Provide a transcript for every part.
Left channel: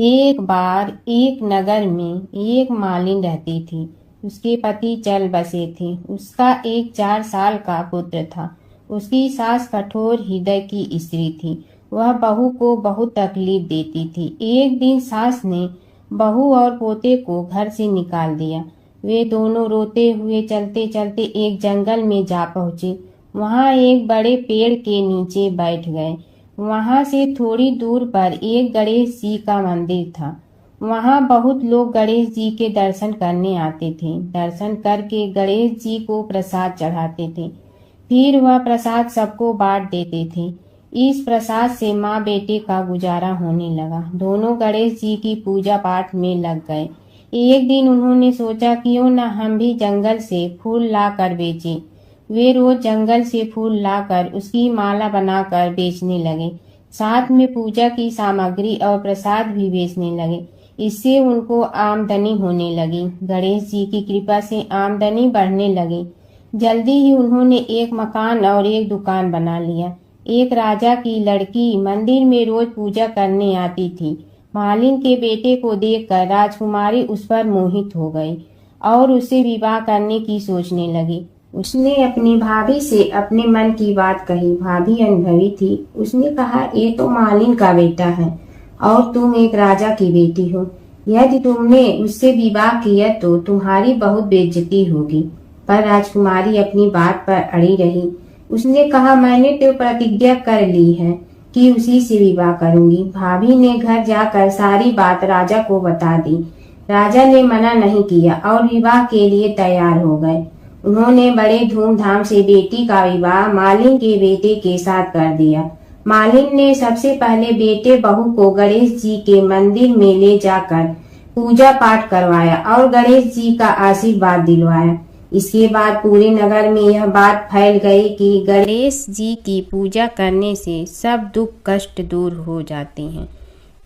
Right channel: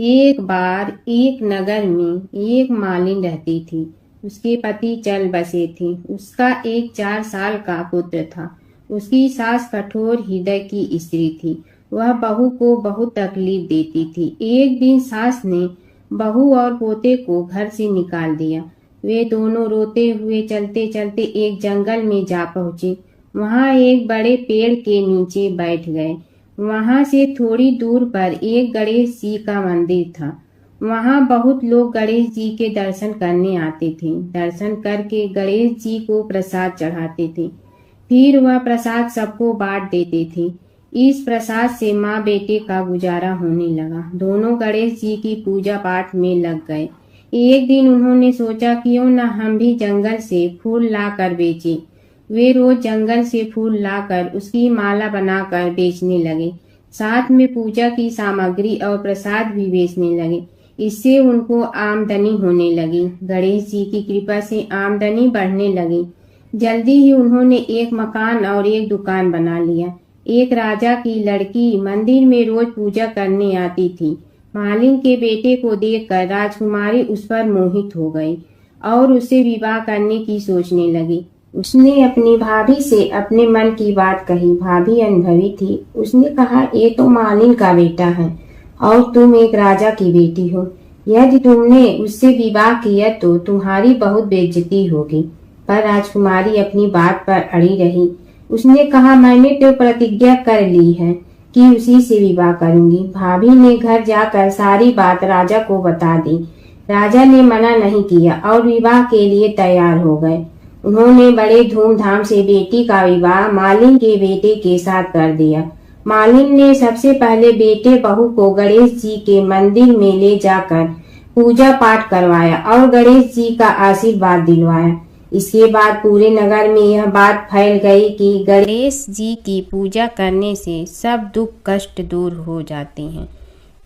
एक बार एक नगर में एक मालिन रहती थी। उसके पति चल बसे थे। उसका एक 4 साल का पुत्र था। उसकी सास कठोर हृदय की स्त्री थी। वह बहू को बहुत तकलीफ देती थी। एक दिन सास ने बहू और पोते को घर से निकाल दिया। वे दोनों रोते हुए चलते चलते एक जंगल में जा पहुंचे। वहां एक बड़े पेड़ के नीचे बैठ गए। वहां से थोड़ी दूर पर एक गणेश जी का मंदिर था। वहां बहुत लोग गणेश जी के दर्शन करने आते थे। दर्शन करके गणेश जी को प्रसाद चढ़ाते थे। फिर वह प्रसाद सबको बांट देते थे। इस प्रसाद से माँ बेटे का गुजारा होने लगा। दोनों गणेश जी की पूजा पाठ में लग गए। एक दिन उन्होंने सोचा क्यों न हम भी जंगल से फूल ला कर बेचें। वे रोज जंगल से फूल लाकर उसकी माला बनाकर बेचने लगे। साथ में पूजा की सामग्री और प्रसाद भी बेचने लगे। इससे उनको आमदनी होने लगी। गणेश जी की कृपा से आमदनी बढ़ने लगी। जल्दी ही उन्होंने एक मकान और एक दुकान बना लिया। एक राजा की लड़की मंदिर में रोज पूजा करने आती थी। मालिन के बेटे को देखकर राजकुमारी उस पर मोहित हो गई और उसे विवाह करने की सोचने लगी। उसने अपनी भाभी से अपने मन की बात कही। भाभी अनुभवी थी। उसने कहा, ये तो मालिन का बेटा है और तुम एक राजा की बेटी हो। यदि तुमने उससे विवाह किया तो तुम्हारी बहुत बेइज्जती होगी। पर राजकुमारी अपनी बात पर अड़ी रही। उसने कहा, मैंने तो प्रतिज्ञा कर ली है कि उसी से विवाह करूंगी। भाभी ने घर जाकर सारी बात राजा को बता दी। राजा ने मना नहीं किया और विवाह के लिए तैयार हो गए। उन्होंने बड़े धूमधाम से बेटी का विवाह मालिन के बेटे के साथ कर दिया। मालिन ने सबसे पहले बेटे बहू को गणेश जी के मंदिर में ले जाकर पूजा पाठ करवाया और गणेश जी का आशीर्वाद दिलवाया। इसके बाद पूरे नगर में यह बात फैल गई कि गणेश जी की पूजा करने से सब दुख कष्ट दूर हो जाते हैं।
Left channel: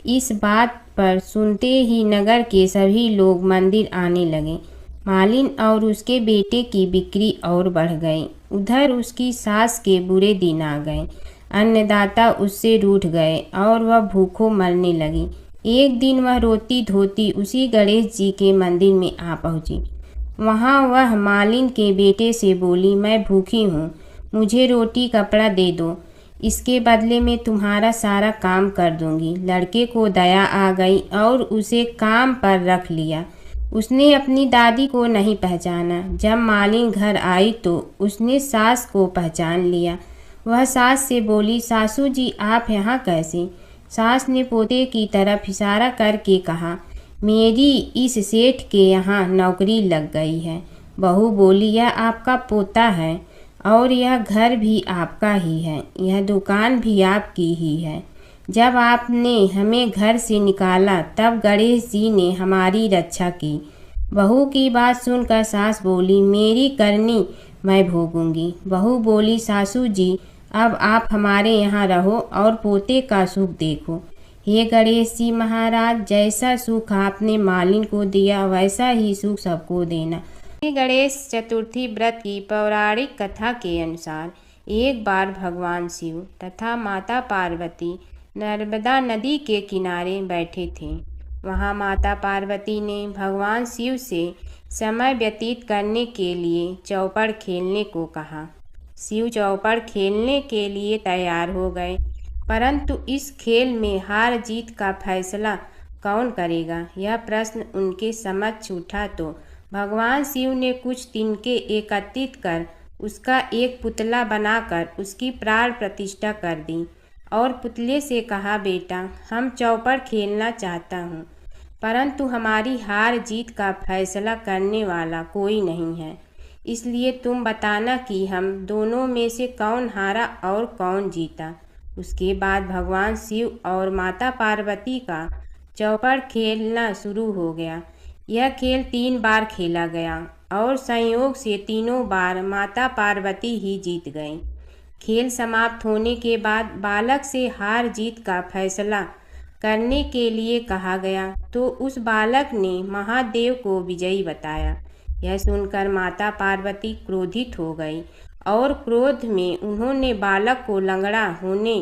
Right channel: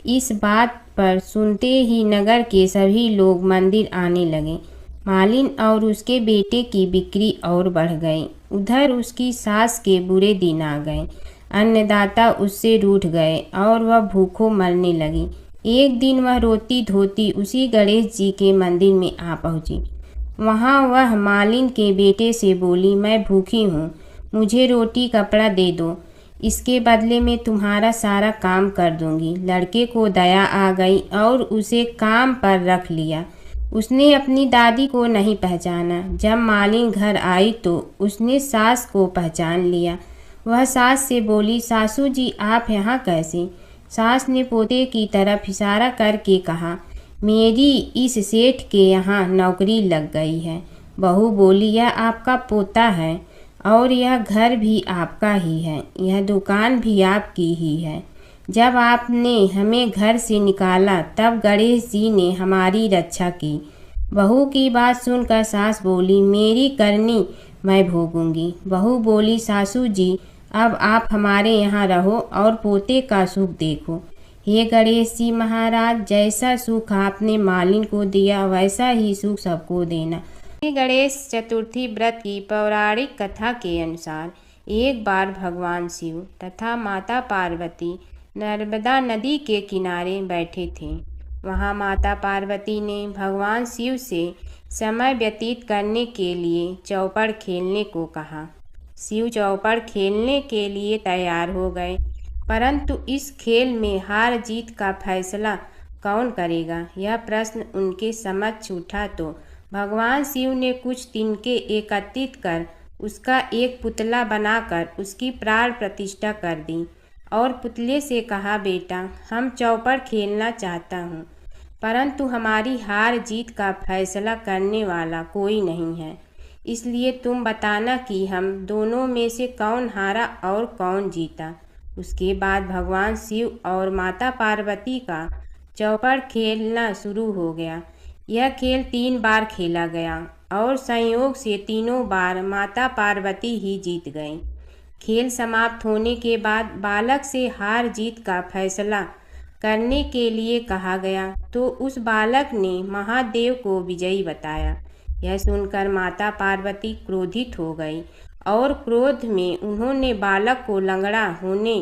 इस बात पर सुनते ही नगर के सभी लोग मंदिर आने लगे। मालिन और उसके बेटे की बिक्री और बढ़ गई। उधर उसकी सास के बुरे दिन आ गए। अन्नदाता उससे रूठ गए और वह भूखों मरने लगी। एक दिन वह रोती धोती उसी गणेश जी के मंदिर में आ पहुंची। वहां वह मालिन के बेटे से बोली, मैं भूखी हूँ, मुझे रोटी कपड़ा दे दो, इसके बदले में तुम्हारा सारा काम कर दूंगी। लड़के को दया आ गई और उसे काम पर रख लिया। उसने अपनी दादी को नहीं पहचाना। जब मालिन घर आई तो उसने सास को पहचान लिया। वह सास से बोली, सासू जी आप यहाँ कैसे? सास ने पोते की तरफ इशारा करके कहा, मेरी इस सेठ के यहाँ नौकरी लग गई है। बहू बोली, यह आपका पोता है और यह घर भी आपका ही है, यह दुकान भी आपकी ही है। जब आपने हमें घर से निकाला तब गणेश जी ने हमारी रक्षा की। बहू की बात सुनकर सास बोली, मेरी करनी मैं भोगूंगी। बहू बोली, सासू जी अब आप हमारे यहाँ रहो और पोते का सुख देखो। हे गणेश जी महाराज, जैसा सुख आपने मालिन को दिया वैसा ही सुख सबको देना। गणेश चतुर्थी व्रत की पौराणिक कथा के अनुसार एक बार भगवान शिव तथा माता पार्वती नर्मदा नदी के किनारे बैठे थे। वहां माता पार्वती ने भगवान शिव से समय व्यतीत करने के लिए चौपड़ खेलने को कहा। शिव चौपड़ खेलने के लिए तैयार हो गए, परंतु इस खेल में हार जीत का फैसला कौन करेगा, यह प्रश्न उनके समक्ष उठा तो भगवान शिव ने कुछ तिनके एकत्रित कर उसका एक पुतला बनाकर उसकी प्राण प्रतिष्ठा कर दी और पुतले से कहा, बेटा हम चौपड़ खेलना चाहता हूँ, परंतु हमारी हार जीत का फैसला करने वाला कोई नहीं है, इसलिए तुम बताना कि हम दोनों में से कौन हारा और कौन जीता। उसके बाद भगवान शिव और माता पार्वती का चौपड़ खेलना शुरू हो गया। यह खेल 3 बार खेला गया और संयोग से तीनों बार माता पार्वती ही जीत गईं। खेल समाप्त होने के बाद बालक से हार जीत का फैसला करने के लिए कहा गया तो उस बालक ने महादेव को विजयी बताया। यह सुनकर माता पार्वती क्रोधित हो गई और क्रोध में उन्होंने बालक को लंगड़ा होने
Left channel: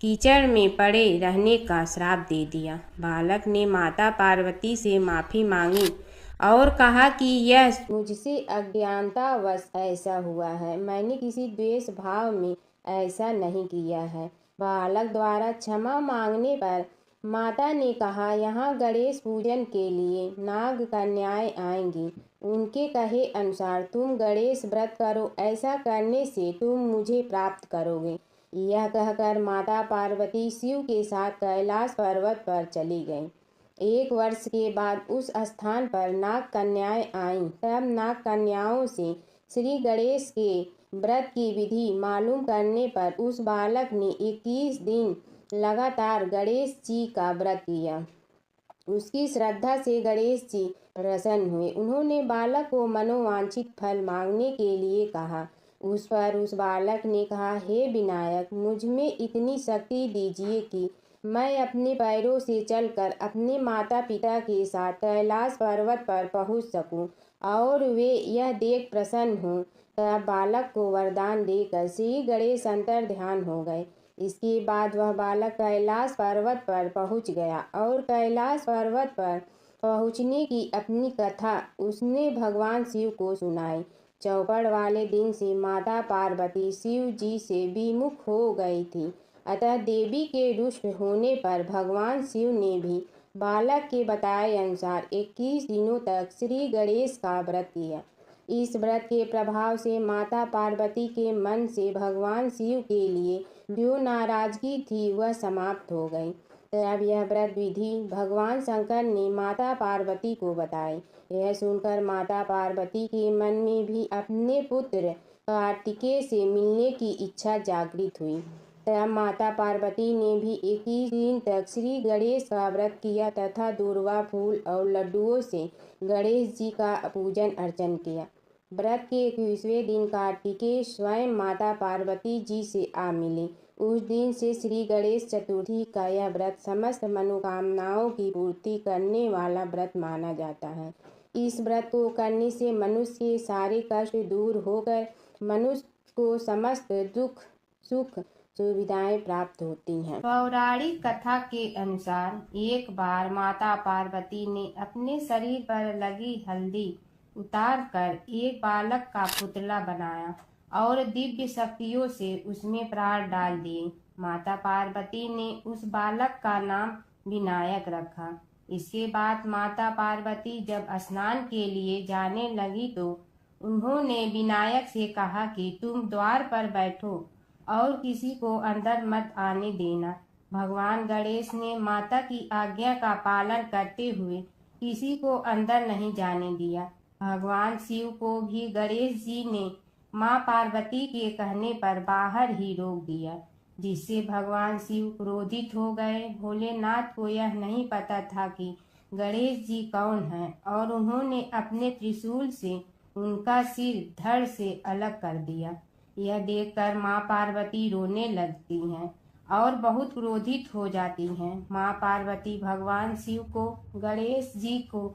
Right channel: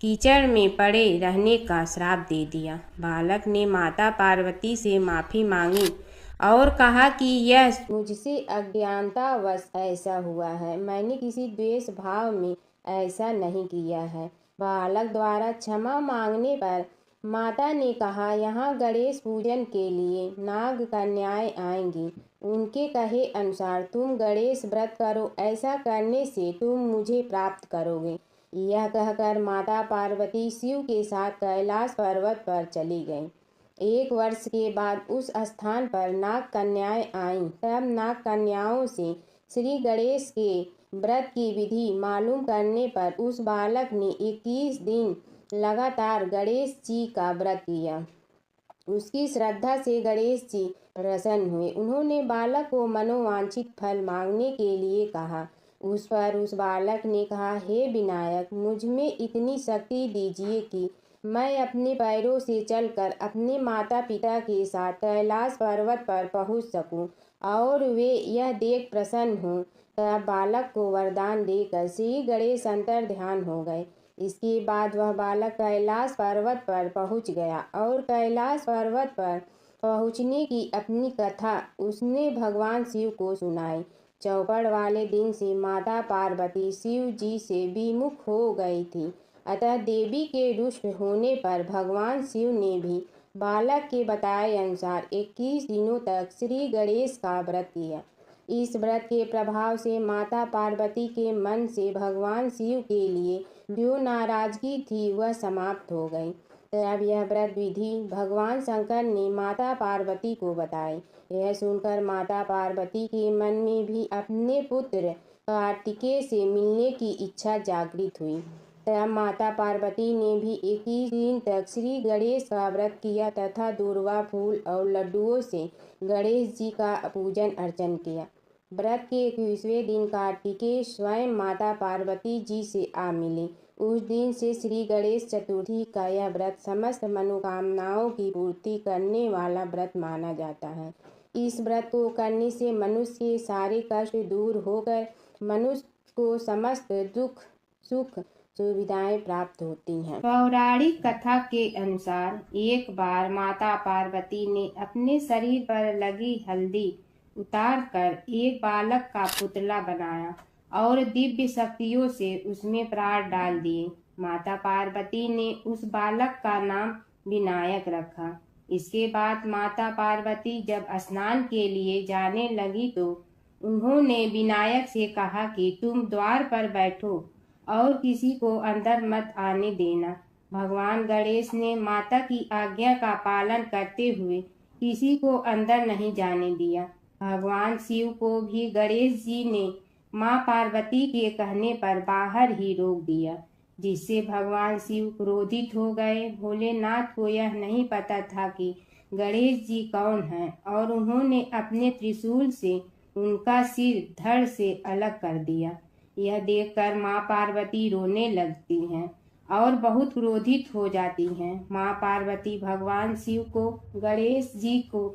कीचड़ में पड़े रहने का श्राप दे दिया। बालक ने माता पार्वती से माफ़ी मांगी और कहा कि यह मुझसे अज्ञानतावश ऐसा हुआ है, मैंने किसी द्वेष भाव में ऐसा नहीं किया है। बालक द्वारा क्षमा मांगने पर माता ने कहा, यहाँ गणेश पूजन के लिए नाग कन्याएं आएंगी, उनके कहे अनुसार तुम गणेश व्रत करो, ऐसा करने से तुम मुझे प्राप्त करोगे। यह कहकर माता पार्वती शिव के साथ कैलाश पर्वत पर चली गईं। 1 वर्ष के बाद उस स्थान पर नाग कन्याएं आईं। तब नाग कन्याओं से श्री गणेश के व्रत की विधि मालूम करने पर उस बालक ने 21 दिन लगातार गणेश जी का व्रत किया। उसकी श्रद्धा से गणेश जी प्रसन्न हुए। उन्होंने बालक को मनोवांछित फल मांगने के लिए कहा। उस पर उस बालक ने कहा, हे विनायक, मुझ में इतनी शक्ति दीजिए कि मैं अपने पैरों से चलकर अपने माता पिता के साथ कैलाश पर्वत पर पहुंच सकूं और वे यह देख प्रसन्न हों। तब बालक को वरदान देकर श्री गणेश अंतर ध्यान हो गए। इसके बाद वह बालक कैलाश पर्वत पर पहुंच गया और कैलाश पर्वत पर पहुंचने की अपनी कथा उसने भगवान शिव को सुनाई। चौपड़ वाले दिन से माता पार्वती शिव जी से विमुख हो गई थी। अतः देवी के रुष्ट होने पर भगवान शिव ने भी बालक के बताए अनुसार 21 दिनों तक श्री गणेश का व्रत किया। इस व्रत के प्रभाव से माता पार्वती के मन से भगवान शिव के लिए जो नाराजगी थी वह समाप्त हो गई। तब यह व्रत विधि भगवान शंकर ने माता पार्वती को बताई। यह सुनकर माता पार्वती के मन में भी अपने पुत्र कार्तिकेय से मिलने की इच्छा जागृत हुई। तब माता पार्वती ने भी 21 दिन तक श्री गणेश का व्रत किया तथा दूर्वा फूल और लड्डुओं से गणेश जी का पूजन अर्चन किया। व्रत के 21वें दिन कार्तिकेय स्वयं माता पार्वती जी से आ मिले। उस दिन से श्री गणेश चतुर्थी का यह व्रत समस्त मनोकामनाओं की पूर्ति करने वाला व्रत माना जाता है। इस व्रत को करने से मनुष्य के सारे कष्ट दूर होकर मनुष्य को समस्त दुख सुख सुविधाएं प्राप्त होती हैं। पौराणिक कथा के अनुसार एक बार माता पार्वती ने अपने शरीर पर लगी हल्दी उतार कर एक बालक का पुतला बनाया और दिव्य शक्तियों से उसमें प्राण डाल दिए। माता पार्वती ने उस बालक का नाम विनायक रखा। इसके बाद माता पार्वती जब स्नान के लिए जाने लगी तो उन्होंने विनायक से कहा कि तुम द्वार पर बैठो और किसी को अंदर मत आने देना। भगवान गणेश ने माता की आज्ञा का पालन करते हुए किसी को अंदर नहीं जाने दिया। भगवान शिव को भी गणेश जी ने माँ पार्वती के कहने पर बाहर ही रोक दिया, जिससे भगवान शिव क्रोधित हो गए। भोलेनाथ को यह नहीं पता था कि गणेश जी कौन हैं और उन्होंने अपने त्रिशूल से उनका सिर धड़ से अलग कर दिया। यह देखकर माँ पार्वती रोने लगती हैं और बहुत क्रोधित हो जाती हैं। माँ पार्वती भगवान शिव को गणेश जी को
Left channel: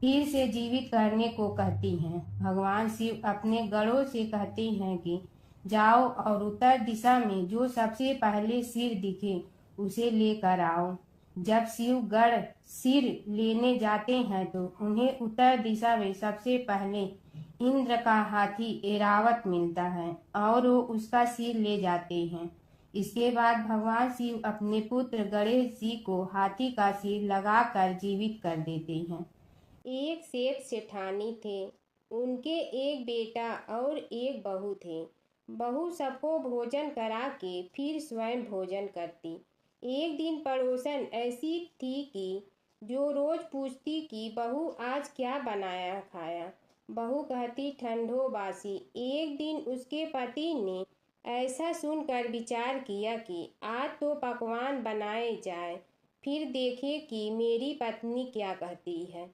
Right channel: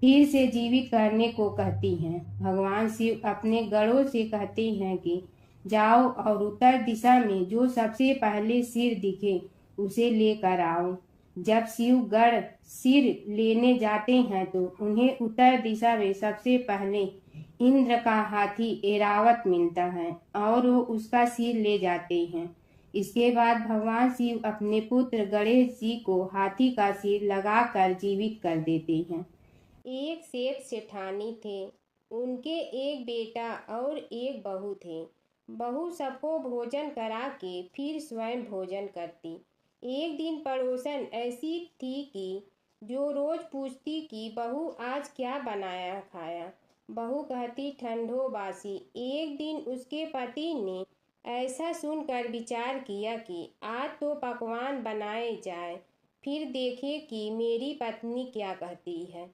फिर से जीवित करने को कहती हैं। भगवान शिव अपने गणों से कहते हैं कि जाओ और उत्तर दिशा में जो सबसे पहले सिर दिखे उसे लेकर आओ। जब शिव गण सिर लेने जाते हैं तो उन्हें उत्तर दिशा में सबसे पहले इंद्र का हाथी ऐरावत मिलता है और वो उसका सिर ले जाते हैं। इसके बाद भगवान शिव अपने पुत्र गणेश जी को हाथी का सिर लगाकर जीवित कर देते हैं। एक सेठ सेठानी थे, उनके एक बेटा और एक बहू थे। बहू सबको भोजन करा के फिर स्वयं भोजन करती। एक दिन पड़ोसन ऐसी थी कि जो रोज पूछती कि बहू आज क्या बनाया खाया। बहू कहती ठंडो बासी। एक दिन उसके पति ने ऐसा सुनकर विचार किया कि आज तो पकवान बनाए जाए, फिर देखे कि मेरी पत्नी क्या कहती है।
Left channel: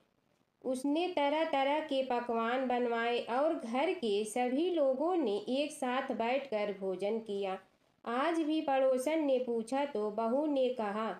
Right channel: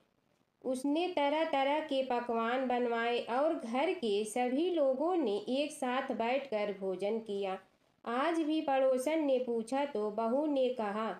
उसने तरह तरह के पकवान बनवाए और घर के सभी लोगों ने एक साथ बैठकर भोजन किया। आज भी पड़ोसन ने पूछा तो बहू ने कहा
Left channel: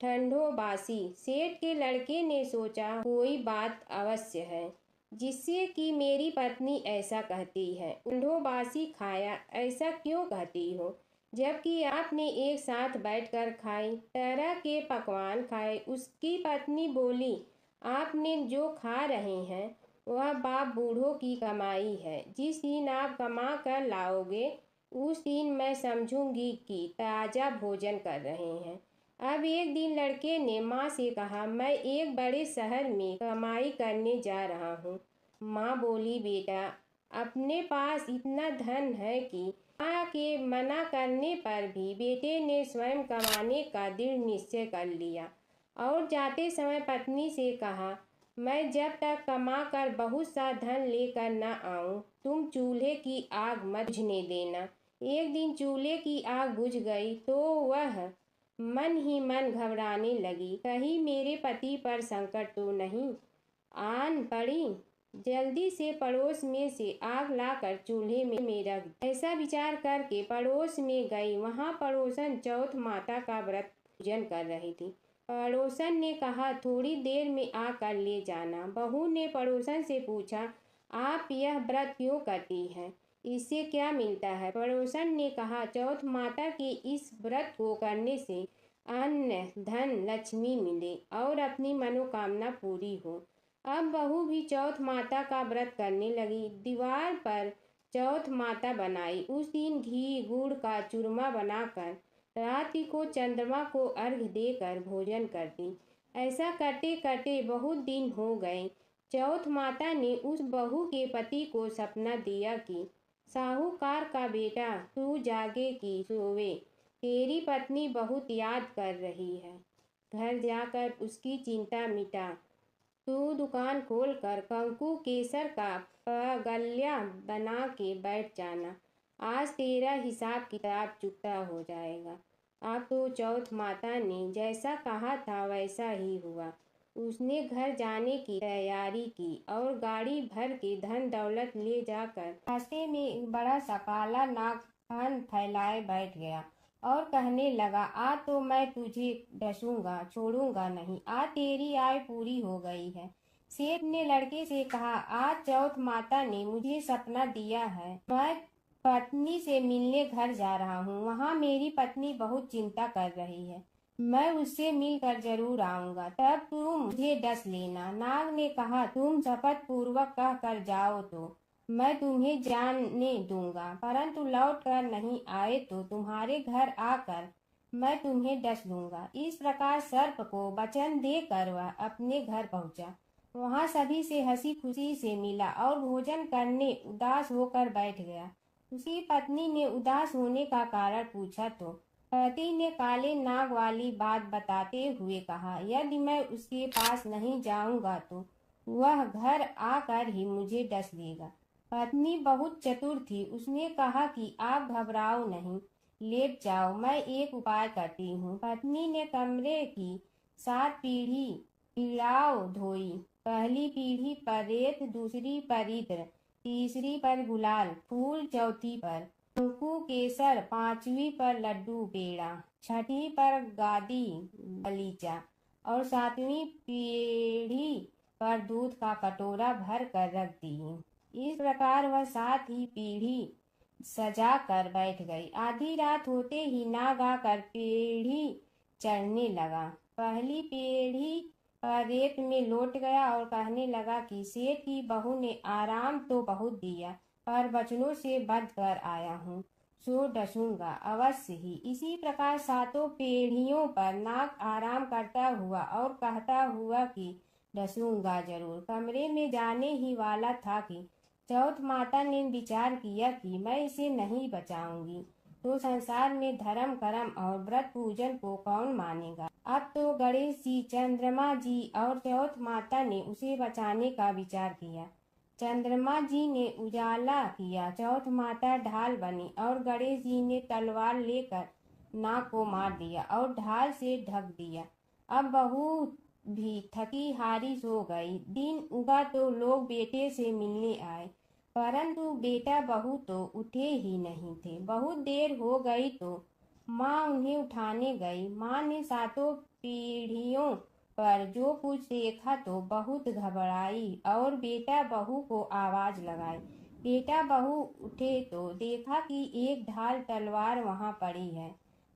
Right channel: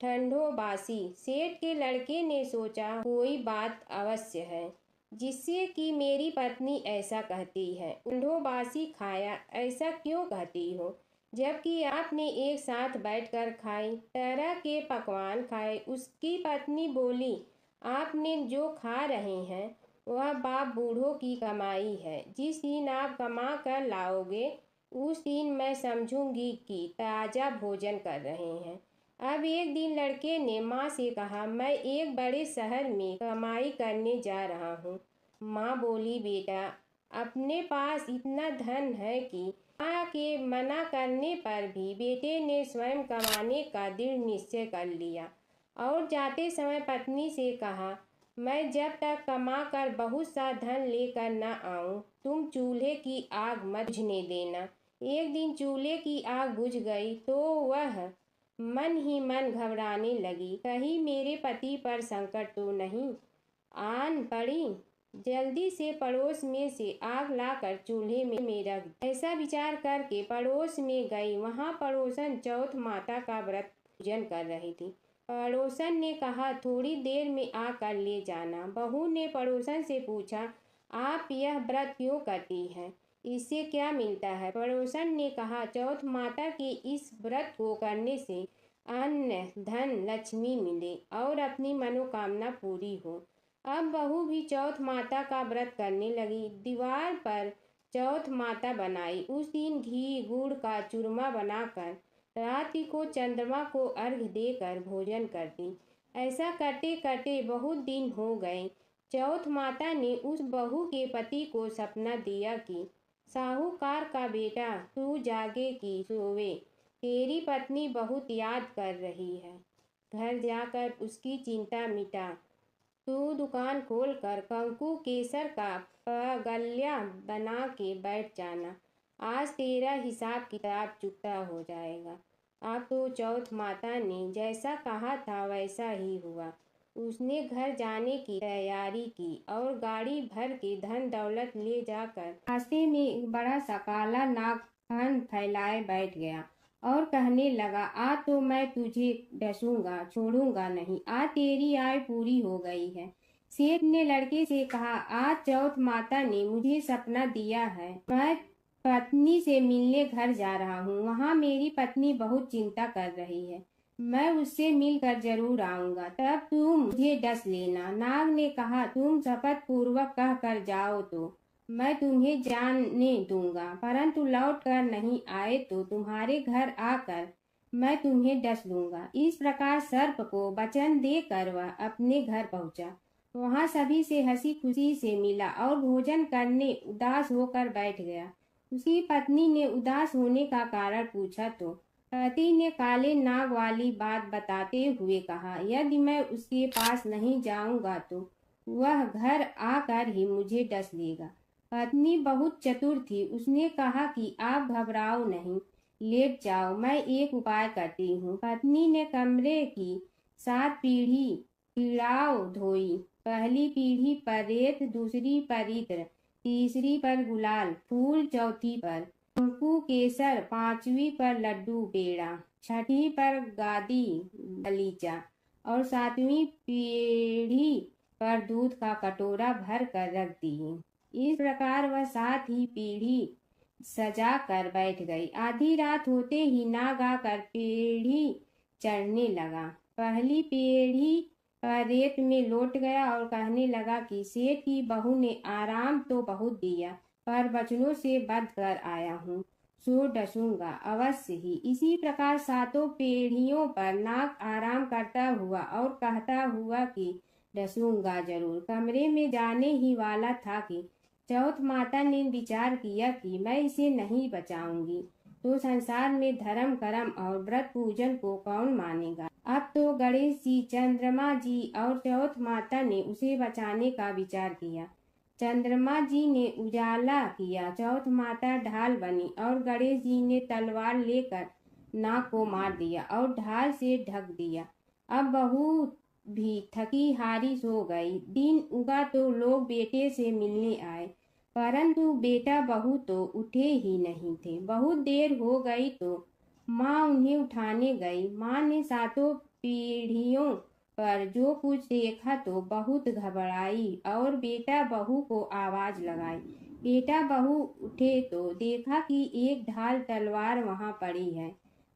ठंडो बासी। सेठ के लड़के ने सोचा कोई बात अवश्य है जिससे कि मेरी पत्नी ऐसा कहती है। ठंडो बासी खाया ऐसा क्यों कहती हो। जबकि आपने एक साथ बैठकर खाई, तरह के पकवान खाए। उसकी पत्नी बोली, आपने जो खा रहे हैं वह बाप बूढ़ों की कमाई है। जिस दिन आप कमा कर लाओगे उस दिन मैं समझूंगी कि ताज़ा भोजन कर रहे हैं। अब एक दिन लड़के ने माँ से कहा, मैं एक बड़े शहर में कमाई करने जा रहा हूँ। माँ बोली, बेटा, अपने पास इतना धन है कि माँ के मना करने पर भी बेटे ने स्वयं कमाने का दृढ़ निश्चय कर लिया और जाते समय पत्नी से कहा, मैं जब तक कमा कर बहुत सा धन लेकर न आऊं तुम चूल्हे की आग मत बुझने देना। एक दिन चूल्हे की आग बुझ गई तो वह मन ही मन घबराने लगी, कहीं मेरे पति पर संकट तो नहीं आन पड़ी। जल्दी से पड़ोस में से आग लाकर चूल्हे में रख दी। ऐसा विचार करके पड़ोस में गई। वहां पड़ोसन चौथ माता का व्रत पूजन कर रही थी। पड़ोसन ने कहा, थोड़ी देर में आकर ले जाना। बहू ने पड़ोसन से पूछा, आप यह व्रत क्यों करती हैं? इससे क्या मिलता है? पड़ोसन ने कहा, चौथ माता के इस व्रत को करने से अन्न धन लक्ष्मी मिले और अपनी मनोकामना पूरी हो। अब बहू भी चौथ माता का व्रत करने लगी। दीवार पर चौथ माता बनाई। उस दिन घी गुड़ का चूरमा बनाकर रात्रि को चंद्रमा को अर्घ्य देकर भोजन करती। ऐसा करते करते बहुत दिन हो गए। चौथ माता ने उस बहू के पति को सपना दिया कि साहूकार का बेटा तू जागे कि सोवे, तेरी पत्नी बहुत याद कर रही है। घर जाकर उसकी चिंता मिटा। तू दुकान खोलकर कंकु केसर का पगल्या बना के बैठ जाना। आज तेरा हिसाब किताब चुकता हो जाएगा। अब तो चौथ माता ने जैसा कहा था वैसा ही हुआ। उसने घर जाने की तैयारी की और गाड़ी भर के धन दौलत ले जाकर रास्ते में एक बड़ा सा काला नाग कान फैलाए बैठ गया और कहने लगा, आज तो मैं तुझे डसूंगा, छोड़ूंगा नहीं। आज तेरी आय पूरी हो गई है। सेठ ने लड़के से कहा, आज चौथ माता ने मुझे सपना दिया है। मैं पत्नी से मिलने घर जा रहा हूँ। वहाँ मेरी पत्नी बहुत चिंता कर रही है। मैं उससे मिलकर जरूर आऊंगा, तब तुम मुझे डस लेना। नाग ने कहा, तुम शपथ पूर्वक कह कर जाओ तो मैं तुम्हें जाने दूंगा, परंतु लौट कर नहीं आए तो तुम्हारे घर आकर मैं तुम्हें डस लूंगा। इस प्रकार सर्प को वचन देकर वह अपने घर पहुंचा। वहां सभी से हंसी खुशी से मिला और भोजन करने उदास होकर बैठ गया। उसकी पत्नी ने उदास होने का कारण पूछा तो पति ने काले नाग वाली बात बताते हुए कहा, यदि मैं उसके पास नहीं जाऊंगा तो वह घर आकर ही मुझे डस लेगा। पत्नी बहुत चतुर थी। उसने कहा कि आप घबराओ नहीं, लेट जाओ, मैं एक उपाय करती हूँ। पत्नी ने कमरे की 7 पीढ़ाओ धोई। पहली पीढ़ी पर रेत, दूसरी पर इत्र, तीसरी पर गुलाल फूल, चौथी पर कंकु केसर, 5वीं पर लड्डू पेड़ा, 6ठी पर गादी गलीचा और 7वीं पीढ़ी पर दूध का कटोरा भर कर रख दी। इस प्रकार वह 7 ही पीढ़ी सजा कर बैठ गई। आधी रात होते ही नाग आकर पीढ़ी चढ़ने लगा। पहली पीढ़ी पर रेत में लौट गया और कहने लगा कि सेठ की बहू ने आराम तो बहुत दिया, पर बचनों से बंध कर आया हूँ, सो डसूंगा अवश्य ही। इसी प्रकार 7 पीढ़ियों पर नाग आराम करता हुआ और कहता हुआ कि डसूंगा जरूर कमरे में जाने ही वाला था कि चौथ माता ने विचार किया कि मैं इसे नहीं बचाऊंगी तो संसार में धर्म कर्म और व्रत पूजन को कौन मानेगा। अब तो गणेश जी, चंद्रमा जी और चौथ माता ने उसे बचाने का विचार किया। चंद्रमा जी ने उजाला किया, चौथ माता ढाल बनी और गणेश जी ने तलवार लेकर नाग को मार दिया और ढाल से ढक दिया। अब बहू भी थकी हारी सो गई। दिन उगा तो लोग बेटे से मिलने आए, परंतु बेटा बहू तो उठे ही नहीं थे। बहुत देर हो गई तो माँ उन्हें उठाने गई। माँ ने 7 पीढ़ियों पर जो कुछ देखा तो बहुत घबराई और बेटा बहू को आवाज लगाई, बेटा बहू उठे तो देखा कि एक ढाल तलवार वहां पड़ी है।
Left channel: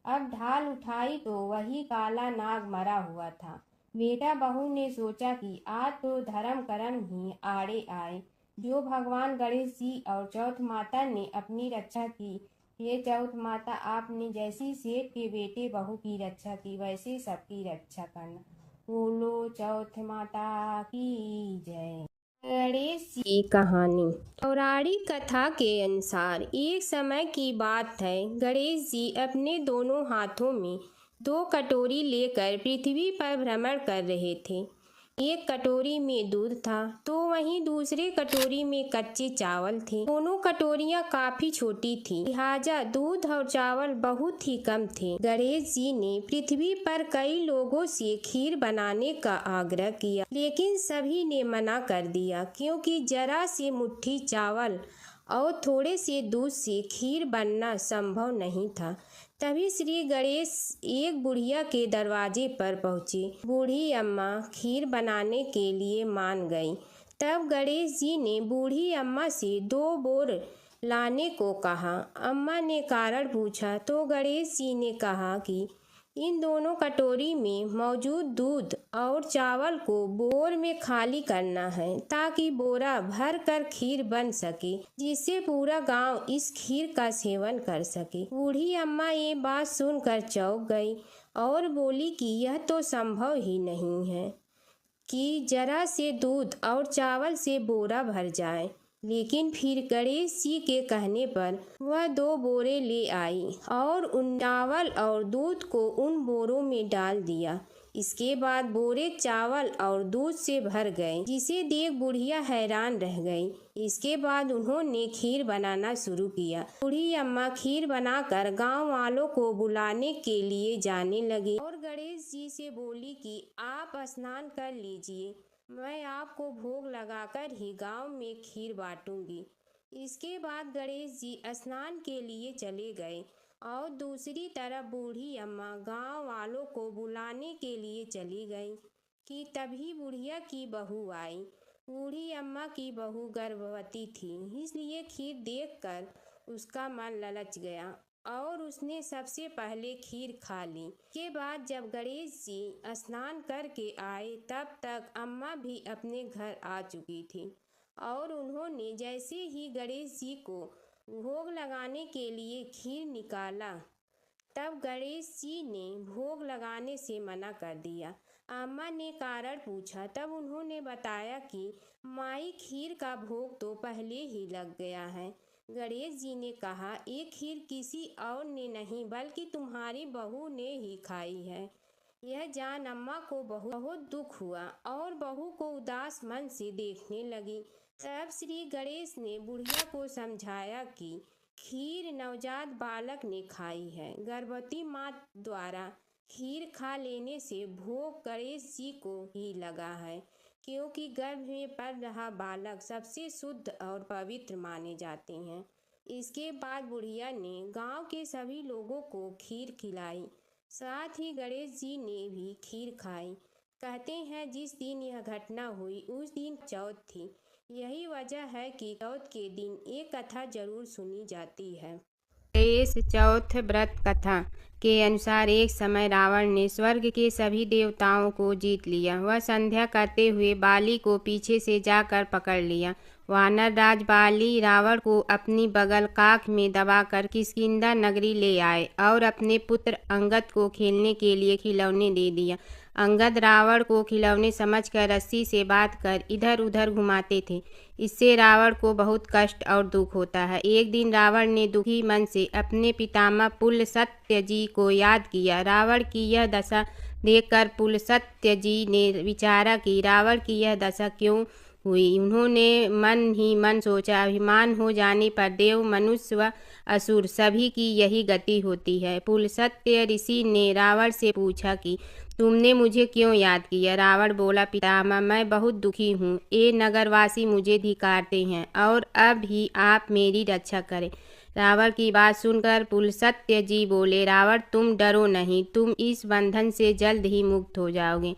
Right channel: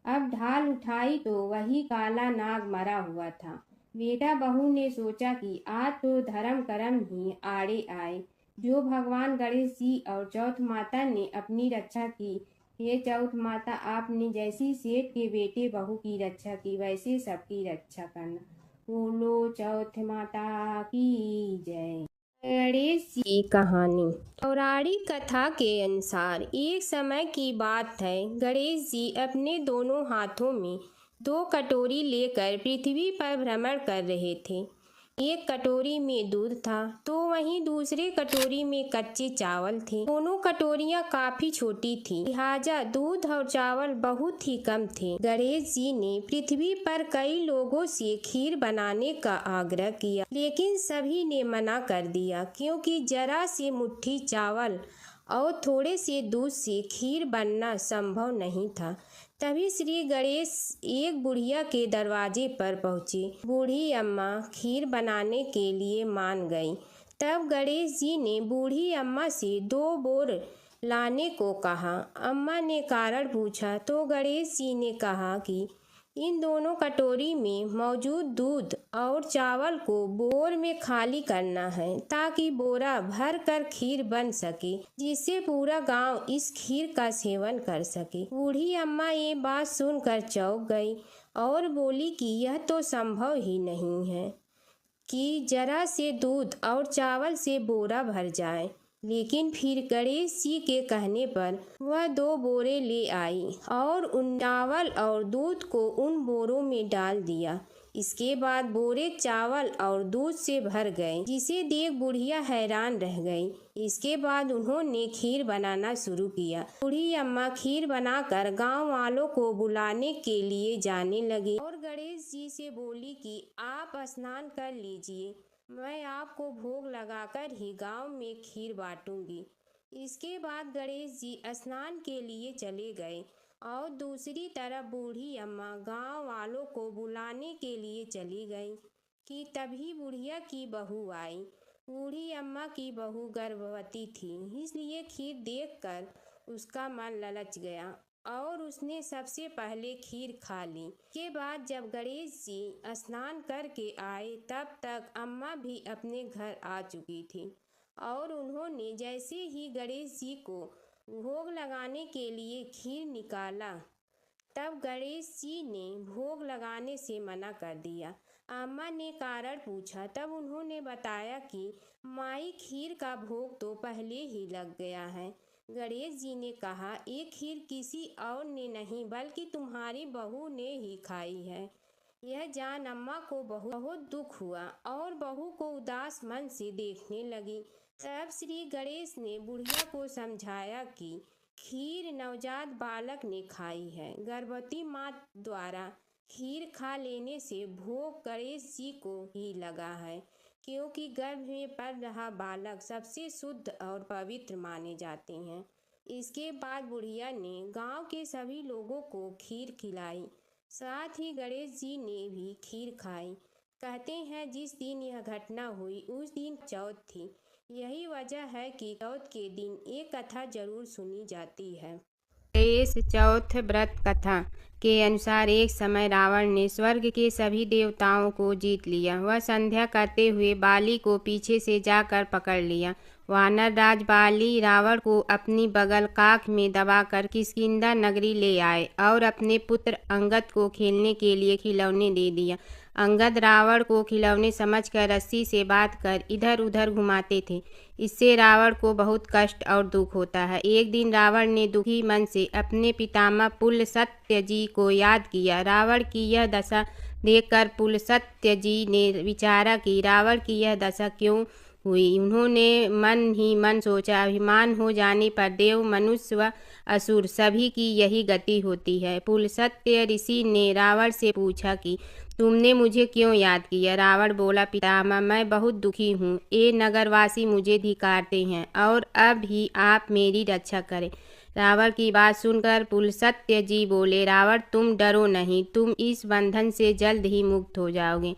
अब ढाल उठाई तो वही काला नाग मरा हुआ था। बेटा बहू ने सोचा कि आज तो धर्म कर्म ही आड़े आए। जो भगवान गणेश जी और चौथ माता ने अपनी रक्षा की, हे चौथ माता, आपने जैसी सेठ के बेटे बहू की रक्षा की, वैसे सबकी रक्षा करना। बोलो चौथ माता की जय। गणेश जी की कहानी। पौराणिक कथा के अनुसार एक समय की बात है। गणेश जी अपने दोनों हाथों में 2 कटोरी लेकर पृथ्वी पर भ्रमण कर रहे थे। एक कटोरी में दूध था तो वहीं दूसरे कटोरी में कच्चे चावल थे। दोनों कटोरियां काफी छोटी थीं, लिहाजा दूध और चावल बहुत ही कम थे। गणेश जी ने पृथ्वी पर कई लोगों से खीर बनाने का आग्रह किया, लेकिन सभी ने मना कर दिया, क्योंकि जरा से मुट्ठी चावल और थोड़े से दूध से खीर बनना संभव नहीं था। तभी श्री गणेश एक बुढ़िया के दरवाजे पर पहुँचे। बूढ़ी अम्मा खीर बनाने के लिए मान गई। तब गणेश जी ने बूढ़ी अम्मा से 2 बोर लाने को कहा। अम्मा ने कारण पूछा तो गणेश जी ने कहा कि इन दोनों कटोरी में मौजूद दूध और चावल को बोर में खाली करना है, ताकि बोरा भर कर खीर बन सके, जिससे पूरा गांव इस खीर का सेवन कर सके। बूढ़ी अम्मा ये बात सुनकर चौंक गई और बोली कि यह तो संभव ही नहीं है कि जरा से दूध और चावल से बोरा भर जाए। लेकिन फिर गणेश जी के कहने पर वह 2 बोरे ले आई और उन चावल और दूध को उन बोरों में डाल दिया। इसके बाद बोरे चावल और दूध से भर गए, जिसे देख बुढ़िया हैरान रह गई। इसके बाद उन्होंने खीर बनाना शुरू किया। बूढ़ी अम्मा खीर बनाकर गांव वालों को बुलाने के लिए जाने लगी और गणेश जी से बोली कि आप स्नान कर लीजिए, मैं आपको भोग लगाकर ही गांव में खीर बांटूंगी। इसके बाद गणेश जी स्नान के लिए चले गए और दूसरी तरफ बूढ़ी अम्मा गांव वालों को बुलाने के लिए चली गई कि तभी बुढ़िया की बहू आई। बूढ़ी अम्मा की बहू गर्भवती थी, इसलिए खीर देखकर उसका मन ललच गया और उसने सबसे पहले खीर खा ली। के बाद जब गणेश जी स्नान करके आए, तब तक अम्मा भी अपने घर आ चुकी थी और उन्होंने जैसे ही गणेश जी को भोग लगाने के लिए खीर निकाला, तब गणेश जी ने भोग लगाने से मना कर दिया। अम्मा ने कारण पूछा, तब उन्होंने बताया कि माई खीर का भोग तो पहले ही लग गया है। गणेश जी ने कहा, ये खीर किसी और ने नहीं बल्कि तुम्हारी बहू ने ही खाई है। यह जान अम्मा को बहुत दुख हुआ और बहू को उदास मन से देखने लगी। तब श्री गणेश ने बुढ़िया को समझाया कि खीर नवजात बालक ने खाई है। गर्भवती माँ द्वारा खीर खा लेने से भोग गणेश जी को ही लगा है, क्योंकि गर्भ में पल रहा बालक सबसे शुद्ध और पवित्र माने जाते हैं। इसके बाद बुढ़िया ने गांव के सभी लोगों को खीर खिलाई, साथ ही गणेश जी ने भी खीर खाई। कहते हैं जिस दिन यह घटना हुई उस दिन चौथ थी। यही वजह है कि चौथ के दिन एक कथा जरूर सुनी जाती है। गणेश चौथ व्रत कथा के अनुसार एक समय रावण ने स्वर्ग के सभी देवताओं को जीत लिया। वह संध्या करते हुए बाली को पीछे से जाकर पकड़ लिया। वानर राज बाली रावण को अपनी बगल काख में दबाकर किष्किंधा नगरी ले आए और अपने पुत्र अंगद को खेलने के लिए खिलौने दे दिया। अंगद रावण को खिलौने समझकर रस्सी से बांधकर इधर उधर घुमाते थे। इससे रावण को बहुत कष्ट और दुख होता है। एक दिन रावण ने दुखी मन से अपने पितामह पुलस्त्य जी को याद किया। रावण की यह दशा देखकर पुलस्त्य जी ने विचारा कि रावण की यह दशा क्यों हुई। उन्होंने मन ही मन सोचा, अभिमान हो जाने पर देव, मनुष्य व असुर सभी की यही गति होती है। पुलस्त्य ऋषि ने रावण से पूछा कि तुमने मुझे क्यों याद किया। रावण बोला, पितामह, मैं बहुत दुखी हूँ। ये नगरवासी मुझे धिक्कारते हैं और अब ही आप मेरी रक्षा करें। रावण की बात सुनकर पुलस्त्य जी बोले, रावण तुम डरो नहीं, तुम इस बंधन से जल्द ही मुक्त हो जाओगे।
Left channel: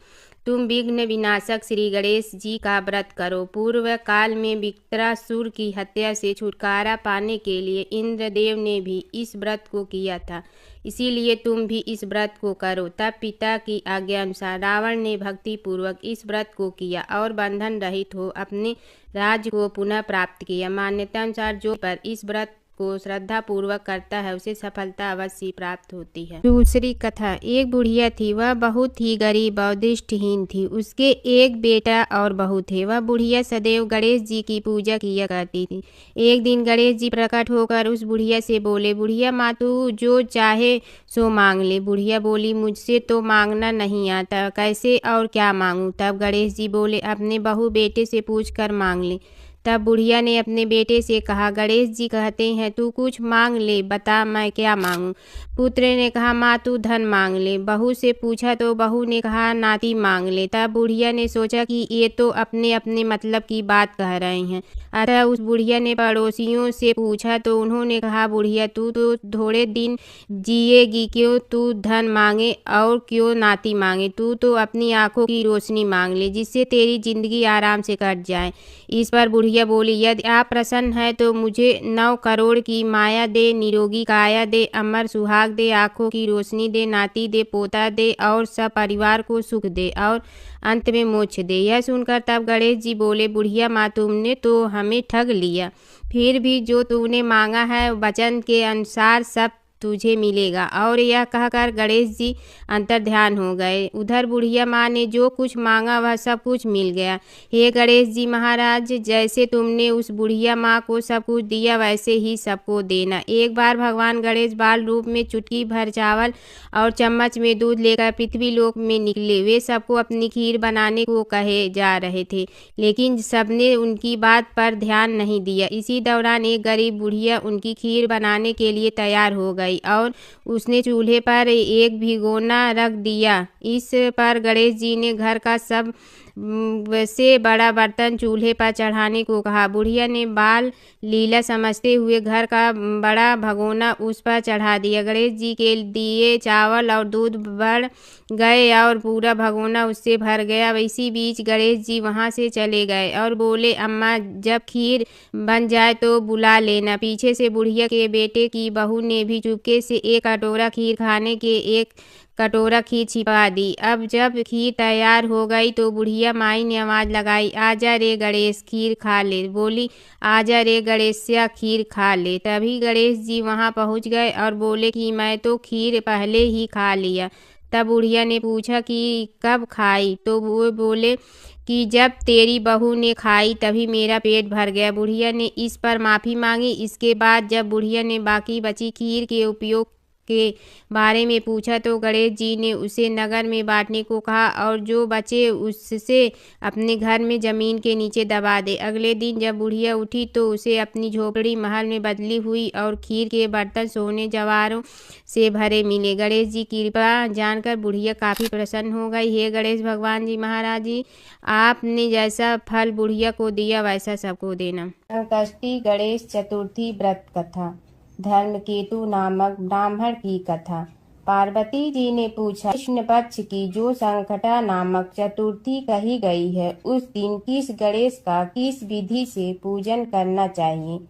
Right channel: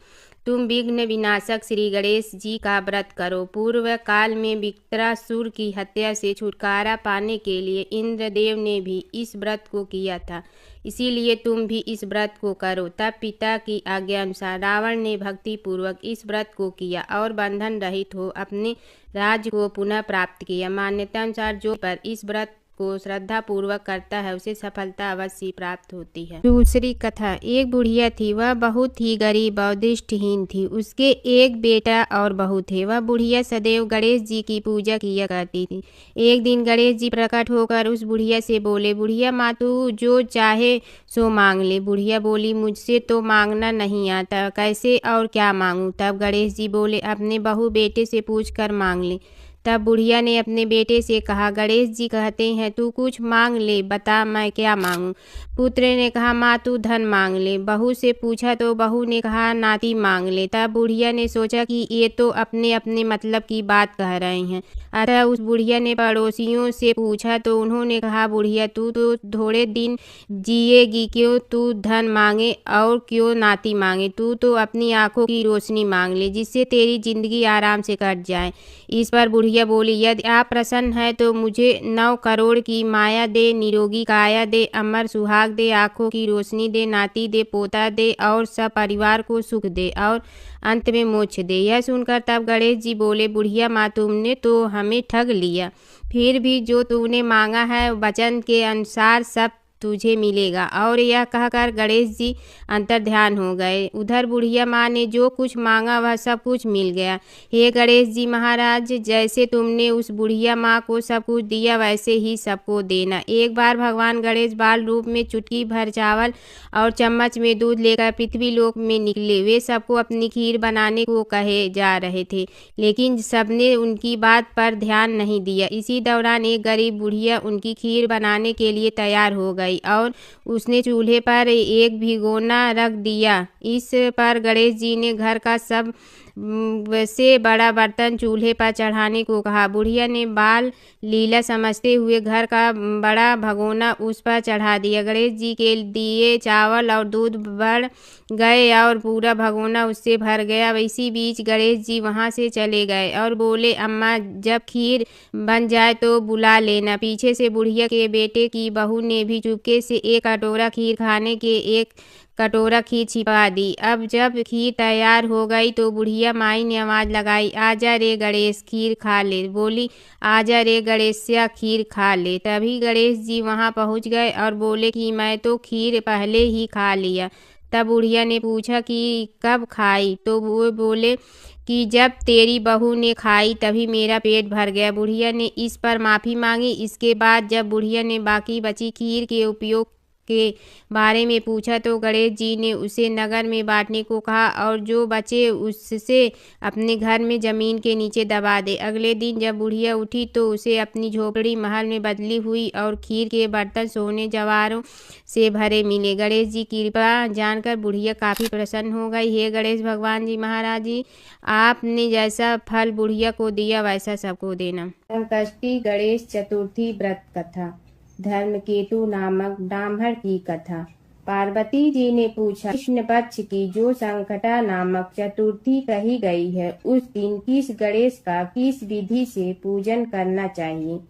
तुम विघ्न विनाशक श्री गणेश जी का व्रत करो। पूर्व काल में विकटासुर की हत्या से छुटकारा पाने के लिए इंद्रदेव ने भी इस व्रत को किया था, इसीलिए तुम भी इस व्रत को करो। तब पिता की आज्ञा अनुसार रावण ने भक्ति पूर्वक इस व्रत को किया और बंधन रहित हो अपने राज्य को पुनः प्राप्त किया। मान्यता अनुसार जो पर इस व्रत को श्रद्धा पूर्वक करता है उसे सफलता अवश्य प्राप्त होती है। दूसरी कथा। एक बुढ़िया थी, वह बहुत ही गरीब और दृष्टिहीन थी। उसके एक बेटा और बहू थे। वह बुढ़िया सदैव गणेश जी की पूजा किया करती थी। एक दिन गणेश जी प्रकट होकर उस बुढ़िया से बोले, बुढ़िया माँ तू जो चाहे सो मांग ले। बुढ़िया बोली, मुझसे तो मांगना नहीं आता, कैसे और क्या मांगूं। तब गणेश जी बोले, अपने बहू बेटे से पूछ कर मांग ले। तब बुढ़िया ने अपने बेटे से कहा, गणेश जी कहते हैं तू कुछ मांग ले, बता मैं क्या मांगूं। पुत्र ने कहा, माँ तू धन मांग ले। बहू से पूछा तो बहू ने कहा, नाती मांग ले। तब बुढ़िया ने सोचा कि ये तो अपने अपने मतलब की बात कह रहे हैं। अतः उस बुढ़िया ने पड़ोसियों से पूछा तो उन्होंने कहा, बुढ़िया तू तो थोड़े दिन जिएगी, क्यों तू धन मांगे और क्यों नाती मांगे। तू तो अपनी आंखों की रोशनी मांग ले, जिससे तेरी जिंदगी आराम से कट जाए। इस पर बुढ़िया बोली, यदि आप प्रसन्न है तो मुझे 9 करोड़ की माया दे, निरोगी काया दे, अमर सुहाग दे, आंखों की रोशनी दे, नाती दे, पोता दे और सब परिवार को सुख दे और अंत में मोक्ष दे। यह सुनकर तब गणेश जी बोले, बुढ़िया माँ तुमने तो हमें ठग लिया। फिर भी जो तूने मांगा है वचन के अनुसार सब तुझे मिलेगा। और यह कहकर गणेश जी अंतर्ध्यान हो गए। उधर बुढ़िया माँ ने जो कुछ मांगा वह सब कुछ मिल गया। हे गणेश जी महाराज, जैसे तुमने उस बुढ़िया माँ को सब कुछ दिया वैसे ही सबको देना। एक बार भगवान गणेश बाल रूप में चुटकी भर चावल और चम्मच में दूध लेकर पृथ्वी लोक में निकले। वे सबको अपनी खीर बनाने को कहे जा रहे थे, लेकिन सबने उनकी बात पर ध्यान नहीं दिया। इसी दौरान एक गरीब बुढ़िया उनकी खीर बनाने के लिए तैयार हो गई और उसने चूल्हे पर एक भिगोना रख दिया। इस पर गणेश जी ने घर का सब से बड़ा बर्तन चूल्हे पर चढ़ाने को कहा। बुढ़िया ने बाल लीला समझते हुए घर का बड़ा भगोना उस पर चढ़ा दिया। गणेश जी के दिए चावल और दूध बढ़ गए और पूरा भगोना उससे भर गया। इसी बीच गणेश जी वहां से चले गए और बोले, अम्मा जब खीर बन जाए तो बुला लेना। पीछे से बुढ़िया के बेटे की बहू ने भी चुपके से एक कटोरा खीर खाने के एक कटोरा खीर छिपा दी। अब जब खीर तैयार हो गई तो बुढ़िया माई ने आवाज लगाई, आजा रे गणेश खीर खा ले। बोली, आजा रे गणेशिया खीर खा ले। तभी गणेश जी वहां पहुंच गए और बोले कि मैं तो खीर पहले ही खा लिया। तब बुढ़िया ने पूछा कि कब खाई, तो वो बोले कि जब तेरी बहू ने खाई तभी मेरा पेट भर गया। बुढ़िया ने इस पर माफ़ी मांगी। इसके बाद जब बुढ़िया ने बाकी बची खीर के उपयोग के बारे में पूछा तो गणेश जी ने उसे नगर में बांटने को कहा और जो बचे उससे अपने घर में जमीन के नीचे दबा दे। अगले दिन जब बुढ़िया उठी तो उसे अपनी झोपड़ी महल में बदली हुई और खीर के बर्तन सोने जवाहरों से भरे मिले। गणेश जी की कृपा जानकर बुढ़िया काफ़ी प्रसन्न हो गई। हे गणेश भगवान जी महाराज जी, आपने जैसा फल बुढ़िया को दिया वैसा सबको देना। संकष्टी गणेश चतुर्थी व्रत कथा। धर्मकेतु नामक ब्राह्मण की कथा। पार्वती जी ने पूछा, कृष्ण पक्ष की जो संकटा नामक चतुर्थी कही गई है उस दिन किस गणेश का किस विधि से पूजन करना चाहिए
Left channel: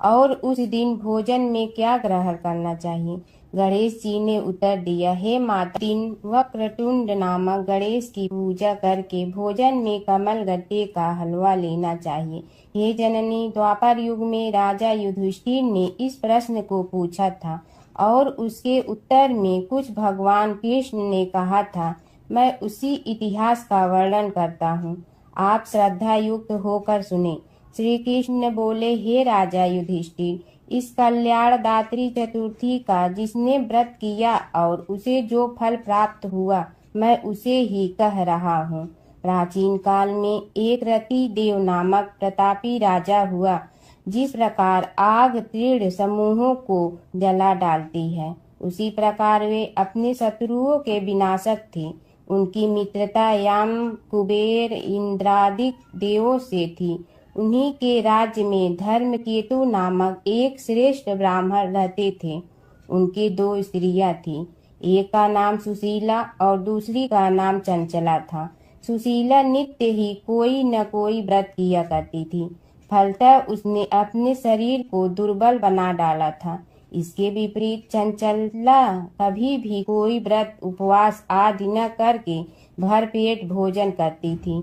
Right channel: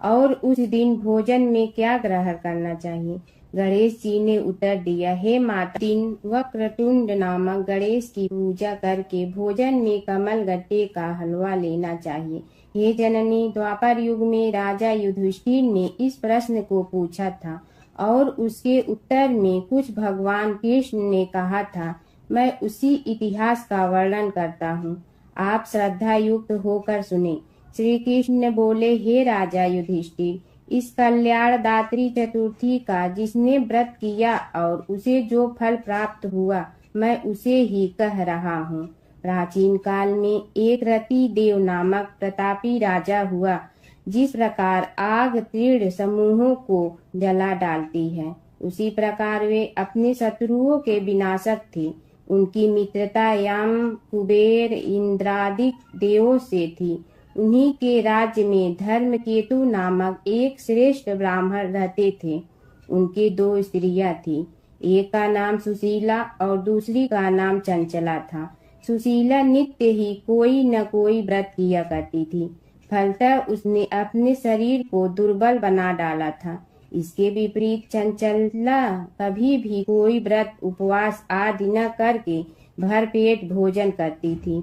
और उस दिन भोजन में क्या ग्रहण करना चाहिए। गणेश जी ने उत्तर दिया, हे माता, दिन वक्रतुंड नामक गणेश की पूजा करके भोजन में कमल गट्टे का हलवा लेना चाहिए। हे जननी, द्वापर युग में राजा युधिष्ठिर ने इस प्रश्न को पूछा था और उसके उत्तर में कुछ भगवान कृष्ण ने कहा था। मैं उसी इतिहास का वर्णन करता हूँ, आप श्रद्धा युक्त होकर सुने। श्री कृष्ण बोले, हे राजा युधिष्ठिर, इस कल्याणदात्री चतुर्थी का जिसने व्रत किया और उसे जो फल प्राप्त हुआ मैं उसे ही कह रहा हूँ। प्राचीन काल में एक रति देव नामक प्रतापी राजा हुआ। जिस प्रकार आग तीव्र समूहों को जला डालती है, उसी प्रकार वे अपने शत्रुओं के विनाशक थे। उनकी मित्रता यम, कुबेर, इंद्रादि देवों से थी। उन्हीं के राज्य में धर्मकेतु नामक एक श्रेष्ठ ब्राह्मण रहते थे। उनके 2 स्त्रियां थीं। एक का नाम सुशीला और दूसरी का नाम चंचला था। सुशीला नित्य ही कोई न कोई व्रत किया करती थी। फलतः उसने अपने शरीर को दुर्बल बना डाला था। इसके विपरीत चंचला कभी भी कोई व्रत उपवास आदि न करके भरपेट भोजन करती थी।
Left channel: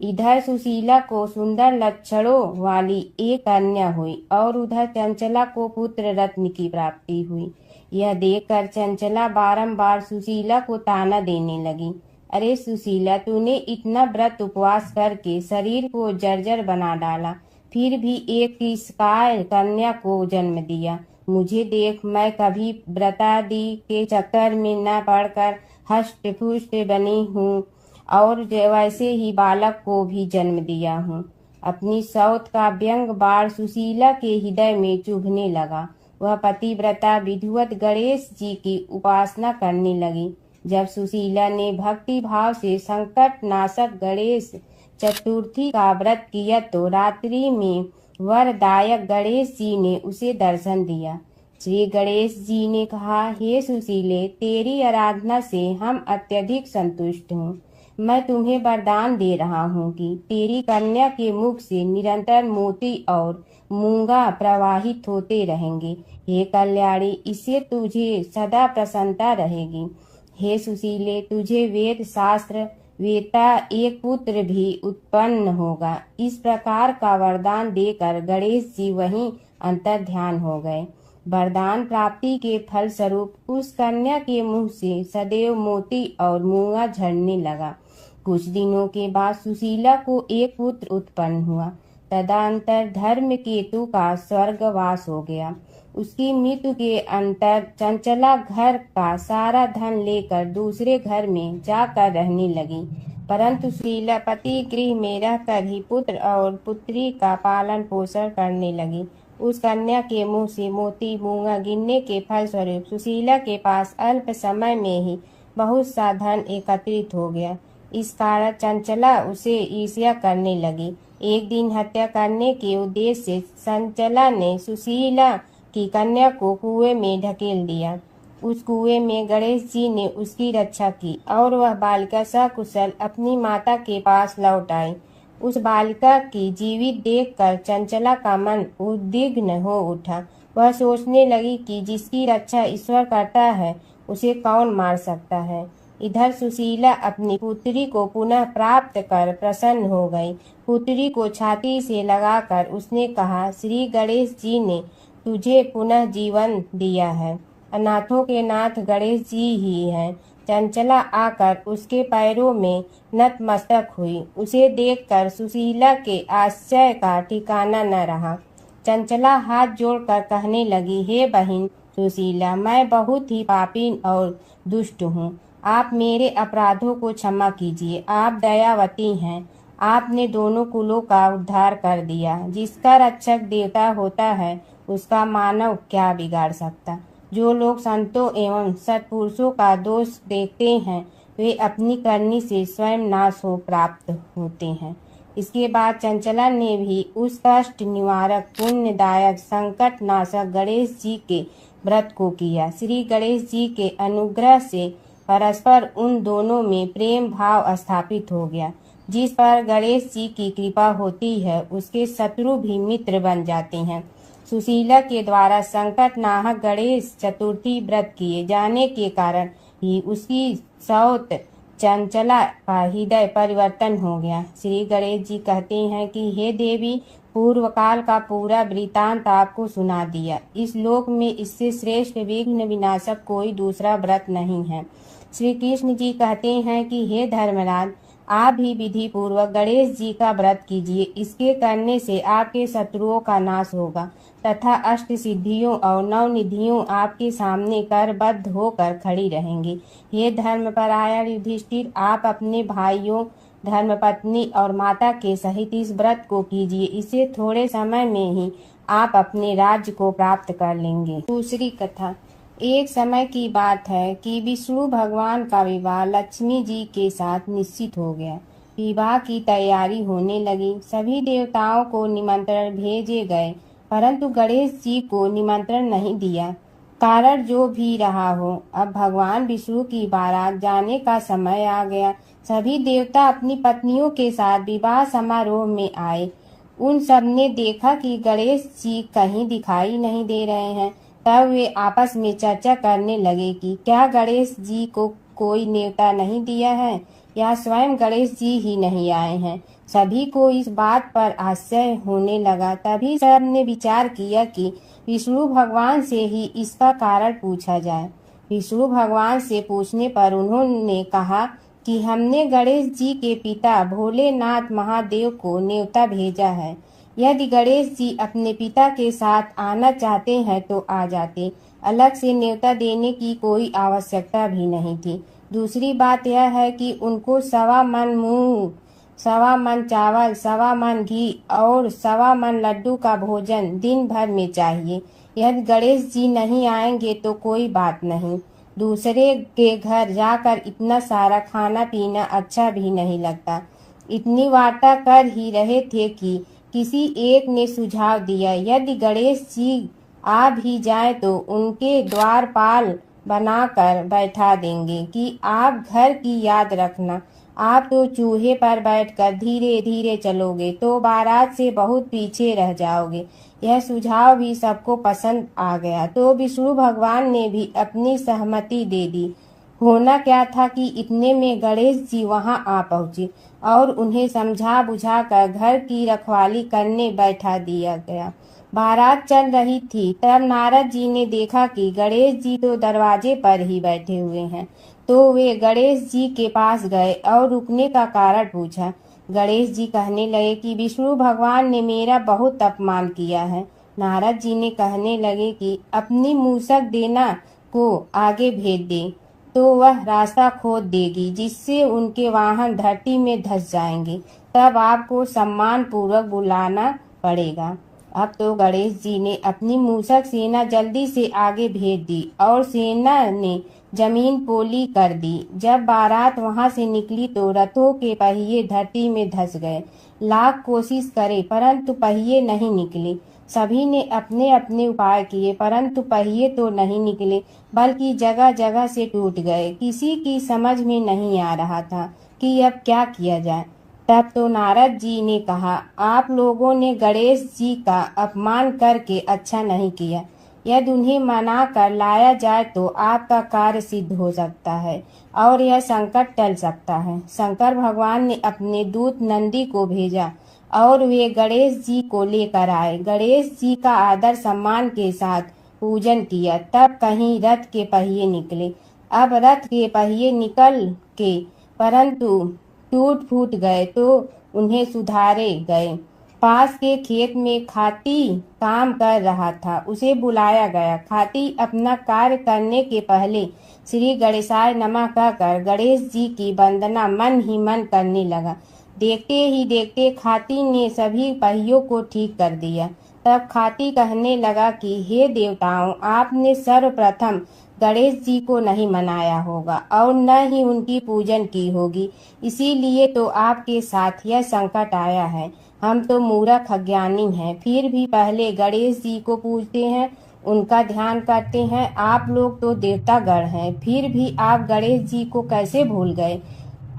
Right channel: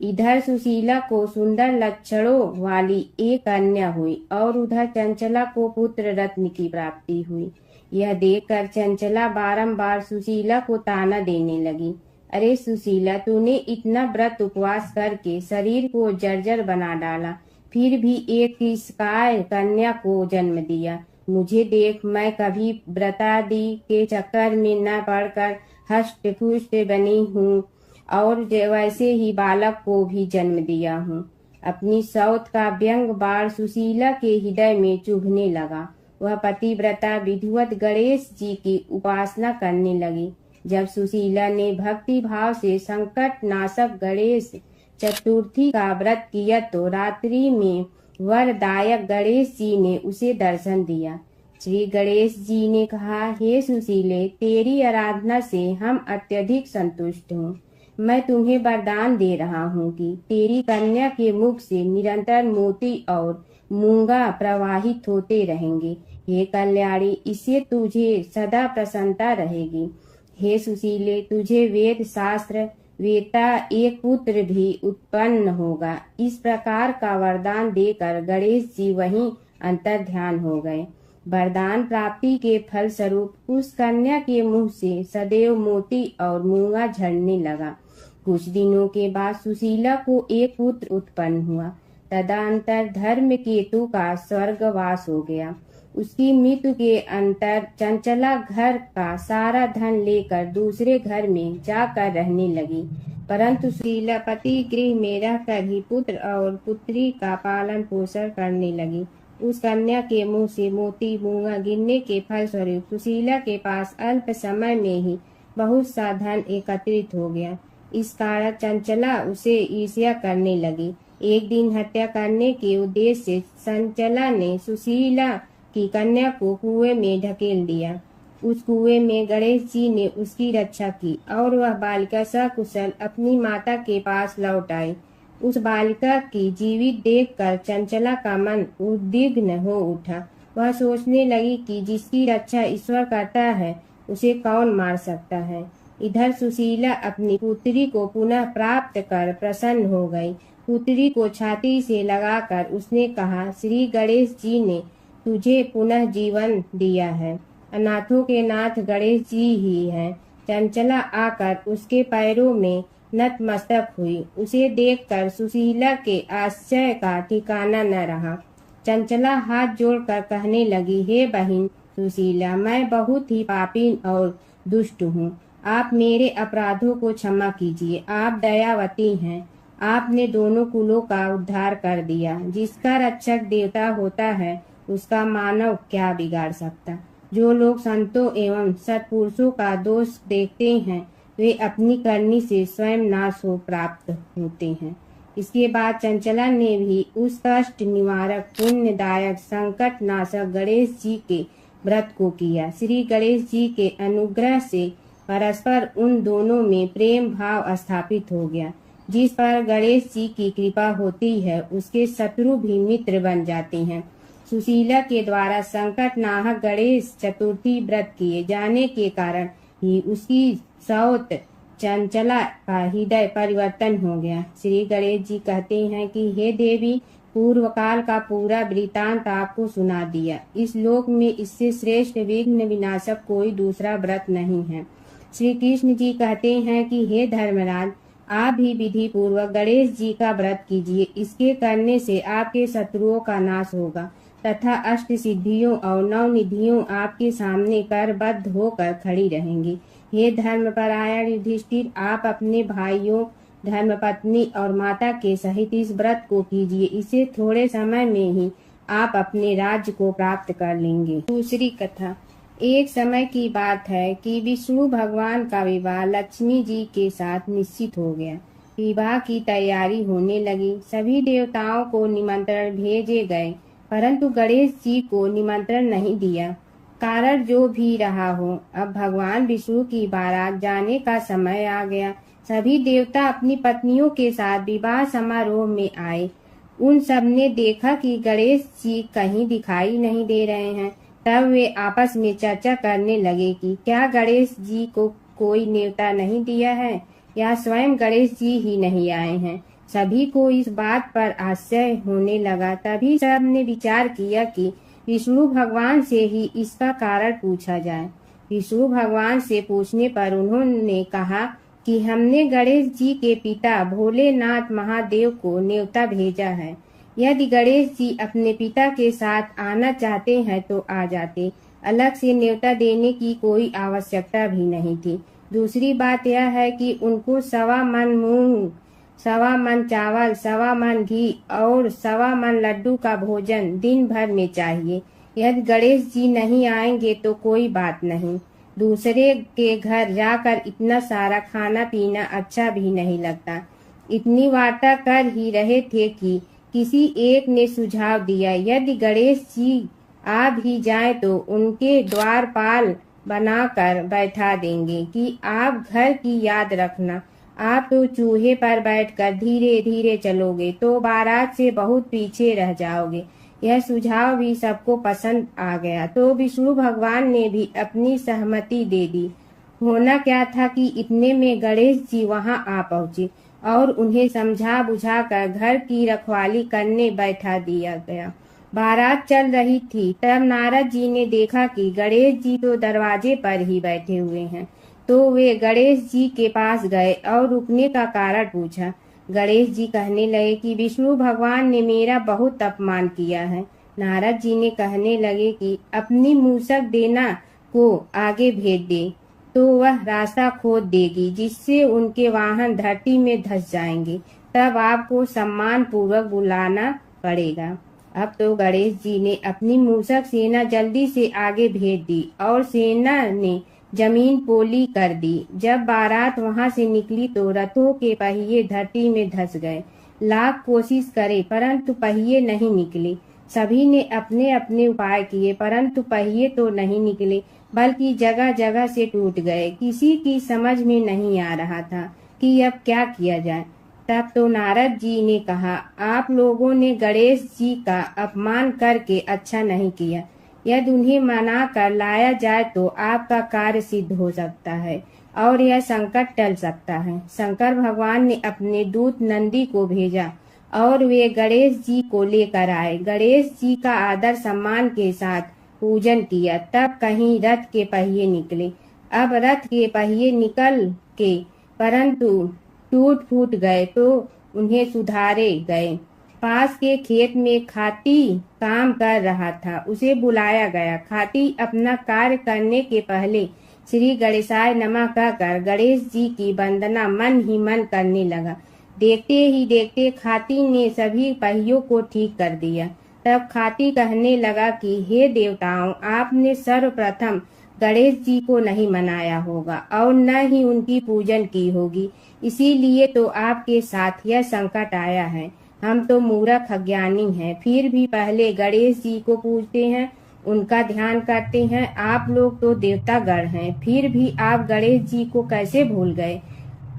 इधर सुशीला को सुंदर लक्षणों वाली एक कन्या हुई और उधर चंचला को पुत्र रत्न की प्राप्ति हुई। यह देखकर चंचला बारंबार सुशीला को ताना देने लगी। अरे सुशीला, तूने इतना व्रत उपवास करके शरीर को जर्जर बना डाला, फिर भी एक किसकाय कन्या को जन्म दिया। मुझे देख, मैं कभी व्रतादि के चक्कर में न पड़कर हष्ट पुष्ट बनी हूँ और वैसे ही बालक को भी जन्म दिया हूँ। अपनी सौत का व्यंग बाण सुशीला के हृदय में चुभने लगा। वह पतिव्रता विधिवत गणेश जी की उपासना करने लगी। जब सुशीला ने भक्ति भाव से संकट नाशक गणेश चतुर्थी का व्रत किया तो रात्रि में वरदायक गणेश जी ने उसे दर्शन दिया। श्री गणेश जी ने कहा, हे सुशीले, तेरी आराधना से हम अत्यधिक संतुष्ट हूँ। मैं तुम्हें वरदान दे रहा हूँ कि तेरी कन्या के मुख से निरंतर मोती और मूंगा प्रवाहित होते रहेंगे। हे कल्याणी, इससे तुझे सदा प्रसन्नता रहेगी। हे सुशीले, तुझे वेद शास्त्र वेता एक पुत्र भी उत्पन्न होगा। इस प्रकार का वरदान देकर गणेश जी वहीं अंतर ध्यान हो गए। वरदान प्राप्ति के फल स्वरूप उस कन्या के मुंह से सदैव मोती और मूंगा झड़ने लगा। कुछ दिनों के बाद सुशीला को एक पुत्र उत्पन्न हुआ। तदंतर धर्म केतु का स्वर्गवास हो गया। उसकी मृत्यु के अंतर चंचला घर का सारा धन लेकर दूसरे घर में जाकर रहने लगी, परंतु सुशीला पति गृह में रहकर ही पुत्र और पुत्री का पालन पोषण करने लगी। उस कन्या के मुंह से मोती मूंगा गिरने के फलस्वरूप सुशीला के पास अल्प समय में ही बहुत सा धन एकत्रित हो गया। इस कारण चंचला उसे ईर्ष्या करने लगी। एक दिन हत्या करने के उद्देश्य से चंचला ने सुशीला की कन्या को कुएं में ढकेल दिया। उस कुएं में गणेश जी ने उसकी रक्षा की और वह बालिका सकुशल अपनी माता के पास लौट आई। उस बालिका की जीवित देखकर चंचला का मन उद्विग्न हो उठा। वह सोचने लगी कि जिसकी रक्षा ईश्वर करता है उसे कौन मार सकता है। इधर सुशीला अपनी पुत्री को पुनः प्राप्त कर प्रसन्न हो गई। पुत्री को छाती से लगाकर उसने कहा, श्री गणेश जी ने तुझे पुनः जीवन दिया है। अनाथों के नाथ गणेश जी ही हैं। चंचला आकर उसके पैरों में नतमस्तक हुई। उसे देखकर सुशीला के आश्चर्य का ठिकाना न रहा। चंचला हाथ जोड़कर कहने लगी, हे बहन सुशीला, मैं बहुत ही पापीन और दुष्ट हूँ। आप मेरे अपराधों को क्षमा कीजिए। आप दयावती हैं। आपने दोनों कुलों का उद्धार कर दिया। जिसका रक्षक देवता होता है उसका मानव क्या बिगाड़ सकता। जो लोग संतों एवं सत्पुरुषों का दोष देखते हैं वे अपनी करनी से स्वयं नाश हो प्राप्त होते हैं। इसके बाद चंचला ने भी उस कष्ट निवारक पुण्यदायक संकट नाशक गणेश जी के व्रत को किया। श्री गणेश जी के अनुग्रह से परस्पर उन दोनों में प्रेम भाव स्थापित हो गया। जिस पर गणेश जी की कृपा होती है उसके शत्रु भी मित्र बन जाते हैं। सुशीला के द्वारा संकट नाहक गणेश चतुर्थी व्रत किए जाने के कारण ही उसकी सौत चंचला का हृदय परिवर्तन हो गया। श्री गणेश जी कहते हैं कि हे देवी, पूर्व काल का पूरा वृतांत आपको सुना दिया। इस लोक में इससे श्रेष्ठ विघ्न विनाशक कोई दूसरा व्रत नहीं है। श्री कृष्ण जी कहते हैं कि हे धर्मराज, आप भी विधि पूर्वक गणेश जी का व्रत कीजिए। इसके करने से आपके शत्रुओं का नाश होगा तथा अष्ट सिद्धियों और नौ निधियों आपके सामने करबद्ध होकर खड़ी रहेंगी। हे धर्मपरायण युधिष्ठिर, आप अपने भाइयों, धर्मपत्नी और माता के सहित इस व्रत को कीजिए। इसे थोड़े समय में ही आप अपने राज्य को प्राप्त कर लेंगे। दूसरी कथा। एक समय की बात है कि विष्णु भगवान का विवाह लक्ष्मी जी के साथ निश्चित हो गया। विवाह की तैयारी होने लगी। सभी देवताओं को निमंत्रण भेजे गए, परंतु गणेश जी को निमंत्रण नहीं दिया। कारण जो भी रहा हो, अब भगवान विष्णु की बारात जाने का समय आ गया। सभी देवता अपनी पत्नियों के साथ विवाह समारोह में आए। उन सब ने देखा कि गणेश जी कहीं दिखाई नहीं दे रहे हैं। तब वे आपस में चर्चा करने लगे कि क्या गणेश जी को कोई न्योता नहीं दिया है या स्वयं गणेश जी ही नहीं आए हैं। सभी को इस बात पर आश्चर्य होने लगा। तभी सब ने विचार किया कि विष्णु भगवान से ही इसका कारण पूछा जाए। विष्णु भगवान से पूछने पर उन्होंने कहा कि हमने गणेश जी के पिता भोलेनाथ महादेव को न्योता भेजा है। यदि गणेश जी अपने पिता के साथ आना चाहते हैं तो आ जाते, अलग से न्योता देने की कोई आवश्यकता भी नहीं थी। दूसरी बात यह है कि उनको 1.25 मन मूंग, 1.25 मन चावल, 1.25 मन घी और 1.25 मन लड्डू का भोजन दिन भर में चाहिए। यदि गणेश जी नहीं आएंगे तो कोई बात नहीं, दूसरे के घर जाकर इतना सारा खाना पीना अच्छा भी नहीं लगता। इतनी वार्ता कर ही रहे थे कि किसी एक ने सुझाव दिया, यदि गणेश जी आ भी जाए तो उनके द्वारपाल बनाकर बैठा देंगे कि आप घर की याद रखना। आप तो चूहे पर बैठकर धीरे धीरे चलोगे तो बारात से बहुत पीछे रह जाओगे। यह सुझाव भी सबको पसंद आ गया तो विष्णु भगवान ने भी अपनी सहमति दे दी। होना क्या था कि इतने में गणेश जी वहां आ पहुंचे और उन्हें समझा बुझाकर घर की रखवाली करने बैठा दिया गया। बारात चल रही थी, तब नारद जी ने देखा कि गणेश जी तो दरवाजे पर ही बैठे हुए हैं। तो वे गणेश जी के पास गए और रुकने का कारण पूछा। गणेश जी कहने लगे कि विष्णु भगवान ने मेरा बहुत अपमान किया है। नारद जी ने कहने लगे कि अपनी मूसक देना को आगे भेज दे तो वह रास्ता खोद देगी, जिससे उनके वाहन धरती में धंस जाएंगे। तब आपको सम्मान पूर्वक बुलाना पड़ेगा। अब तो गणेश जी ने अपनी मूसक सेना जल्दी से आगे भेज दी और सेना ने जमीन पोली कर दी। जब बारात वहां से निकली तो रथों के पहिए धरती में धंस गए। लाख कोशिश करे परंतु पहिए नहीं निकले। सभी ने अपने अपने उपाय किए परंतु पहिए तो नहीं निकले, बल्कि जगह जगह से टूट गए। किसी की समझ में नहीं आ रहा था कि अब क्या किया जाए। तब तो नारद जी ने कहा, आप लोगों ने गणेश जी का अपमान करके अच्छा नहीं किया। यदि उन्हें मना कर लाया जाए तो आपका कार्य सिद्ध हो सकता है और यह संकट टल सकता है। शंकर भगवान ने अपने दूत नंदी को भेजा और वे गणेश जी को लेकर आए। गणेश जी का आदर सम्मान के साथ पूजन किया। तब कहीं रथ के पहिए निकले। अब रथ के पहिए निकल के परंतु टूट फूट गए तो उन्हें सुधारे गए। पास के खेत में खाती काम कर रहा था, उसे बुलाया गया। खाती अपना कार्य करने के पहले श्री गणेशाय नमः कहकर गणेश जी की वंदना मन ही मन करने लगा। देखते ही देखते खाती ने सभी पहियों को ठीक कर दिया। तब खाती कहने लगा कि हे देवताओं, आपने सर्वप्रथम गणेश जी को नहीं मनाया होगा और न ही उनकी पूजन की होगी, इसीलिए तो आपके साथ यह संकट आया है। हम तो मूर्ख अज्ञानी हैं, फिर भी पहले गणेश जी को पूजते हैं, उनका ध्यान करते हैं। आप लोग तो देवतागण हैं, फिर भी आप गणेश जी को कैसे भूल गए।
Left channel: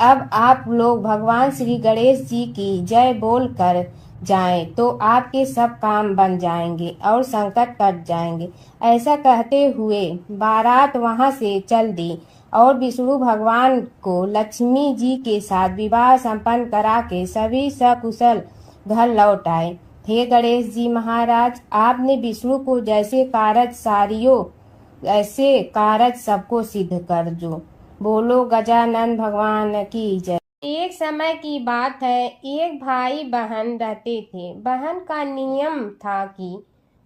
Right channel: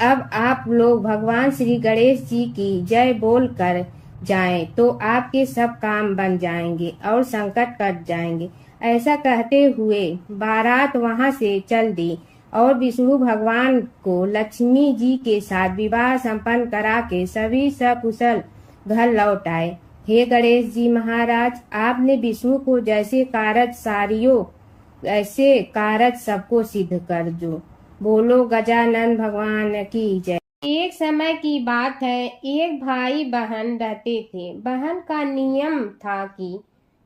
अब आप लोग भगवान श्री गणेश जी की जय बोल कर जाएं तो आपके सब काम बन जाएंगे और संकट कट जाएंगे। ऐसा कहते हुए बारात वहां से चल दी और विष्णु भगवान को लक्ष्मी जी के साथ विवाह संपन्न करा के सभी सकुशल घर लौट आए। हे गणेश जी महाराज, आपने विष्णु को जैसे कारज सारियो ऐसे कारज सबको सिद्ध कर जो। बोलो गजानन भगवान की जय। एक समय की बात है, एक भाई बहन रहते थे। बहन का नियम था कि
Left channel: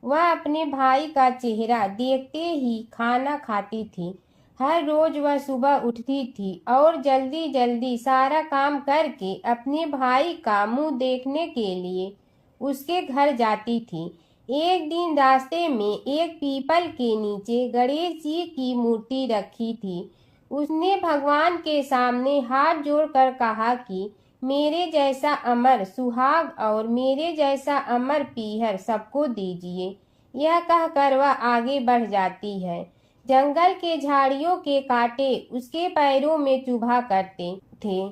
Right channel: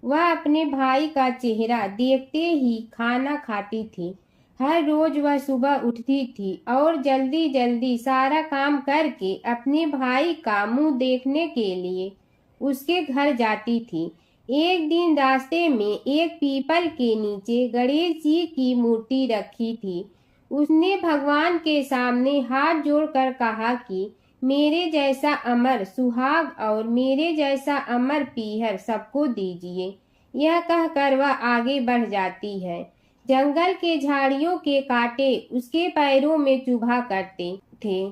वह अपने भाई का चेहरा देखते ही खाना खाती थी। हर रोज वह सुबह उठती थी और जल्दी जल्दी सारा काम करके अपने भाई का मुंह देखने के लिए उसके घर जाती थी। एक दिन रास्ते में एक पीपल के नीचे गणेश जी की मूर्ति रखी थी। उसने भगवान के सामने हाथ जोड़कर कहा कि मेरे जैसा अमर सुहाग और मेरे जैसा अमर पीहर सबको दीजिए। यह कहकर वह आगे बढ़ जाती है। जंगल के झाड़ियों के कांटे उसके पैरों में चुभा करते थे।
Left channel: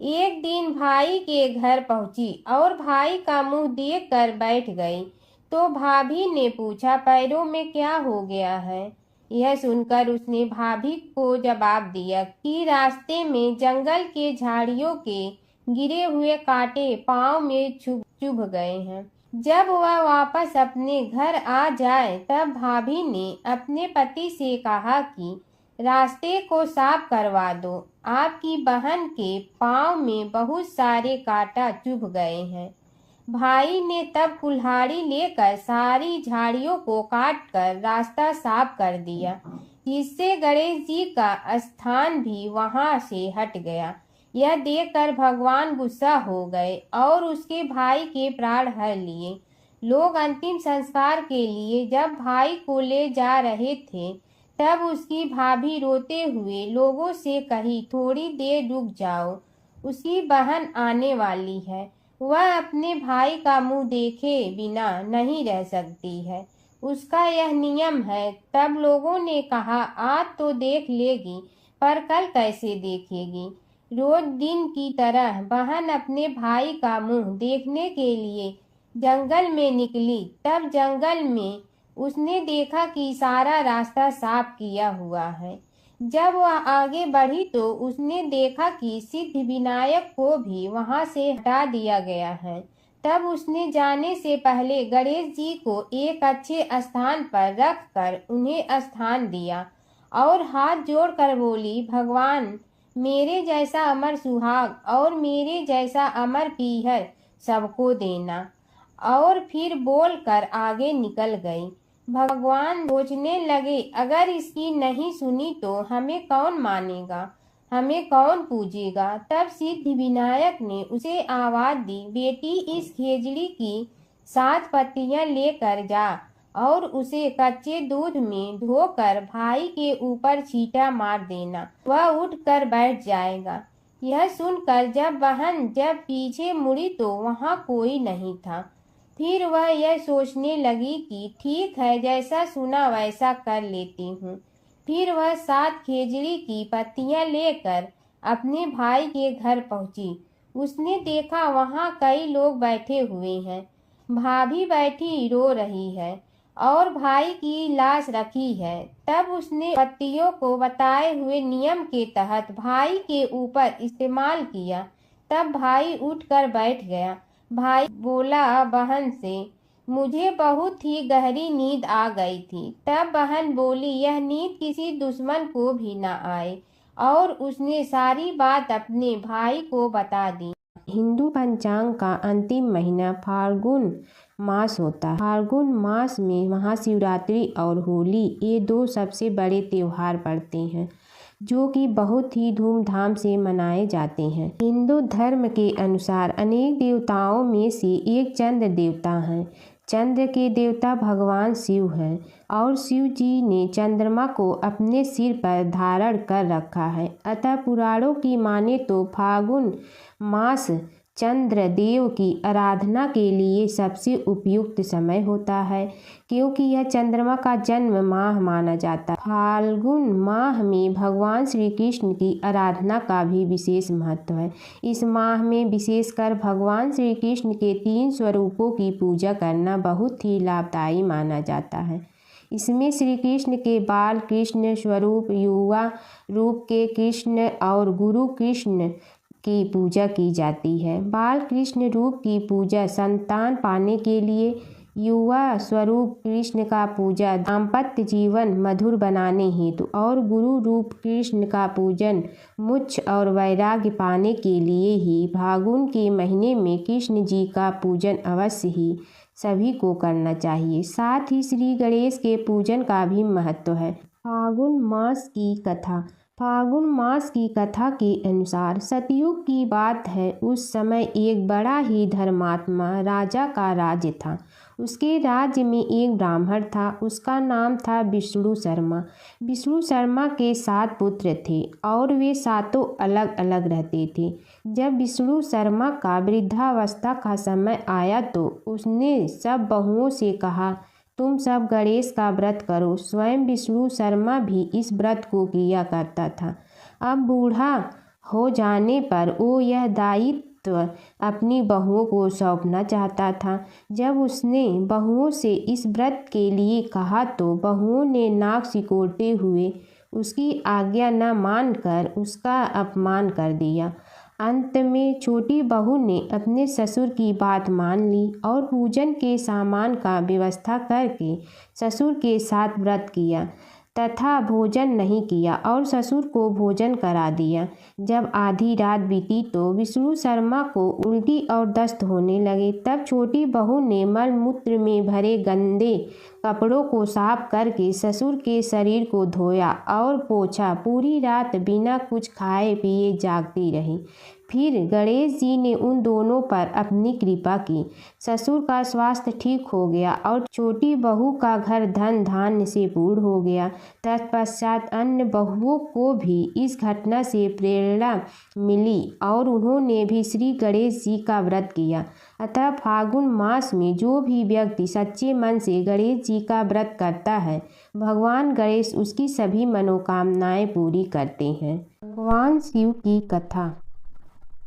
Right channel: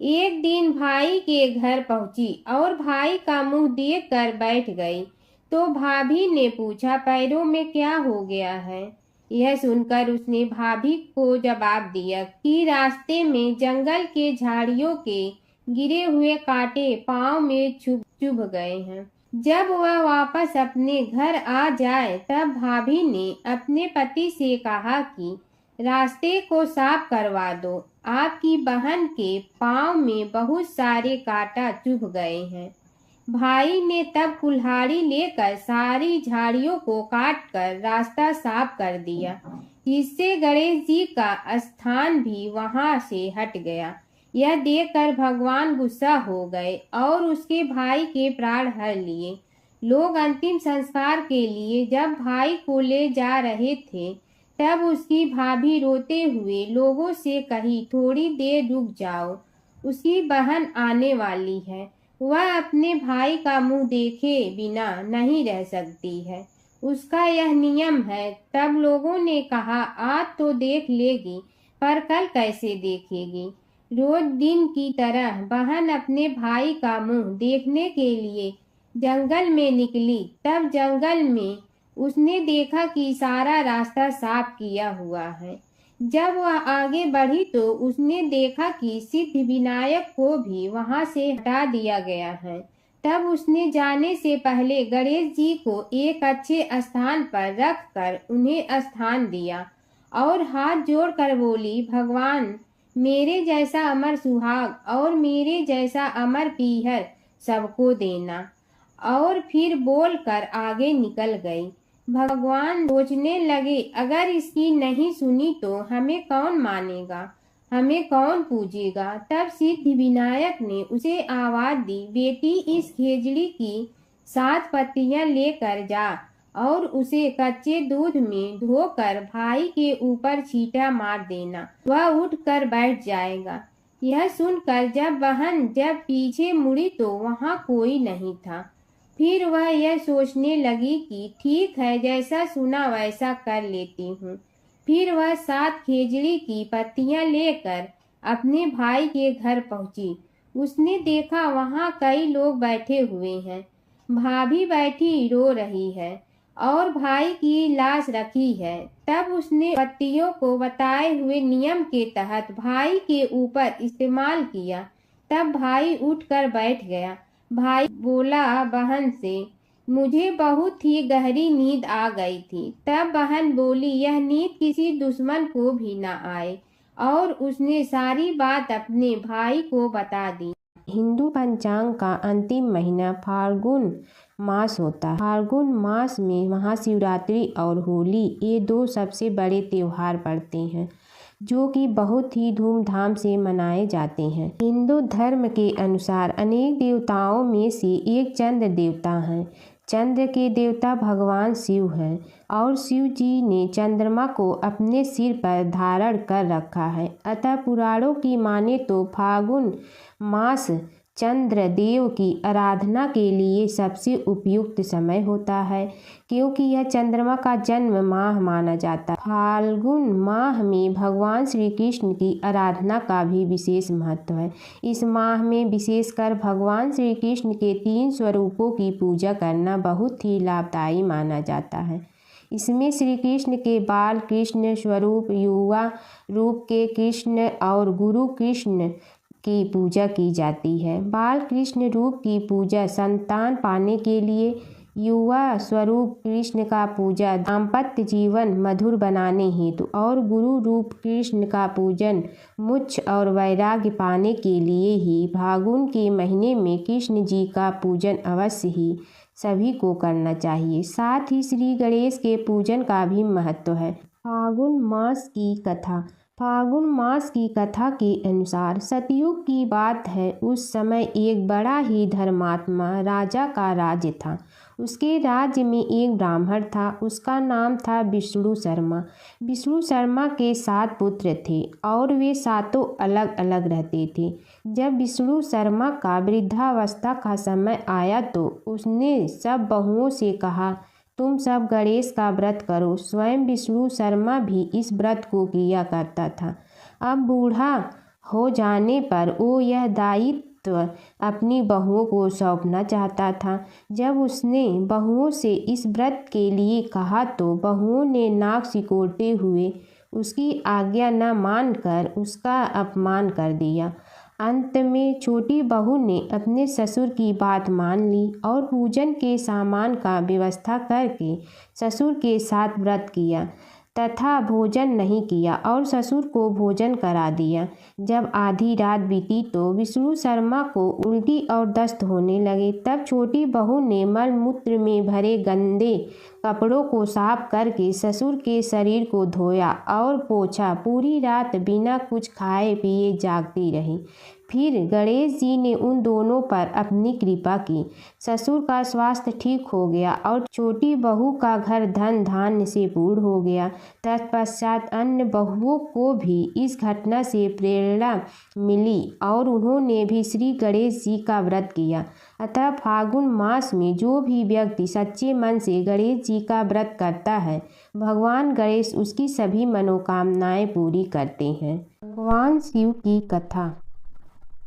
एक दिन भाई के घर पहुंची और भाई का मुंह देख कर बैठ गई। तो भाभी ने पूछा, पैरों में क्या हो गया है? यह सुनकर उसने भाभी को जवाब दिया कि रास्ते में जंगल के झाड़ियों के गिरे हुए कांटे पांव में चुभ गए हैं। जब वह वापस अपने घर आ जाए तब भाभी ने अपने पति से कहा कि रास्ते को साफ करवा दो, आपकी बहन के पांव में बहुत सारे कांटा चुभ गए हैं। भाई ने तब कुल्हाड़ी लेकर सारी झाड़ियों को काटकर रास्ता साफ कर दिया, जिससे गणेश जी का स्थान भी वहां से हट गया। यह देखकर भगवान गुस्सा हो गए और उसके भाई के प्राण हर लिए। लोग अंतिम संस्कार के लिए जब भाई को ले जा रहे थे तब उसकी भाभी रोते हुए लोगों से कही, थोड़ी देर रुक जाओ, उसकी बहन आने वाली है, वह अपने भाई का मुंह देखे बिना नहीं रह सकती है, उसका यह नियम है। तब लोगों ने कहा, आज तो देख लेगी पर कल कैसे देखेगी? रोज दिन की तरह बहन अपने भाई का मुंह देखने के लिए जंगल में निकली। तब जंगल में उसने देखा कि सारा रास्ता साफ किया हुआ है। जब वह आगे बढ़ी तो उसने देखा कि सिद्ध विनायक को भी वहां से हटा दिया गया है। तब उसने जाने से पहले गणेश जी को एक अच्छे स्थान पर रखकर उन्हें स्थान दिया और हाथ जोड़कर बोली, भगवान, मेरे जैसा अमर सुहाग और मेरे जैसा अमर पीहर सबको देना। और फिर बोलकर आगे निकल गई। भगवान सोचने लगे, अगर इसकी नहीं सुनी तो हमें कौन मानेगा, हमें कौन पूजेगा? तब सिद्ध विनायक ने उसे आवाज दी, बेटी, इस खेजड़ी की 7 पत्तियां लेकर जा और उसे कच्चे दूध में धोकर भाई के ऊपर छींटा मार देना, वह उठ कर बैठ जाएगा। यह सुनकर जब पीछे मुड़ी तो वहां कोई नहीं था। फिर वह यह सोचने लगी कि ठीक है, जैसा सुना वैसा कर लेती हूँ। फिर वह 7 खेजड़ी की पत्तियां लेकर अपने भाई के घर पहुंची। उसने देखा वहां कई लोग बैठे हुए हैं। भाभी बैठी रो रही है और भाई की लाश रखी है। तब उसने पत्तियों को बताए हुए नियम के तहत भाई के ऊपर इस्तेमाल किया। तब भाई उठकर बैठ गया। भाई बोला बहन से, मुझे बहुत ही गहरी नींद आ गई थी। तब बहन बोली, यह नींद किसी दुश्मन को भी न आए, और उसने सारी बात अपने भाई को बता दी। हिंदू पंचांग का अंतिम महीना फाल्गुन मास होता है। फाल्गुन मास में महाशिवरात्रि और होली, ये 2 सबसे बड़े त्योहार पड़ते हैं जो कि बहुत ही धूमधाम से मनाए जाते हैं। हिंदू धर्म के अनुसार अनेक देवताओं में से एक चंद्र देवता हैं। चंद्र के देवता भगवान शिव हैं और शिव जी ने चंद्रमा को अपने सिर पर धारण कर रखा है। अतः पुराणों की माने तो फाल्गुन मास चंद्र देव की आराधना के लिए सबसे उपयुक्त समय होता है, क्योंकि यह चंद्रमा का जन्म माह माना जाता है। फाल्गुन माह में भगवान श्री कृष्ण की आराधना का भी विशेष महत्व है। इस माह में विशेषकर भगवान श्री कृष्ण के 3 स्वरूपों की पूजा करना बहुत ही लाभदायी माना जाता है। इसमें श्री कृष्ण के बाल कृष्ण स्वरूप, युवा रूप के कृष्ण और गुरु कृष्ण की पूजा की जाती है। बाल कृष्ण रूप की पूजा संतान पाने के लिए, युवा स्वरूप कृष्ण का पूजा दाम्पत्य जीवन मधुर बनाने हेतु और गुरु रूप कृष्ण का पूजन मोक्ष और वैराग्य पाने के लिए ही फाल्गुन के महीने में कृष्ण जी का पूजन अवश्य ही सभी को करना चाहिए। साथ ही श्री गणेश के पूजन का भी महत्व है। फाल्गुन मास की कथा। फाल्गुन मास की कथा के अनुसार सतयुग की बात है। उस समय एक बड़ा ही धर्मात्मा राजा का राज्य था। उसके राज्य में एक ब्राह्मण था, उसका नाम था विष्णु शर्मा। विष्णु शर्मा के 7 पुत्र थे और वे 7 अलग अलग रहते थे। जब विष्णु शर्मा का वृद्धावस्था का समय आया तो उसने सब बहुओं से कहा, तुम सब गणेश का व्रत करो। स्वयं विष्णु शर्मा भी इस व्रत को किया करता था। अब बूढ़ा हो जाने पर वो यह दायित्व अपनी बहुओं को सौंपना चाहता था। जब उसने बहुओं से इस व्रत के लिए कहा तो बहुओं ने नाक सिकोड़ते हुए उसकी आज्ञा न मानकर उसका अपमान कर दिया। अंत में छोटी बहू ने अपने ससुर की बात मान ली और पूजन के सामान का व्यवस्था करके ससुर के साथ व्रत किया तथा भोजन नहीं किया और ससुर को भोजन करा दिया। जब आधी रात बीती तो विष्णु शर्मा को उल्टी और दस्त होने लगे। तब छोटी बहू ने मलमूत्र में भरे गंदे कपड़ों को साफ करके ससुर के शरीर को धोया और पोंछा। पूरी रात बिना कुछ खाए पिए जागती रही। फिर गणेश जी ने उन दोनों पर अपनी कृपा की। ससुर का स्वास्थ्य ठीक हो गया और छोटी बहू का घर धन धान्य से पूर्ण हो गया। तत्पश्चात अन्य बहुओं को भी इस घटना से प्रेरणा मिली और उन्होंने भी श्री गणेश जी का व्रत किया। अतः फागुन मास में जो भी व्यक्ति सच्चे मन से गणेश जी का व्रत करता है, भगवान गणेश उसकी सभी मनोकामनाएं पूरी करते हैं। भगवान शिव की कथा।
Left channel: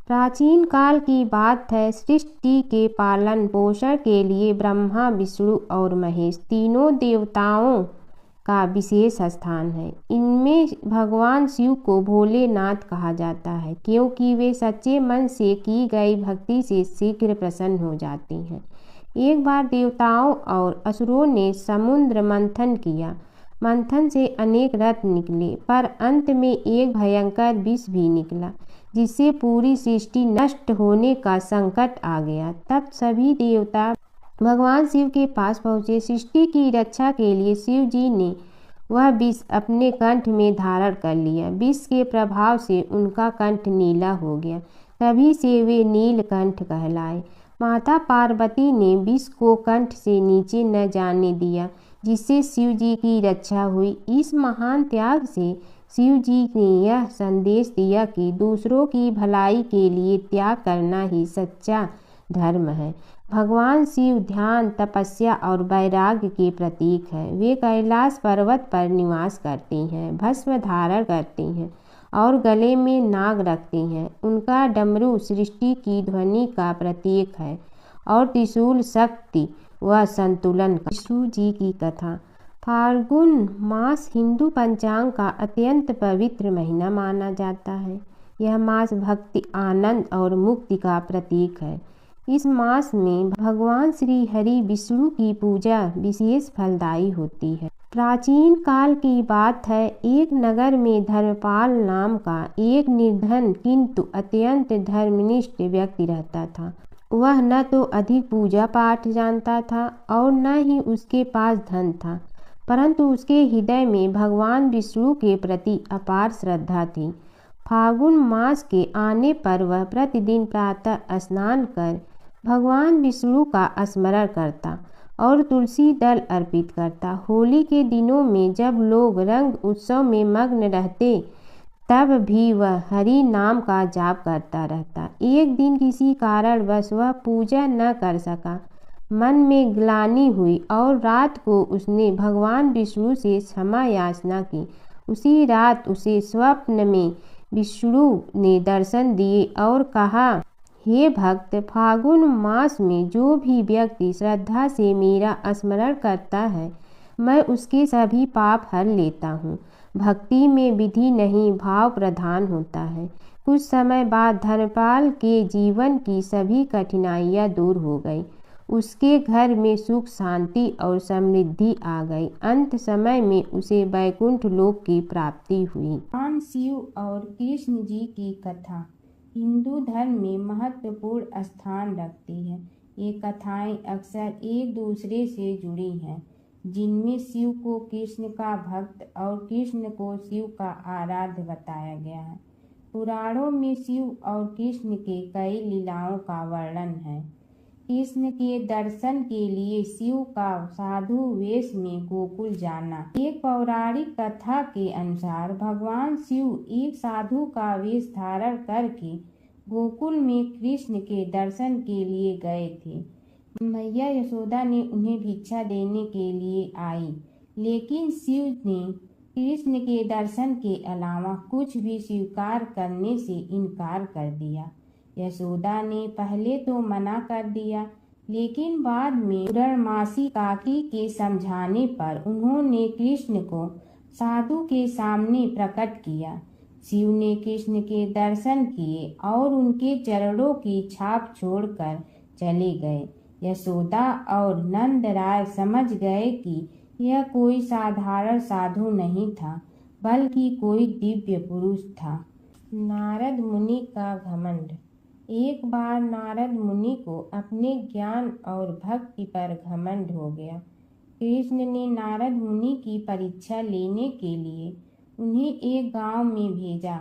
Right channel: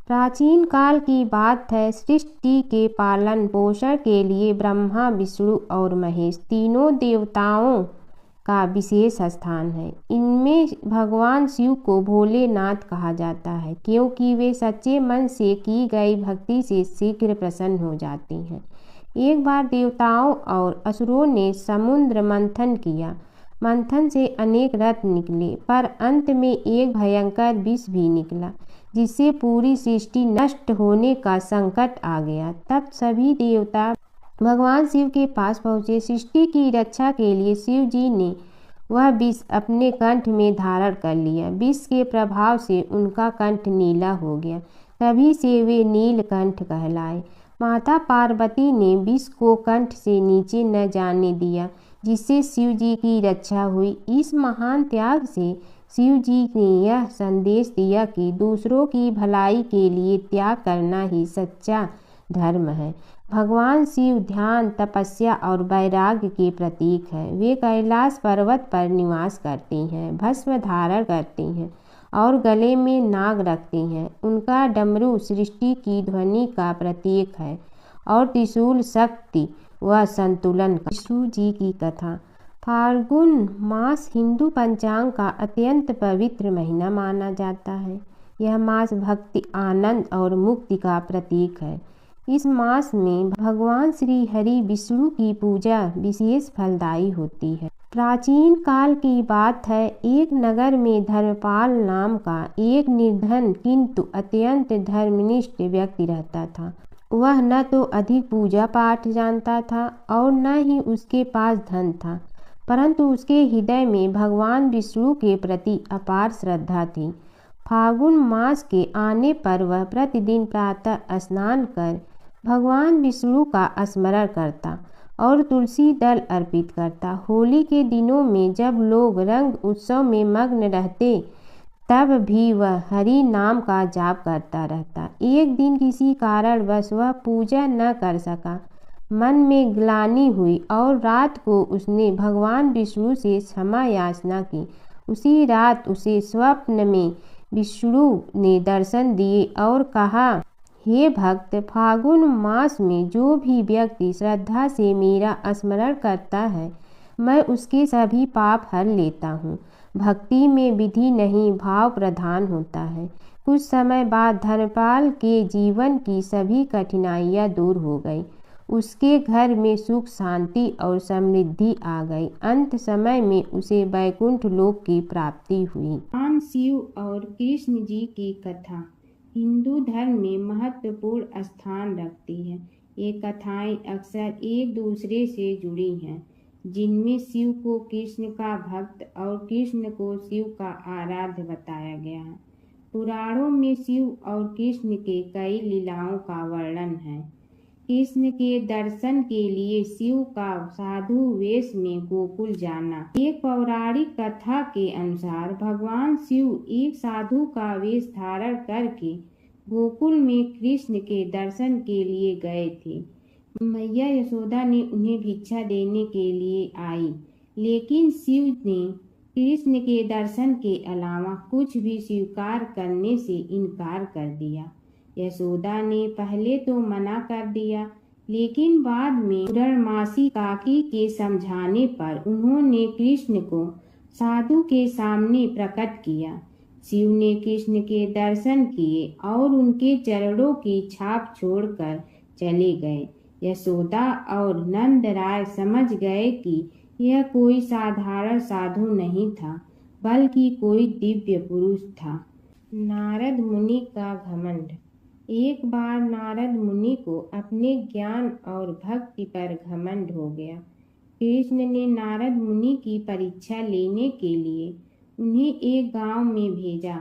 प्राचीन काल की बात है। सृष्टि के पालन पोषण के लिए ब्रह्मा, विष्णु और महेश तीनों देवताओं का विशेष स्थान है। इनमें भगवान शिव को भोलेनाथ कहा जाता है क्योंकि वे सच्चे मन से की गई भक्ति से शीघ्र प्रसन्न हो जाते हैं। एक बार देवताओं और असुरों ने समुद्र मंथन किया। मंथन से अनेक रत्न निकले पर अंत में एक भयंकर विष भी निकला जिससे पूरी सृष्टि नष्ट होने का संकट आ गया। तब सभी देवता भगवान शिव के पास पहुँचे। सृष्टि की रक्षा के लिए शिव जी ने वह विष अपने कंठ में धारण कर लिया। विष के प्रभाव से उनका कंठ नीला हो गया। तभी से वे नीलकंठ कहलाए। माता पार्वती ने विष को कंठ से नीचे न जाने दिया जिससे शिव जी की रक्षा हुई। इस महान त्याग से शिव जी ने यह संदेश दिया कि दूसरों की भलाई के लिए त्याग करना ही सच्चा धर्म है। भगवान शिव ध्यान, तपस्या और वैराग्य के प्रतीक है। वे कैलाश पर्वत पर निवास करते हैं, भस्म धारण करते हैं और गले में नाग रखते हैं। उनका डमरू सृष्टि की ध्वनि का प्रतीक है और त्रिशूल शक्ति व संतुलन का। विष्णु जी की कथा। फाल्गुन मास हिंदू पंचांग का अत्यंत पवित्र महीना माना जाता है। यह मास भक्ति, आनंद और मुक्ति का प्रतीक है। इस मास में भगवान श्री हरि विष्णु की पूजा विशेष फलदायी होती है। प्राचीन काल की बात है। एक नगर में धर्मपाल नाम का एक निर्धन किंतु अत्यंत धर्मनिष्ठ व्यक्ति रहता था। वह न तो अधिक पूजा पाठ जानता था और न ही उसके पास धन था, परंतु उसके हृदय में भगवान विष्णु के प्रति अपार श्रद्धा थी। फागुन मास के आने पर वह प्रतिदिन प्रातः स्नान कर भगवान विष्णु का स्मरण करता और तुलसी दल अर्पित करता। होली के दिनों में जब लोग रंग उत्सव में मग्न रहते तब भी वह हरि नाम का जाप करता रहता। एक दिन किसी कारणवश वह पूजा न कर सका। मन में ग्लानि हुई और रात को उसने भगवान विष्णु से क्षमा याचना की। उसी रात उसे स्वप्न में विष्णु ने दर्शन दिए और कहा, हे भक्त, फागुन मास में जो भी व्यक्ति श्रद्धा से मेरा स्मरण करता है, मैं उसके सभी पाप हर लेता हूँ। भक्ति में विधि नहीं, भाव प्रधान होता है। कुछ समय बाद धर्मपाल के जीवन की सभी कठिनाइयाँ दूर हो गई। उसके घर में सुख, शांति और समृद्धि आ गई। अंत समय में उसे वैकुंठ लोक की प्राप्ति हुई। भगवान शिव और कृष्ण जी की कथा हिंदू धर्म में महत्वपूर्ण स्थान रखती है। ये कथाएं अक्सर एक दूसरे से जुड़ी हैं, जिनमें शिव को कृष्ण का भक्त और कृष्ण को शिव का आराध्य बताया गया है। पुराणों में शिव और कृष्ण के कई लीलाओं का वर्णन है। कृष्ण के दर्शन के लिए शिव का साधु वेश में गोकुल जाना। एक पौराणिक कथा के अनुसार भगवान शिव एक साधु का वेश धारण करके गोकुल में कृष्ण के दर्शन के लिए गए थे। मैया यशोदा ने उन्हें भिक्षा देने के लिए आई, लेकिन शिव ने कृष्ण के दर्शन के अलावा कुछ भी स्वीकार करने से इनकार कर दिया। यशोदा ने पहले तो मना कर दिया, लेकिन बाद में पूर्णमासी काकी के समझाने पर उन्होंने कृष्ण को साधु के सामने प्रकट किया। शिव ने कृष्ण के दर्शन किए और उनके चरणों की छाप छोड़कर चले गए। यशोदा और नंद राय समझ गए कि यह कोई साधारण साधु नहीं था, बल्कि कोई दिव्य पुरुष था। नारद मुनि का घमंड। एक बार नारद मुनि को अपने ज्ञान और भक्ति पर घमंड हो गया। कृष्ण ने नारद मुनि की परीक्षा लेने के लिए उन्हें एक गांव में भेजा,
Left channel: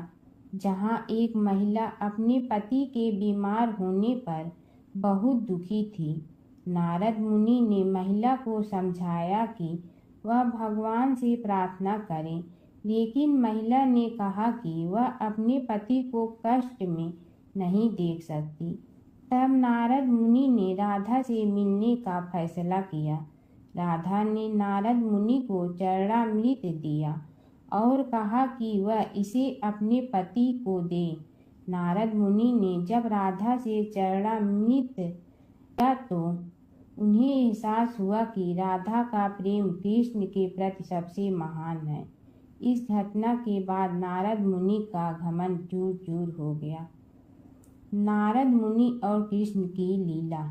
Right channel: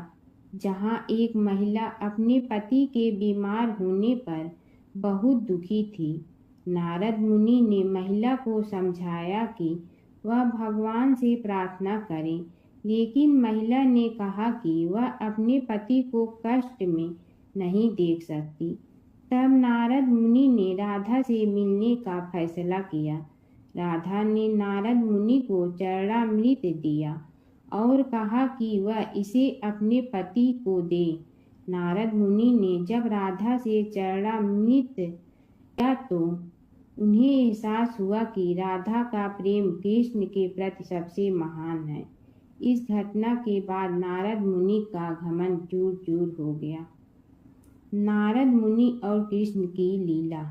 जहां एक महिला अपने पति के बीमार होने पर बहुत दुखी थी। नारद मुनि ने महिला को समझाया कि वह भगवान से प्रार्थना करे, लेकिन महिला ने कहा कि वह अपने पति को कष्ट में नहीं देख सकती। तब नारद मुनि ने राधा से मिलने का फैसला किया। राधा ने नारद मुनि को चरणामृत दिया और कहा कि वह इसे अपने पति को दे। नारद मुनि ने जब राधा से चरणामृत लिया तो उन्हें एहसास हुआ कि राधा का प्रेम कृष्ण के प्रति सबसे महान है। इस घटना के बाद नारद मुनि का घमंड चूर चूर हो गया। नारद मुनि और कृष्ण की लीला।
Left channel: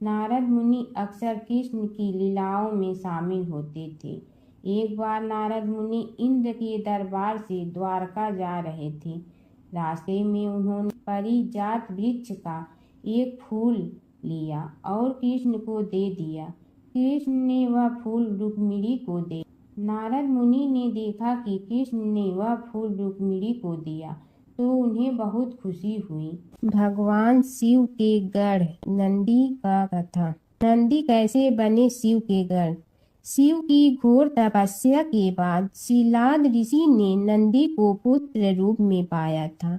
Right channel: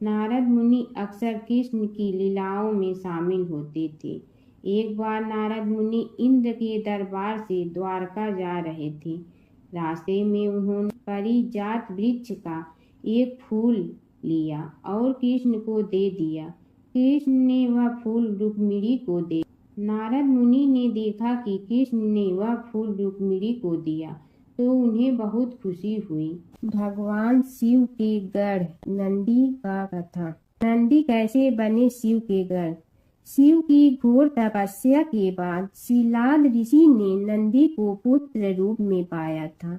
नारद मुनि अक्सर कृष्ण की लीलाओं में शामिल होते थे। एक बार नारद मुनि इंद्र के दरबार से द्वारका जा रहे थे। रास्ते में उन्होंने पारिजात वृक्ष का एक फूल लिया और कृष्ण को दे दिया। कृष्ण ने वह फूल रुक्मिणी को दे। नारद मुनि ने देखा कि कृष्ण ने वह फूल रुक्मिणी को दिया तो उन्हें बहुत खुशी हुई। भगवान शिव के गढ़ नंदी का कथा। नंदी कैसे बने शिव के गढ़। शिव की घोर तपस्या के बाद शिलाद ऋषि ने नंदी को पुत्र रूप में पाया था।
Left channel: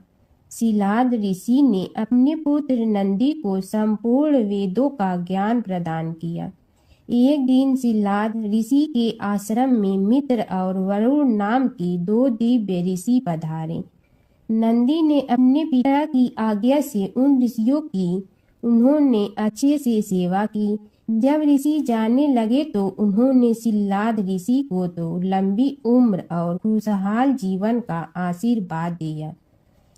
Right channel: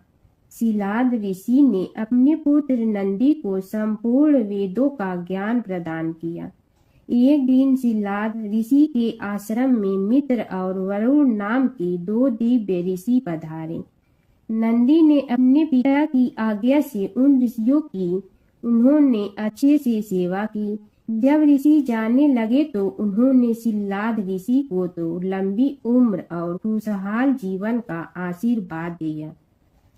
शिलाद ऋषि ने अपने पुत्र नंदी को संपूर्ण वेदों का ज्ञान प्रदान किया। एक दिन शिलाद ऋषि के आश्रम में मित्र और वरुण नाम के दो दिव्य ऋषि पधारे। नंदी ने अपने पिता की आज्ञा से उन ऋषियों की उन्होंने अच्छे से सेवा की। जब ऋषि जाने लगे तो उन्होंने शिलाद ऋषि को तो लंबी उम्र और खुशहाल जीवन का आशीर्वाद दिया,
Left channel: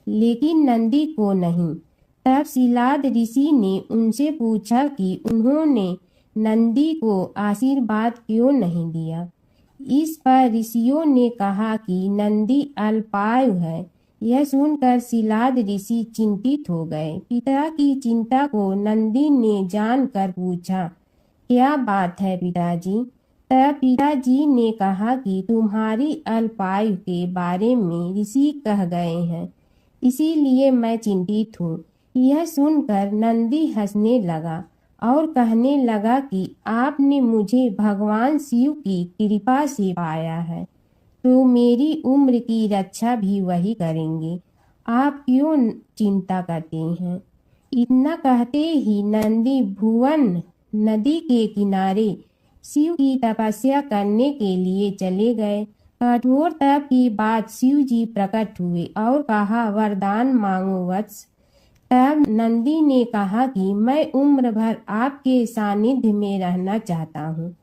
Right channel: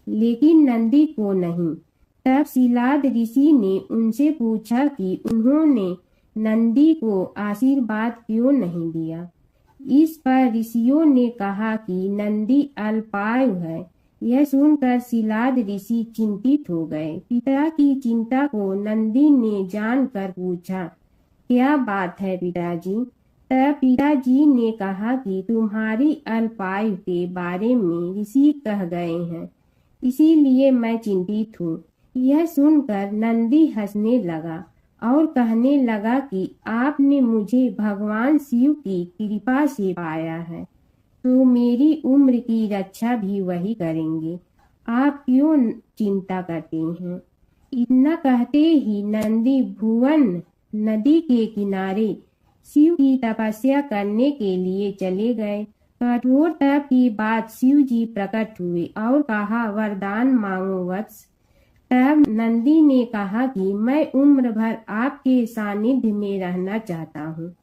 लेकिन नंदी को नहीं। तब शिलाद ऋषि ने उनसे पूछा कि उन्होंने नंदी को आशीर्वाद क्यों नहीं दिया। इस पर ऋषियों ने कहा कि नंदी अल्पायु है। यह सुनकर शिलाद ऋषि चिंतित हो गए। पिता की चिंता को नंदी ने जानकर पूछा, क्या बात है पिताजी। तब पिताजी ने कहा कि तुम्हारी अल्पायु के बारे में ऋषि कह गए हैं, इसीलिए मैं चिंतित हूँ। यह सुनकर नंदी हंसने लगा और कहने लगा कि आपने मुझे भगवान शिव की कृपा से पाया है, तो मेरी उम्र की रक्षा भी वही करेंगे। आप क्यों चिंता करते हैं। इतना कहते ही नंदी भुवन नदी के किनारे शिव की तपस्या करने के लिए चले गए। कठोर तप के बाद शिव जी प्रकट हुए और कहा, वरदान मांगो वत्स। तब नंदी ने कहा कि मैं उम्र भर आपके सानिध्य में रहना चाहता हूँ।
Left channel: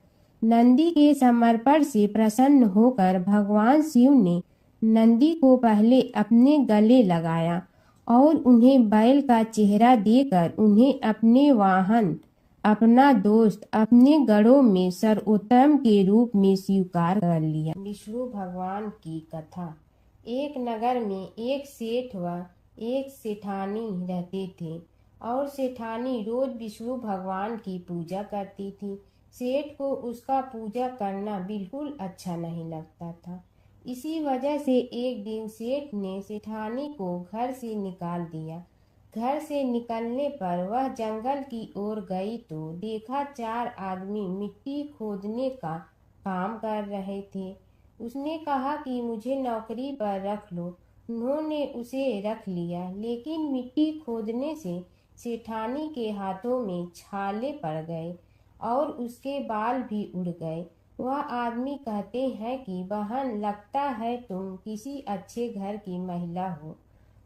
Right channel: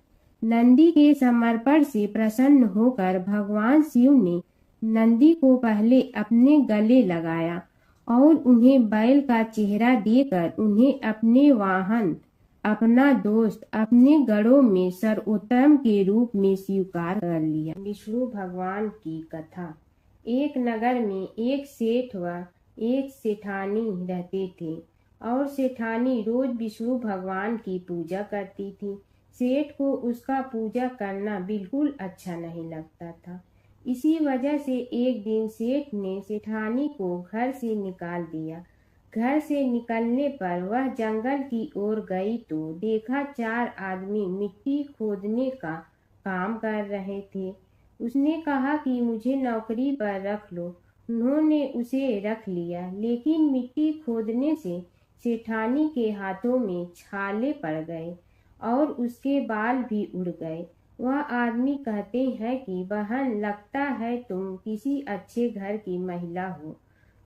नंदी के समर्पण से प्रसन्न होकर भगवान शिव ने नंदी को पहले अपने गले लगाया और उन्हें बैल का चेहरा देकर उन्हें अपने वाहन, अपना दोस्त, अपने गढ़ों में सर्वोत्तम के रूप में स्वीकार कर लिया। विष्णु भगवान की कथा। एक नगर में एक सेठ व एक सेठानी रहते थे और सेठानी रोज विष्णु भगवान की पूजा करती थी। सेठ को उसका पूजा करना बिल्कुल अच्छा नहीं लगता था। इसी वजह से एक दिन सेठ ने सेठानी को घर से निकाल दिया। घर से निकलने पर वह जंगल की ओर गई तो देखा 4 आदमी मिट्टी खोदने का काम कर रहे थे। उसने कहा कि मुझे नौकरी पर रख लो। उन्होंने उसे रख लिया, लेकिन मिट्टी खोदने से सेठानी के हाथों में छाले पड़ गए और उसके बाल भी उड़ गए। वह आदमी कहते हैं कि बहन, लगता है तुम किसी अच्छे घर की महिला हो।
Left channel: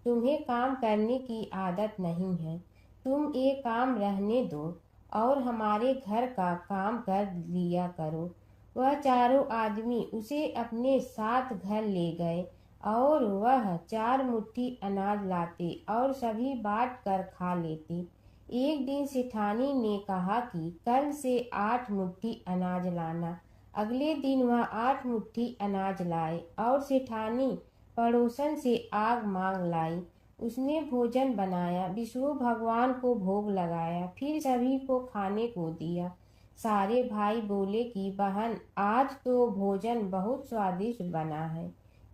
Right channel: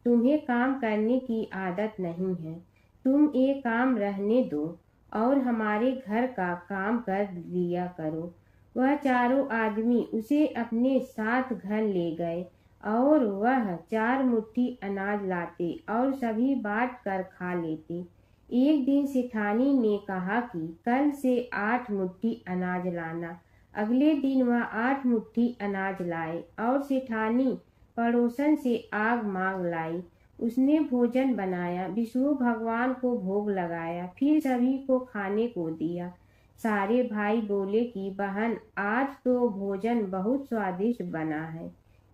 तुम्हें काम करने की आदत नहीं है। तुम ये काम रहने दो और हमारे घर का काम कर लिया करो। वह चारों आदमी उसे अपने साथ घर ले गए और वह 4 मुट्ठी अनाज लाते और सभी बांट कर खा लेते। एक दिन सेठानी ने कहा कि कल से 8 मुट्ठी अनाज लाना। अगले दिन वह 8 मुट्ठी अनाज लाए और सेठानी पड़ोसन से आग मांग लाई। उसने भोजन बनाया, विष्णु भगवान को भोग लगाया, फिर सभी को खाने को दिया। सारे भाई बोले कि बहन, आज तो भोजन बहुत स्वादिष्ट बना है।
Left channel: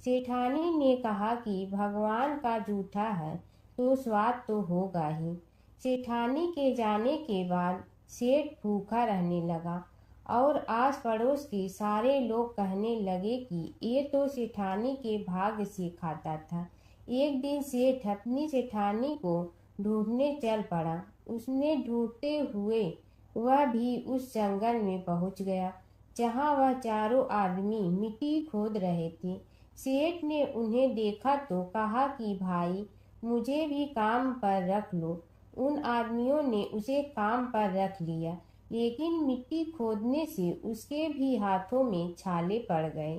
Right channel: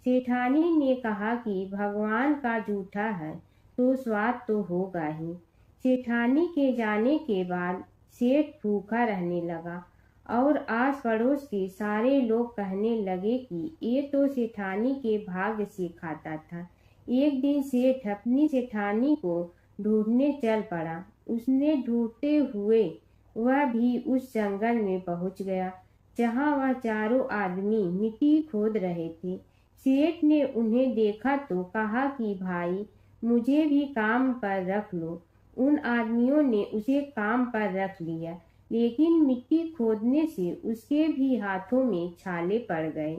सेठानी ने कहा कि भगवान का जूठा है तो स्वाद तो होगा ही। सेठानी के जाने के बाद सेठ भूखा रहने लगा और आस पड़ोस के सारे लोग कहने लगे कि ये तो सेठानी के भाग्य से खाता था। एक दिन सेठ अपनी सेठानी को ढूंढने चल पड़ा। उसने ढूंढते हुए वह भी उस जंगल में पहुंच गया जहां वह चारों आदमी मिट्टी खोद रहे थे। सेठ ने उन्हें देखा तो कहा कि भाई, मुझे भी काम पर रख लो। उन आदमियों ने उसे काम पर रख लिया, लेकिन मिट्टी खोदने से उसके भी हाथों में छाले पड़ गए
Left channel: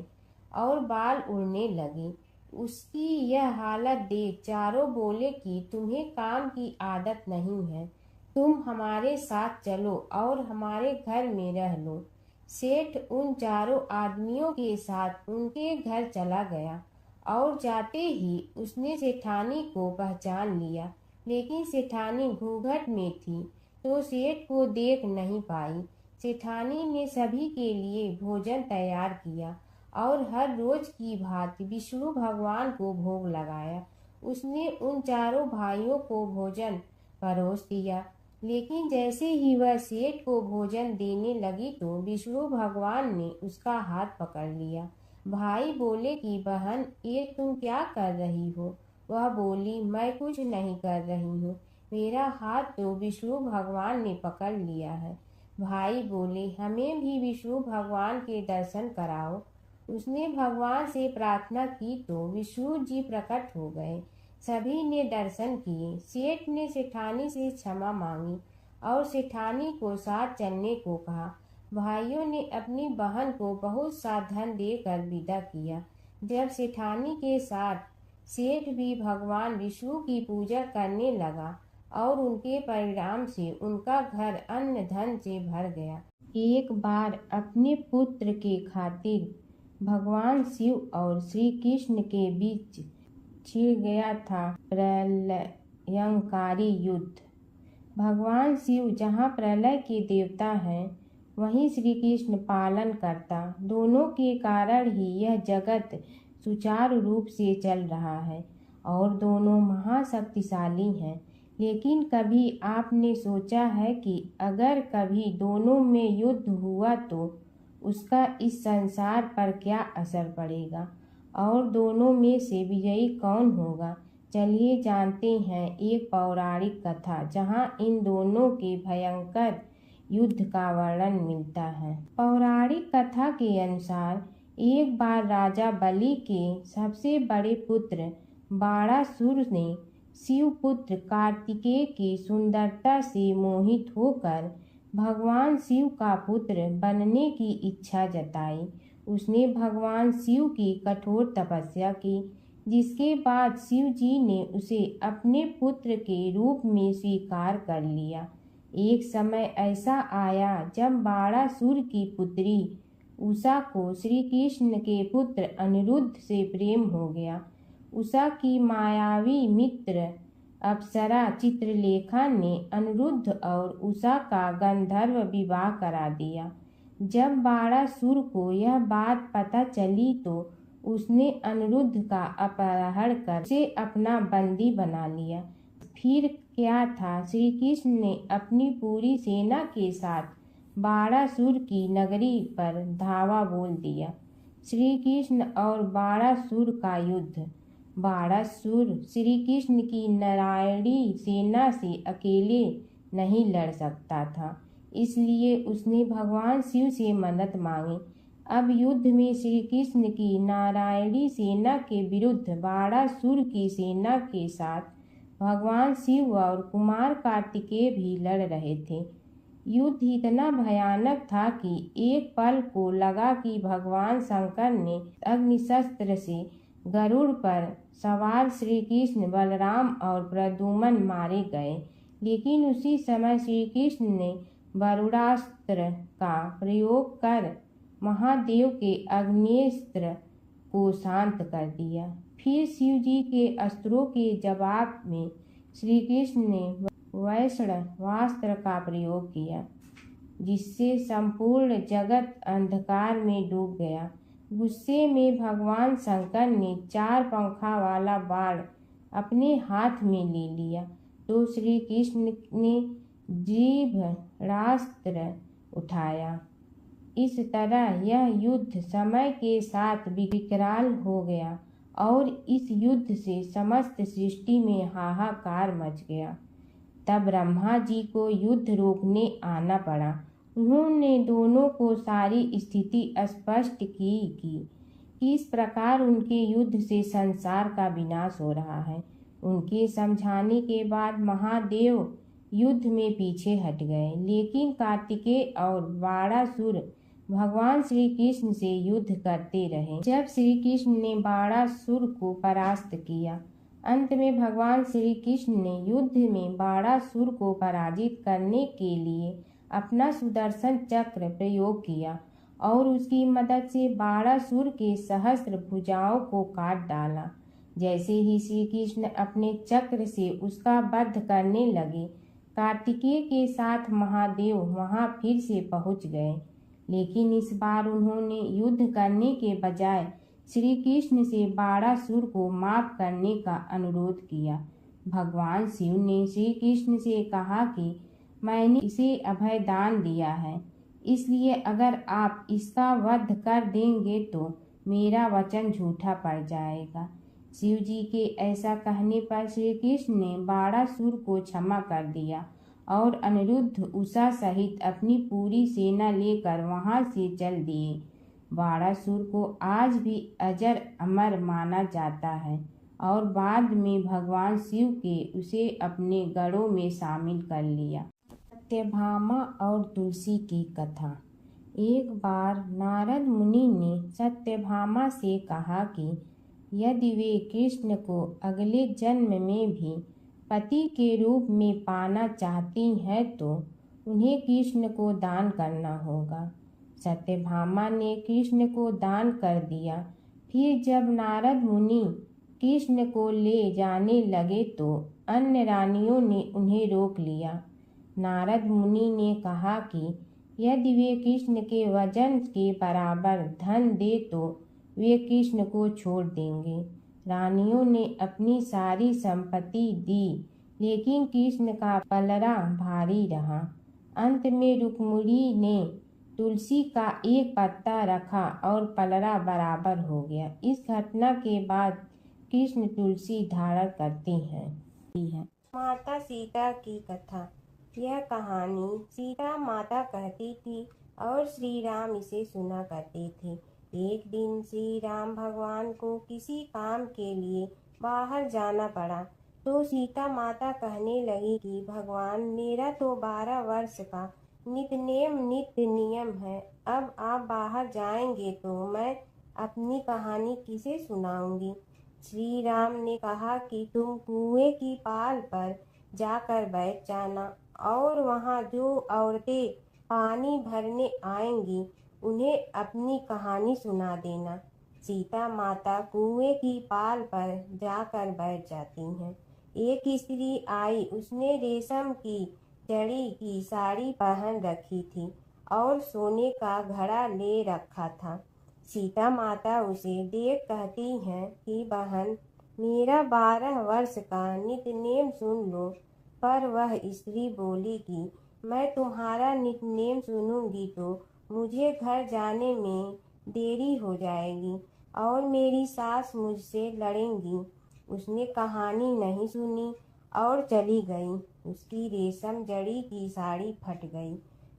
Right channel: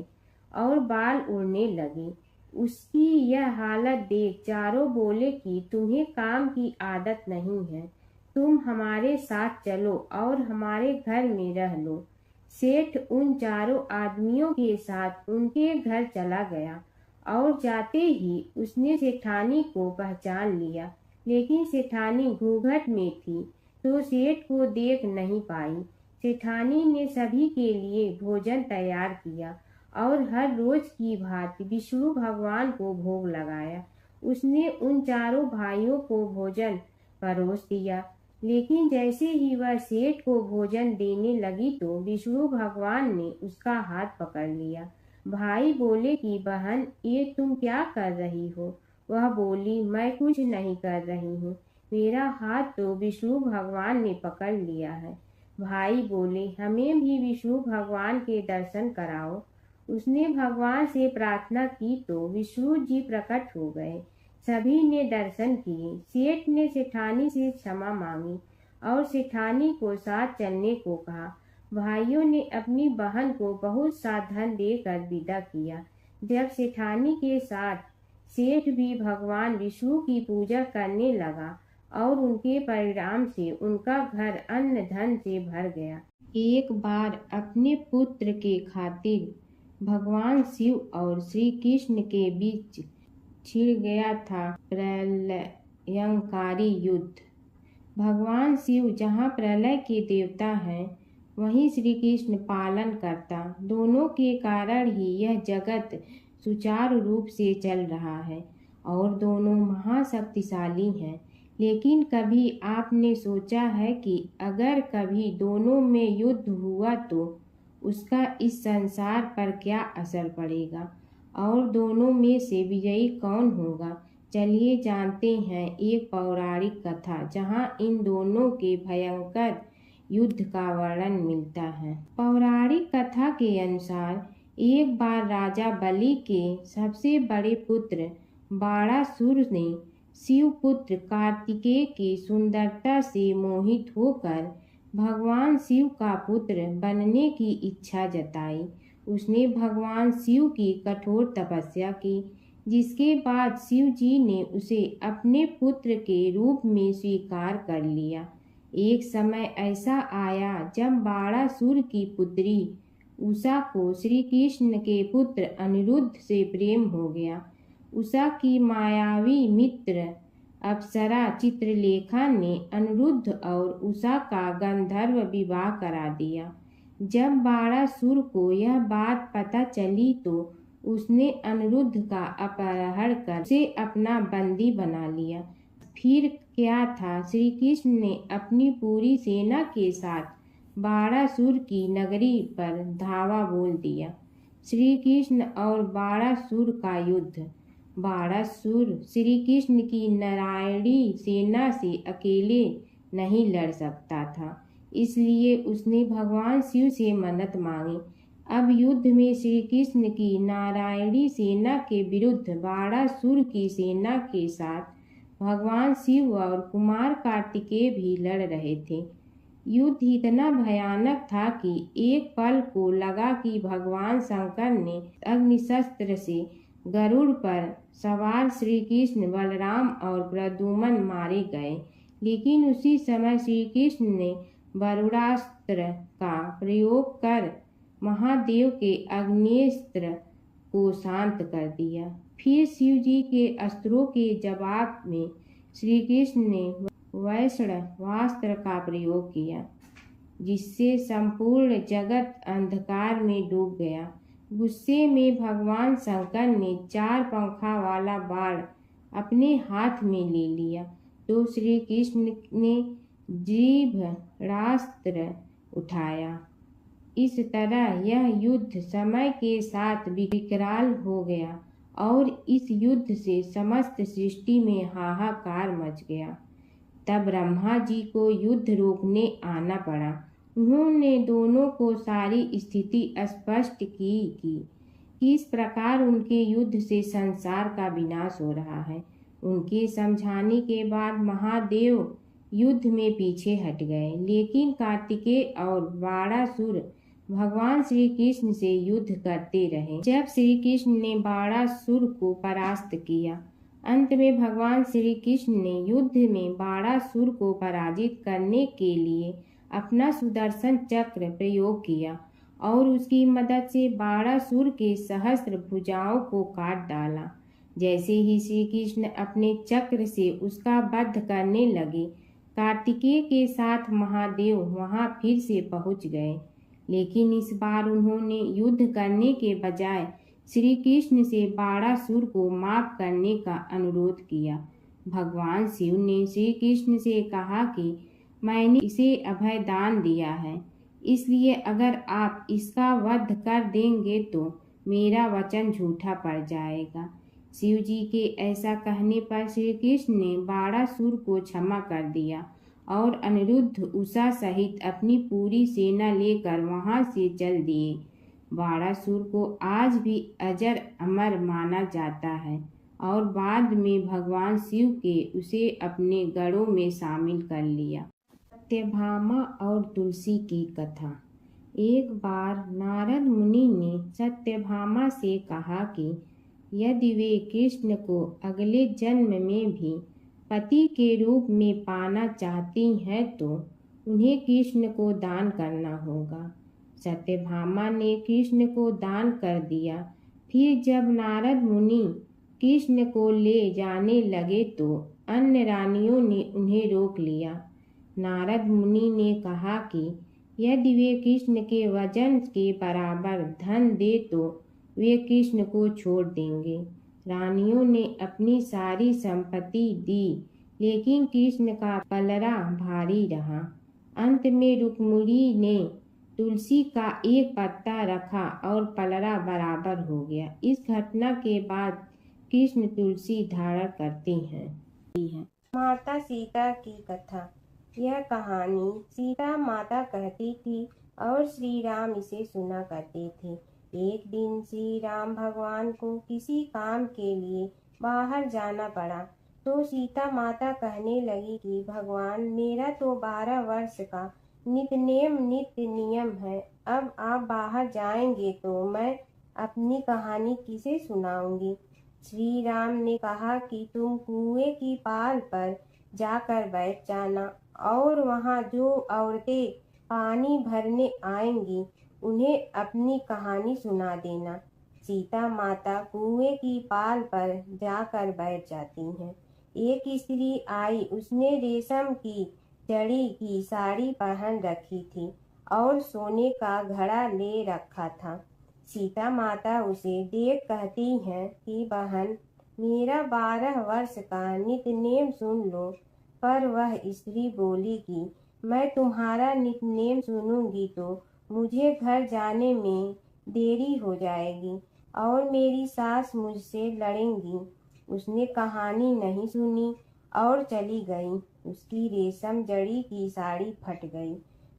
और बाल उड़ने लगे। उसकी यह हालत देख चारों बोले कि तुम्हें काम की आदत नहीं है, तुम हमारे साथ चलो और हमारे घर में रह लो। सेठ उन चारों आदमियों के साथ उनके घर चला गया और जाते ही उसने सेठानी को पहचान लिया, लेकिन सेठानी घूंघट में थी तो सेठ को देख नहीं पाई। सेठानी ने सभी के लिए भोजन तैयार किया और हर रोज की भांति विष्णु भगवान को भोग लगाया। उसने उन चारों भाइयों को भोजन परोस दिया, लेकिन जैसे ही वह सेठ को भोजन देने लगी तो विष्णु भगवान ने उसका हाथ पकड़ लिया। भाई बोले कि बहन, ये तुम क्या कर रही हो? वह बोली, मैं कुछ नहीं कर रही हूँ, मेरा हाथ तो विष्णु भगवान ने पकड़ लिया है। भाई बोले, हमें भी विष्णु भगवान के दर्शन कराओ। उसने भगवान से प्रार्थना की तो विष्णु जी प्रकट हो गए। सभी ने दर्शन किए। सेठ ने सेठानी से क्षमा मांगी और सेठानी को साथ चलने को कहा। भाइयों ने अपनी बहन को बहुत सा धन देकर विदा किया। जब सेठानी के साथ सेठ भी भगवान विष्णु की पूजा करने लगा और उनके परिणाम से उनका घर अन्न धन से भर गया। एक बार अपने पुत्र के खातिर भगवान शिव और श्री कृष्ण के बीच छिड़ गया था प्रलयंकारी युद्ध। भगवान शिव जहाँ प्रलय के देवता हैं, वहीं श्री कृष्ण पालन करता। दोनों के कारण ही यह जगत सुचारू रूप से चल रहा है और दोनों महाशक्तिशाली हैं। लेकिन कभी आपने सोचा है कि अगर कभी दोनों में युद्ध हुआ तो उसका इस संसार पर क्या असर पड़ेगा और दोनों में से विजयी कौन होगा? चलिए जानते हैं एक पौराणिक कथा जहां इन दोनों के भयंकर युद्ध का वर्णन मिलता है। पौराणिक कथा के अनुसार एक बार राजा बलि के सबसे बड़े पुत्र बाणासुर ने शिव पुत्र कार्तिकेय की सुंदरता से मोहित होकर भगवान शिव का पुत्र बनने की इच्छा जताई। उसने भगवान शिव की कठोर तपस्या की, जिसके बाद शिव जी ने उसे अपने पुत्र के रूप में स्वीकार कर लिया। एक समय ऐसा आया जब बाणासुर की पुत्री उषा को श्री कृष्ण के पुत्र अनिरुद्ध से प्रेम हो गया। उषा की मायावी मित्र अप्सरा चित्रलेखा ने अनिरुद्ध और उषा का गंधर्व विवाह करा दिया। जब बाणासुर को यह बात पता चली तो उसने अनिरुद्ध का अपहरण कर उसे अपना बंदी बना लिया। फिर क्या था, श्री कृष्ण ने अपनी पूरी सेना के साथ बाणासुर की नगरी पर धावा बोल दिया। श्री कृष्ण और बाणासुर का युद्ध। बाणासुर श्री कृष्ण की नारायणी सेना से अकेले नहीं लड़ सकता था, इसलिए उसने भगवान शिव से मदद मांगी। अब युद्ध में श्री कृष्ण की नारायणी सेना के विरुद्ध बाणासुर की सेना के साथ भगवान शिव और कुमार कार्तिकेय भी लड़ रहे थे। युद्ध इतना भयानक था कि एक पल को लगा कि भगवान शंकर ने अग्निशस्त्र से गरुड़ पर सवार श्री कृष्ण, बलराम और प्रद्युम्न मारे गए। लेकिन उसी समय श्री कृष्ण ने वरुणास्त्र का प्रयोग कर महादेव के अग्नेस्त्र को शांत कर दिया। फिर शिव जी के अस्त्रों के जवाब में श्री कृष्ण ने वैष्णवास्त्र का प्रयोग किया, जिससे संपूर्ण जगत अंधकार में डूब गया। गुस्से में भगवान शंकर ने 4 पंखा वाला बाण अपने हाथ में ले लिया तो श्री कृष्ण ने जीभरास्त्र उठाया। इस तरह यह युद्ध समय के साथ विकराल हो गया और इस युद्ध से समस्त सृष्टि में हाहाकार मच गया। तब ब्रह्मा जी को युद्ध रोकने आना पड़ा। उन्होंने दोनों को सारी स्थिति स्पष्ट की कि किस प्रकार उनके युद्ध से संसार का विनाश हो रहा है। उनके समझाने के बाद महादेव युद्ध में पीछे हट गए, लेकिन कार्तिकेय और बाणासुर भगवान श्री कृष्ण से युद्ध करते रहे। जब श्री कृष्ण ने बाणासुर को परास्त किया, अंत में भगवान श्री कृष्ण ने युद्ध में बाणासुर को पराजित करने के लिए अपना सुदर्शन चक्र प्रयोग किया और उसकी मदद से बाणासुर के सहस्त्र भुजाओं को काट डाला। जैसे ही श्री कृष्ण अपने चक्र से उसका वध करने लगे, कार्तिकेय के साथ महादेव वहां फिर से पहुंच गए, लेकिन इस बार उन्होंने युद्ध करने के बजाय श्री कृष्ण से बाणासुर को माफ करने का अनुरोध किया। भगवान शिव ने श्री कृष्ण से कहा कि मैंने इसे अभय दान दिया है, इसलिए अगर आप इसका वध कर देंगे तो मेरा वचन झूठा पड़ जाएगा। शिव जी के ऐसा कहने पर श्री कृष्ण ने बाणासुर को क्षमा कर दिया और अनिरुद्ध, उषा सहित अपनी पूरी सेना लेकर वहां से चल दिए। बाणासुर को आज भी अजर अमर माना जाता है और बाद में भगवान शिव के उसे अपने गढ़ों में शामिल कर लिया। सत्यभामा और तुलसी की कथा। एक बार नारद मुनि ने सत्यभामा से कहा कि यदि वे कृष्ण को अगले जन्म में भी पति के रूप में पाना चाहती हैं तो उन्हें कृष्ण को दान करना होगा। सत्यभामा ने कृष्ण को दान कर दिया। फिर जब नारद मुनि कृष्ण को ले जाने लगे तो अन्य रानियों ने उन्हें रोक लिया। नारद मुनि ने कहा कि यदि वे कृष्ण के वजन के बराबर धन दे तो वे कृष्ण को छोड़ देंगे। रानियों ने अपनी सारी संपत्ति दी, लेकिन कृष्ण का पलड़ा भारी रहा। अंत में रुक्मिणी ने तुलसी का एक पत्ता रखा और पलड़ा बराबर हो गया। इस घटना के बाद कृष्ण तुलसी धारण करते हैं। माता सीता की कथा। यह कहानी सीता माता कहती थी और श्री राम इसे सुना करते थे। एक दिन श्री राम भगवान को किसी काम के लिए बाहर जाना पड़ा तो सीता माता कहने लगी कि भगवान, मेरा तो 12 वर्ष का नित्य नियम है। अब आप बाहर जाएंगे तो मैं अपनी कहानी किसे सुनाऊंगी। श्री राम ने कहा कि तुम कुएं की पाल पर जाकर बैठ जाना और वहां जो औरतें पानी भरने आएंगी उन्हें अपनी कहानी सुना देना। सीता माता कुएं की पाल पर जाकर बैठ जाती हैं। एक स्त्री आई, उसने रेशम की जड़ी की साड़ी पहन रखी थी और सोने का घड़ा ले रखा था। सीता माता उसे देख कहती हैं कि बहन, मेरा 12 वर्ष का नित्य नेम सुन लो। पर वह स्त्री बोली कि मैं तुम्हारा नित्य नेम सुनूंगी तो मुझे घर जाने में देरी हो जाएगी और मेरी सास मुझसे लड़ेंगी। उसने कहानी नहीं सुनी और चली गई। उसकी रेशम जड़ी की साड़ी फट गई।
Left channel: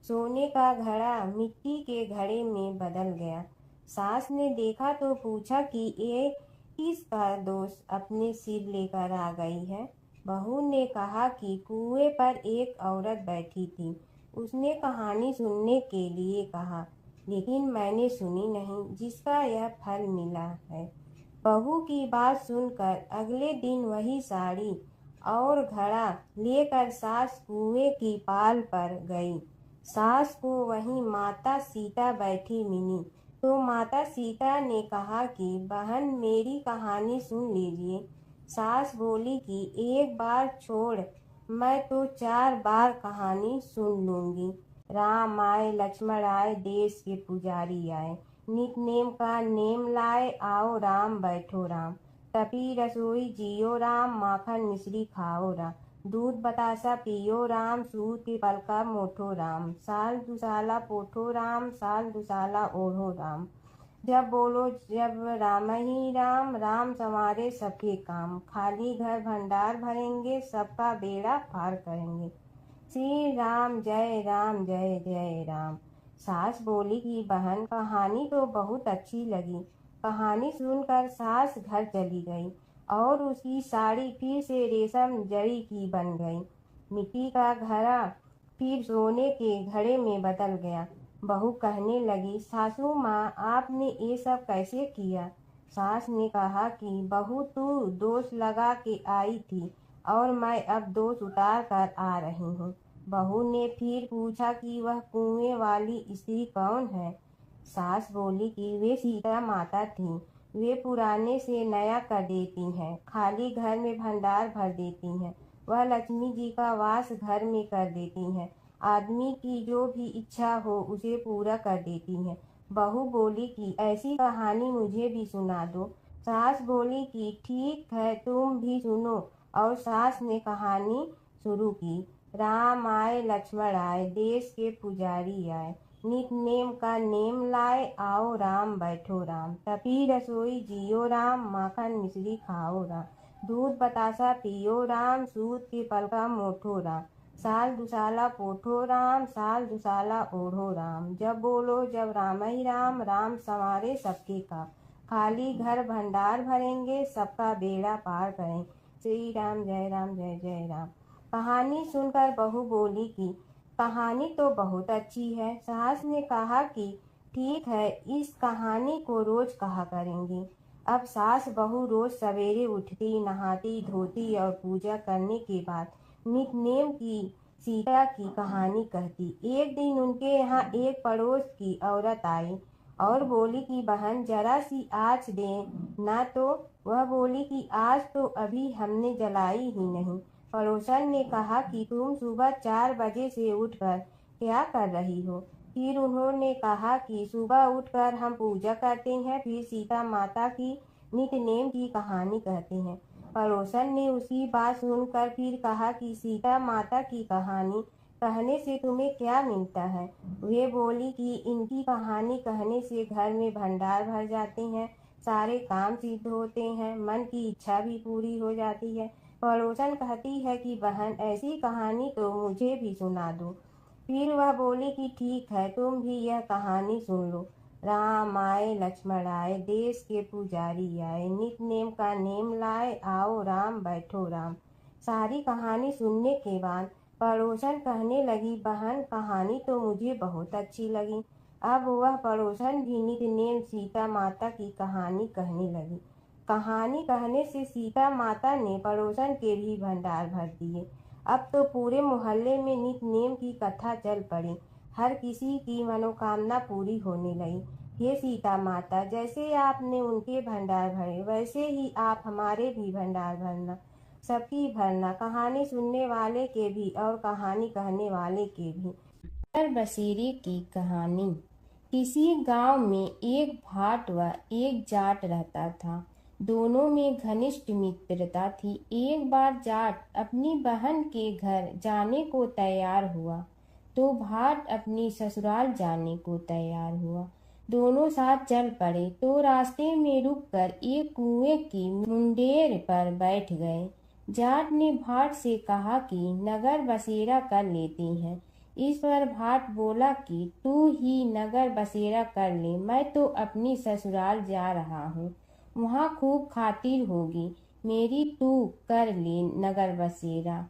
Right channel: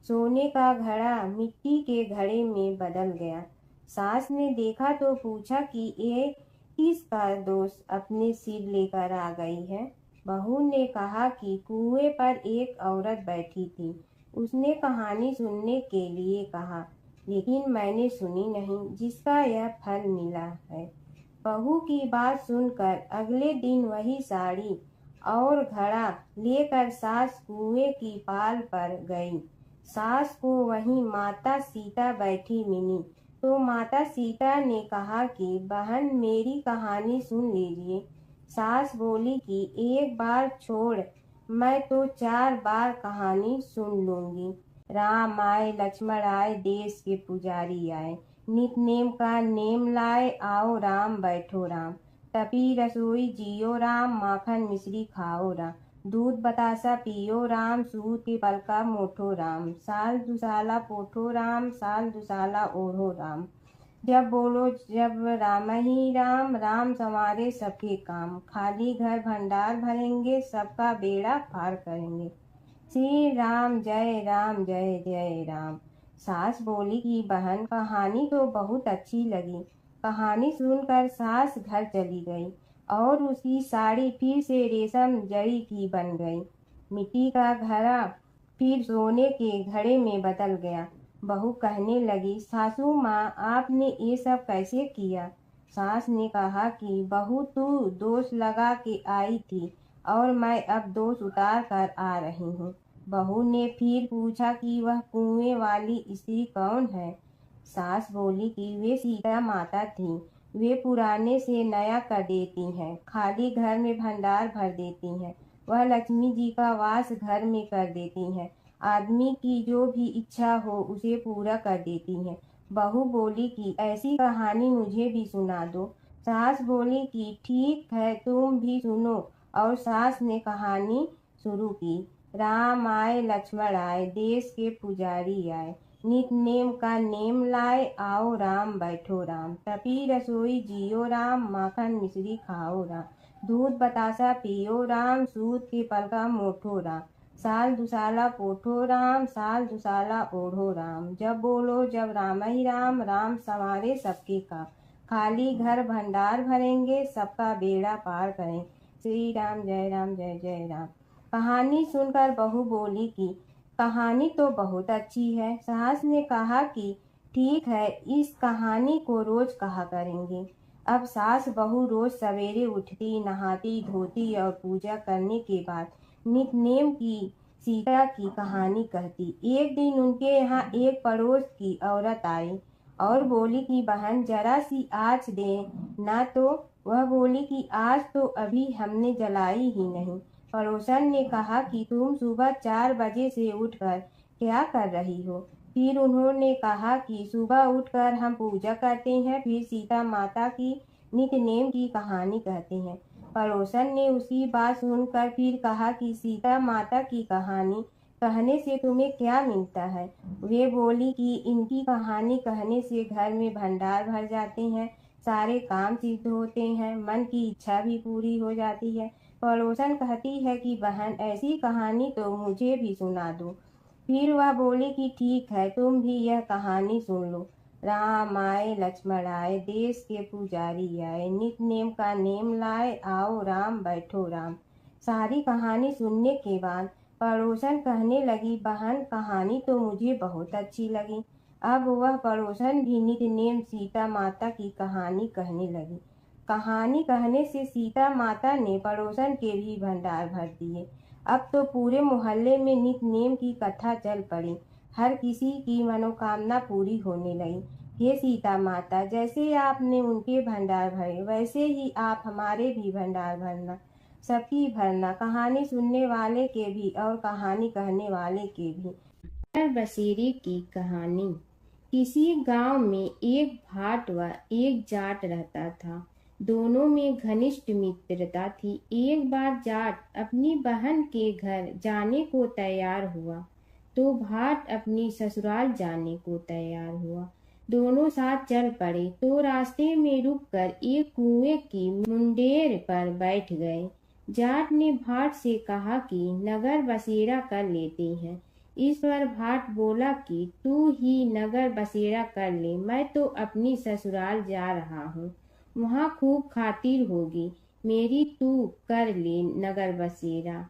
सोने का घड़ा मिट्टी के घड़े में बदल गया। सास ने देखा तो पूछा कि ये किसका दोस्त अपने सिर लेकर आ गई है। बहू ने कहा कि कुएं पर एक औरत बैठी थी, उसने कहानी सुनने के लिए कहा, लेकिन मैंने सुनी नहीं, जिसका यह फल मिला है। बहू की बात सुनकर अगले दिन वही साड़ी और घड़ा लेकर सास कुएं की पाल पर गई। सास को वहीं माता सीता बैठी मिली, तो माता सीता ने कहा कि बहन मेरी कहानी सुन लीजिए। सास बोली कि एक बार छोड़, मैं तो 4 बार कहानी सुन लूंगी। राम आए लक्ष्मण आए देश के पुजारी आए, नित नेम का नेम लाए आओ राम बैठो राम। तपी रसोई जियो राम, माखन मिश्री खाओ राम। दूध बतासा पियो राम, सूत के पल का मोठो राम। साल दुसाला पोठो राम, साल दुसाला ओढ़ो राम। जब बोलो जब राम ही राम, राम संवारे सबके काम। खाली घर भंडार भरेंगे, सबका बेड़ा पार करेंगे। श्री राम जय जय राम। सास बोली कि बहन कहानी तो बहुत अच्छी लगी। कहानी सुनकर सास घर चली गई और उसकी साड़ी फिर से रेशम जरी की बन गई। मिट्टी का घड़ा फिर सोने के घड़े में बदल गया। बहू कहने लगी, सासू माँ आपने ये सब कैसे किया। सास ने कहा कि बहू तू दोष लगा के आई थी और मैं अब दोष उतार कर आ रही हूँ। बहू ने फिर पूछा कि वह कुएं वाली स्त्री कौन है। सास बोली कि वे सीता माता थी, वे पुराने से नया कर देती हैं, खाली घर में भंडार भर देती हैं। वह लक्ष्मी जी का वास घर में कर देती हैं, आदमी की जो भी इच्छा हो उसे पूरा कर देती हैं। बहू बोली कि ऐसी कहानी मुझे भी सुना दो। सास बोली कि ठीक है तुम भी सुनो, और सास ने कहानी शुरू की। राम आए लक्ष्मण आए देश के पुजारी आए, नित नेम का नेम लाए आओ राम बैठो राम। तपी रसोई जियो राम, माखन मिश्री खाओ राम। दूध बतासा पियो राम, सूत के पल का मोठो राम। साल दुसाला पोठो राम, साल दुसाला ओढ़ो राम। जब बोलो जब राम ही राम, राम संवारे सबके काम। खाली घर भंडार भरेंगे, सबका बेड़ा पार करें। श्री राम जय राम। कहानी सुनकर बहू बोली कि कहानी तो बहुत अच्छी है। सास ने कहा कि ठीक है, इस कहानी को रोज कहा करेंगे। अब सास बहू रोज सवेरे उठती, नहाती धोती और पूजा करने के बाद नित नेम की सीता की कहानी कहती। एक दिन उनके यहाँ एक पड़ोस की औरत आई और बोली कि बहन जरा सी आँच दे ना। तो वह बोली कि आज तो अभी हमने जलाई ही नहीं। पड़ोसन ने कहा कि तुम सुबह 4 बजे से उठकर क्या कर रही हो। फिर उन्होंने कहा कि सुबह उठकर हम पूजा करते हैं, फिर सीता माता की नित्य नेम की कहानी कहते हैं। पड़ोसन ने उसकी बात सुनकर फिर कहा कि सीता माता की कहानी कहने से तुम्हें क्या मिलता है। वे बोली कि इनकी कहानी कहने से घर में भंडार भर जाते हैं, सारे काम सिद्ध होते हैं, मन की इच्छा भी पूरी हो जाती है। पड़ोसन कहती है कि बहन ऐसी कहानी तो मुझे भी सुना दो। फिर वह बोली कि ठीक है तुम भी यह कहानी सुन लो। राम आए लक्ष्मण आए देश के पुजारी आए, नित नेम का नेम लाए आओ राम बैठो राम। सारी कहानी सुनने के बाद पड़ोसन कहने लगी, बहन कहानी तो मुझे बहुत अच्छी लगी। अब वह पड़ोसन भी नित नेम सीता माता की कहानी कहने लगी। कहानी कहने से सीता माता ने पड़ोसन के भी भंडार भर दिए। अब तो पूरे मोहल्ले में नित नेम की कथा चल पड़ी, हर किसी की मनोकामना पूरी होने लगी। हे सीता माता, जैसे आपने उनके भंडार भरे वैसे ही आप हमारे भी भंडार भरना, सबकी भरना, कहानी सुनने वाले के भी और कहानी कहने वाले के भी। बसेरे की कहानी। किसी गांव में एक भाट व एक जाट रहता था। दोनों में घनिष्ठ मित्रता थी। एक बार जाट अपनी बहन के घर जाने को तैयार हुआ तो भाट अपनी ससुराल जाने को तैयार हुआ। दोनों साथ चल पड़े तो रास्ते में रुककर एक कुएं की मुंडेर पर बैठ गए। जाट ने भाट से कहा कि नगर बसेरा कर लेते हैं, इस पर भाट बोला कि तू ही नगर बसेरा कर ले, मैं तो अपनी ससुराल जा रहा हूँ, वहाँ खूब खातिर होगी मेरी, तू कर ले नगर बसेरा।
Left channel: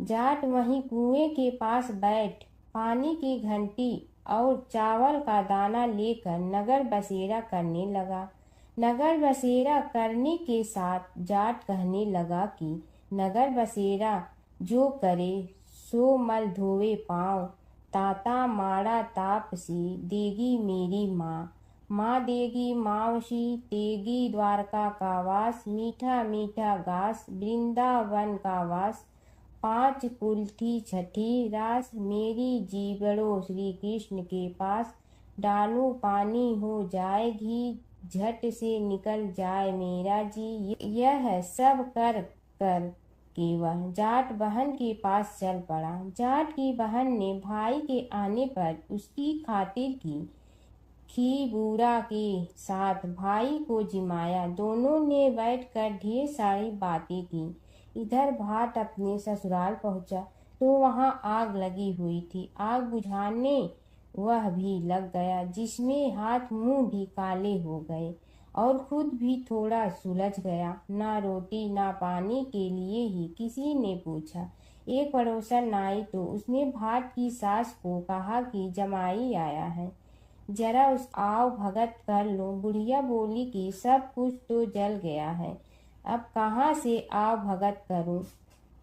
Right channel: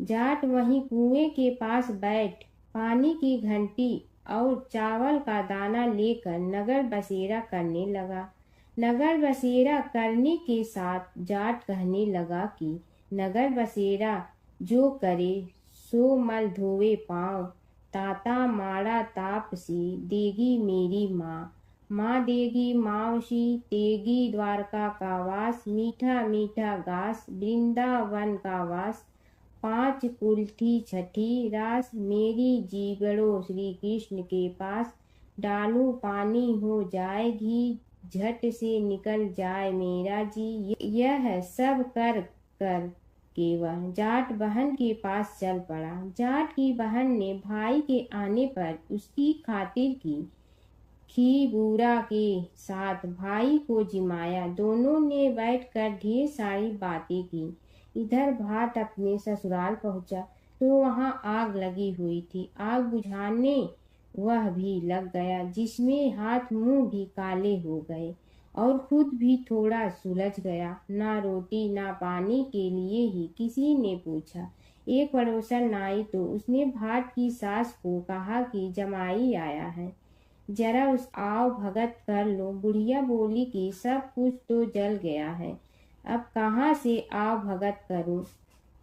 जाट वहीं कुएं के पास बैठ पानी की घंटी और चावल का दाना लेकर नगर बसेरा करने लगा। नगर बसेरा करने के साथ जाट कहने लगा कि नगर बसेरा जो करे सो मल धोवे पाँव, ताता माड़ा तापसी देगी मेरी माँ, माँ देगी मावशी तेगी द्वारका का वास, मीठा मीठा घास वृंदावन का वास, पाँच कुल्ठी छठी रास मेरी जीवड़ो श्री कृष्ण के पास, डालू पानी हो जाए घी झट से निकल जाए मेरा जी। यह सब कर कर के वह जाट बहन के पास चल पड़ा। जाट की बहन ने भाई के आने पर उसकी खातिर की खी बूरा के साथ भाई को जिमाया। दोनों ने बैठकर ढेर सारी बातें की। इधर भाट अपने ससुराल पहुंचा तो वहां आग लगी हुई थी। आग बुझाने वह भी लग गया, जिसमें हाथ मुंह भी काले हो गए और खुद भी थोड़ा सुलझ गया। ना रोटी ना पानी के लिए ही किसी ने पूछा। एक पड़ोसन आई तो उसने भाट की सास को कहा कि जमाई आया है, जरा उस आओ भगत कर लो। बुढ़िया बोली कि सब कुछ तो जल गया है, अब कहाँ से आओ भगत करूं।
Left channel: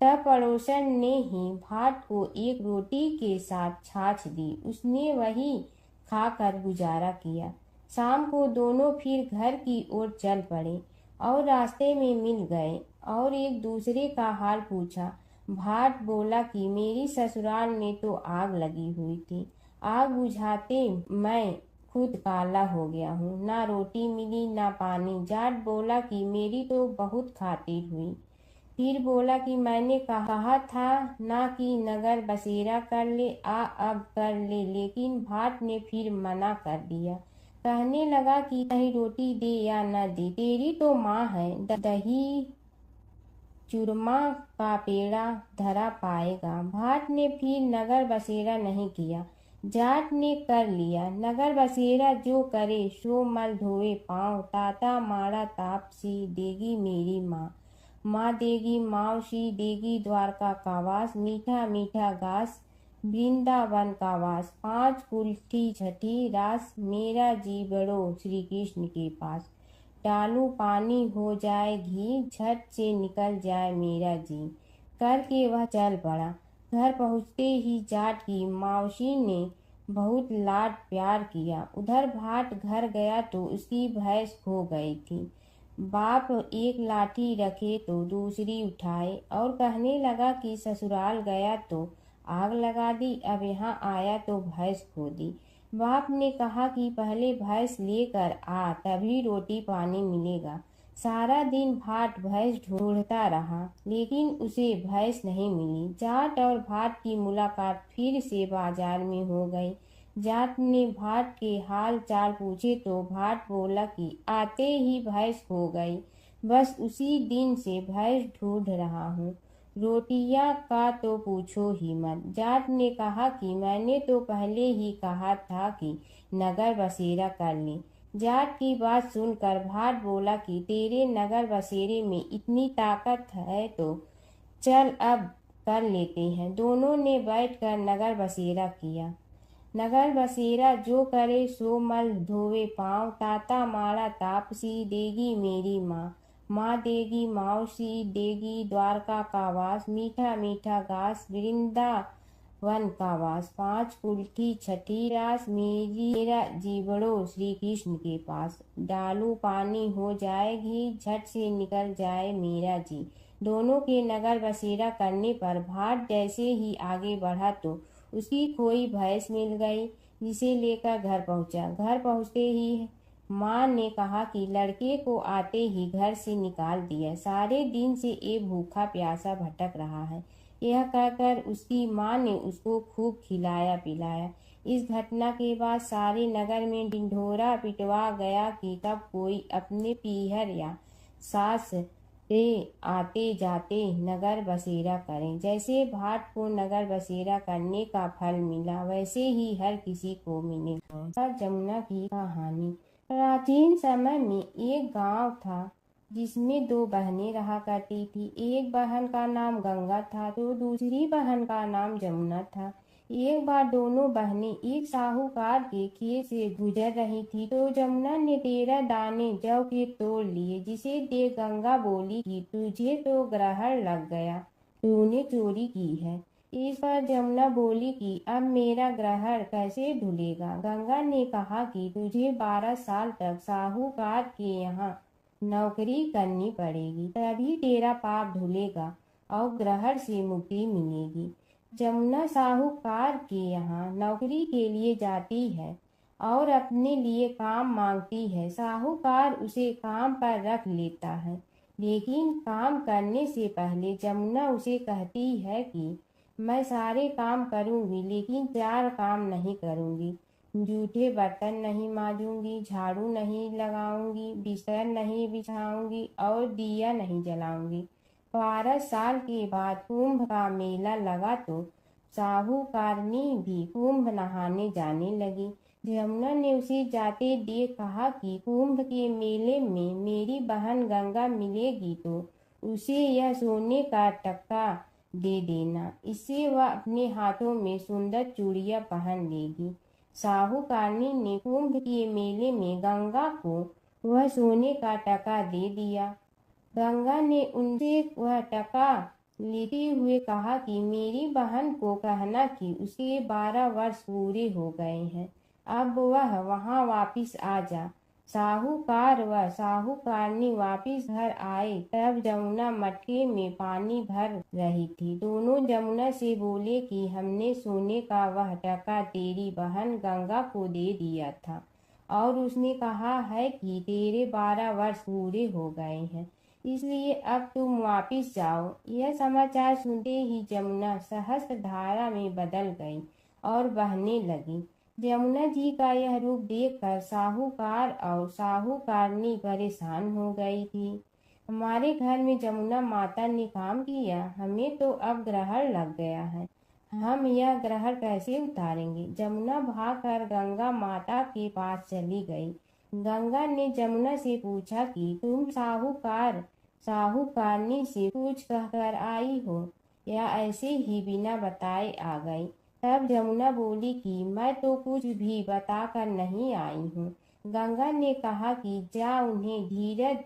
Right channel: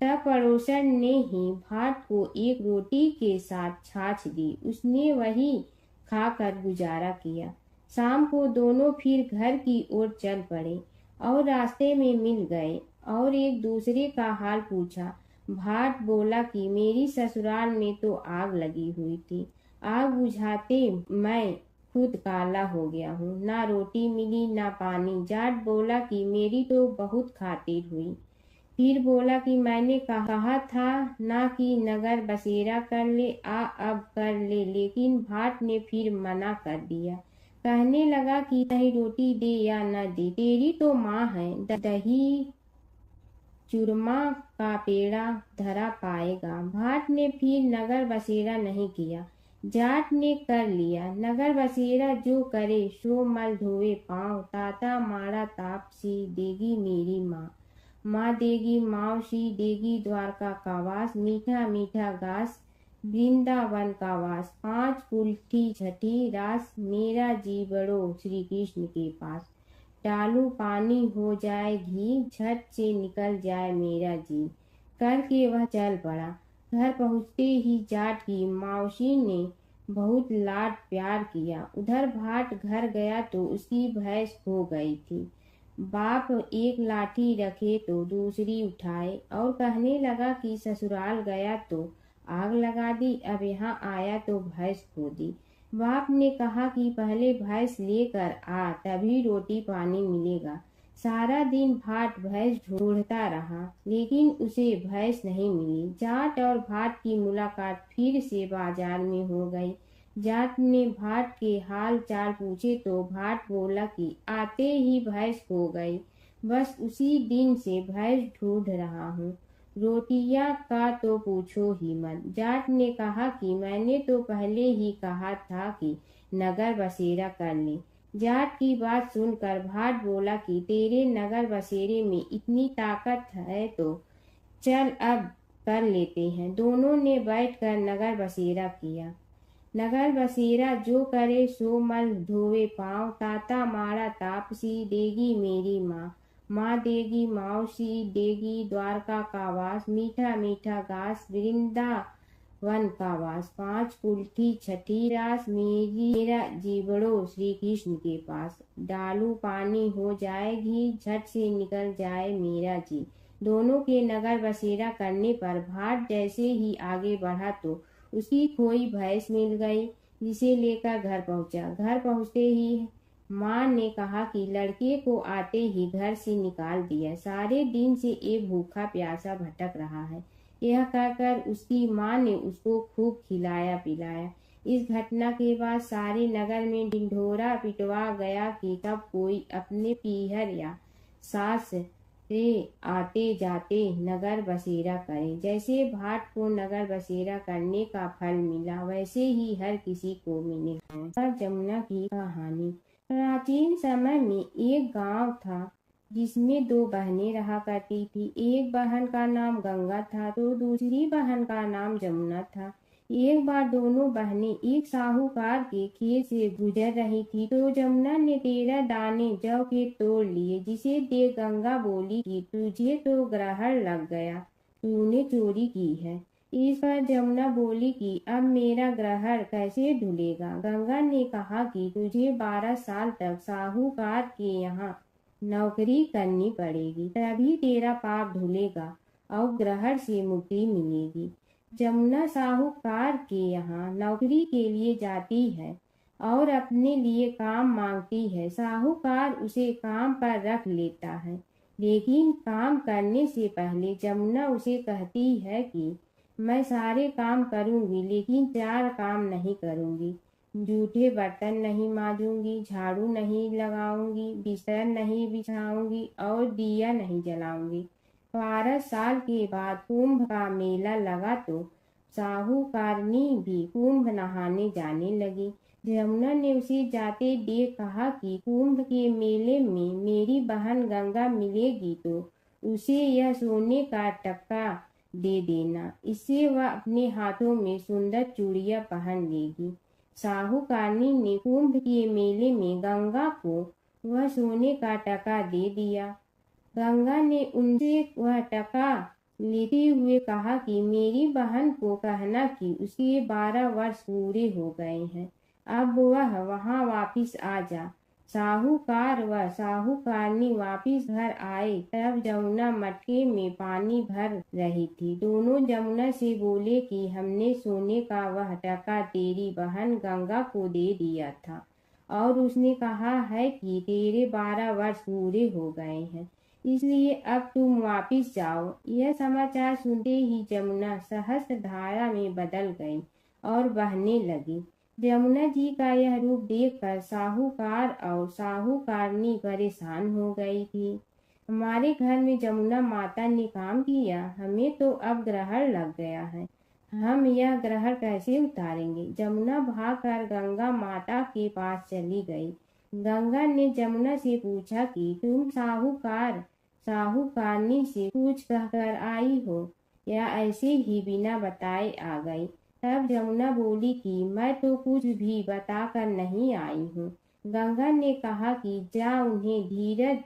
तब पड़ोसन ने ही भाट को एक रोटी के साथ छाछ दी। उसने वही खाकर गुजारा किया। शाम को दोनों फिर घर की ओर चल पड़े और रास्ते में मिल गए और एक दूसरे का हाल पूछा। भाट बोला कि मेरी ससुराल में तो आग लगी हुई थी, आग बुझाते मैं खुद काला हो गया हूँ, ना रोटी मिली ना पानी। जाट बोला कि मेरी तो बहुत खातिर हुई। फिर बोला कि मैंने कहा था ना कि नगर बसेरा कर ले, आ अब कर ले, लेकिन भाट ने फिर मना कर दिया। कहने लगा कि चाहे रोटी दे या न दे, तेरी तो माँ है, दही चूरमा का पेड़ा धरा पाएगा। भाट ने फिर नगर बसेरा नहीं किया, जाट ने कर लिया। नगर बसेरा जो करे सो मल धोवे पाँव, ताता माड़ा तापसी देगी मेरी माँ, माँ देगी मावशी देगी द्वारका का वास, मीठा मीठा घास वृंदावन का वास, पाँच कुल्ठी छठी रास मेरा जीवड़ो श्री कृष्ण के पास, डालू पानी हो जाए घी झट से निकल जाए मेरा जी। करके वह चल पड़ा। घर पहुँचते ही जाट की मावशी ने बहुत लाड प्यार किया। उधर भाट घर गया तो उसकी भैंस खो गई थी। बाप एक लाठी रखे तो दूसरी उठाए और कहने लगा कि ससुराल गया तो आग लगा दी, अब यहाँ आया तो भैंस खो दी। बाप ने कहा कि पहले भैंस लेकर आ, तभी रोटी पानी मिलेगा। सारा दिन भाट भैंस ढूंढता रहा, लेकिन उसे भैंस नहीं मिली। जाट और भाट की मुलाकात फिर से बाजार में हो गई। जाट ने भाट के हाल चाल पूछे तो भाट बोला कि आते ही भैंस खो गई, बस उसी दिन से भैंस ढूंढ रहा हूँ। रोटियां का तो पूछो ही मत। जाट ने कहा कि मैंने तो पहले ही कहा था कि नगर बसेरा कर ले। जाट की बात सुनकर भाट बोला कि तेरे नगर बसेरे में इतनी ताकत है तो चल अब कर लेते हैं। दोनों ने बैठकर नगर बसेरा किया। नगर बसेरा जो करे सो मल धोवे पाँव, ताता माड़ा तापसी देगी मेरी माँ, माँ देगी मावशी देगी द्वारका का वास, मीठा मीठा घास वृंदावन का वास, पाँच कुल्ठी छठी रास मेरा जीवड़ो श्री कृष्ण के पास, डालू पानी हो जाए घी झट से निकल जाए मेरा जी। दोनों के नगर बसेरा करने पर भाट जैसे ही आगे बढ़ा तो उसकी खोई भैंस मिल गई, जिसे लेकर घर पहुंचा। घर पहुंचते ही माँ ने कहा कि लड़के को आते ही घर से निकाल दिया, सारे दिन से ये भूखा प्यासा भटक रहा है। यह कहकर उसकी माँ ने उसको खूब खिलाया पिलाया। इस घटना के बाद सारे नगर में ढिंढोरा पिटवा गया कि कब कोई अपने पीहर या सास रे आते जाते नगर बसेरा करें। जैसे भाट को नगर बसेरा करने का फल मिला, वैसे ही हर किसी को मिलेगा। जमुना की कहानी। प्राचीन समय में एक गांव था जिसमें दो बहनें रहा करती थी। एक बहन का नाम गंगा था तो दूसरी बहन का नाम जमुना था। एक बार दोनों बहनें एक साहूकार के खेत से गुजर रही थी तो जमुना ने 13 दाने जौ के तोड़ लिए, जिसे देख गंगा बोली कि तुझे तो ग्रहण लग गया, तूने चोरी की है। इस पर जमुना बोली कि अब मेरा ग्रहण कैसे धुलेगा। गंगा ने कहा कि तुझे 12 साल तक साहूकार के यहाँ नौकरी करनी पड़ेगी, तभी तेरा पाप धुलेगा और ग्रहण से मुक्ति मिलेगी। जमुना साहूकार के यहाँ नौकरी के लिए जाती है और अपने लिए काम मांगती है। साहूकार उसे काम पर रख लेता है, लेकिन काम करने से पहले जमुना उसे कहती है कि मैं सारे काम करूंगी, लेकिन 4 काम नहीं करूंगी। जूठे बर्तन नहीं मांजूंगी, झाड़ू नहीं लगाऊंगी, बिस्तर नहीं बिछाऊंगी और दिया नहीं जलाऊंगी। 12 साल के बाद कुंभ का मेला लगा तो साहूकारनी भी कुंभ नहाने जाने लगी। जमुना ने उसे जाते देख कहा कि कुंभ के मेले में मेरी बहन गंगा मिलेगी तो उसे यह सोने का टक्का दे देना, इससे वह अपने हाथों में सुंदर चूड़ियां पहन लेगी। साहूकारनी ने कुंभ के मेले में गंगा को वह सोने का टका दे दिया। गंगा ने उनसे वह टका लेते हुए कहा कि मेरी बहन को कहना कि उसके 12 वर्ष पूरे हो गए हैं, अब वह वहां वापिस आ जा। साहूकार व साहूकारनी वापिस घर आए तब जमुना मटके में पानी भर रही थी। दोनों जमुना से बोले कि हमने सोने का वह टका तेरी बहन गंगा को दे दिया था और उसने कहा है कि तेरे 12 वर्ष पूरे हो गए हैं, इसलिए अब तुम वापिस जाओ। यह समाचार सुनते ही जमुना सहस्त्र धारा में बदल गई और बहने लगी। जमुना जी का यह रूप देखकर साहूकार और साहूकारनी परेशान हो गई थी। हमारे घर में जमुना माता ने काम किया, हमें तो अब ग्रहण लग गया है, हम यह ग्रहण कैसे उतारेंगे। जमुना भागकर गंगा माता के पास चली गई। गंगा ने जमुना से पूछा कि तुम साहूकारनी से कुछ कहकर आई हो या ऐसे ही बिना बताए आ गई। तब जमुना बोली कि मैं तो कुछ भी बताकर नहीं आई हूँ। गंगा ने कहा कि जा उन्हें धीरज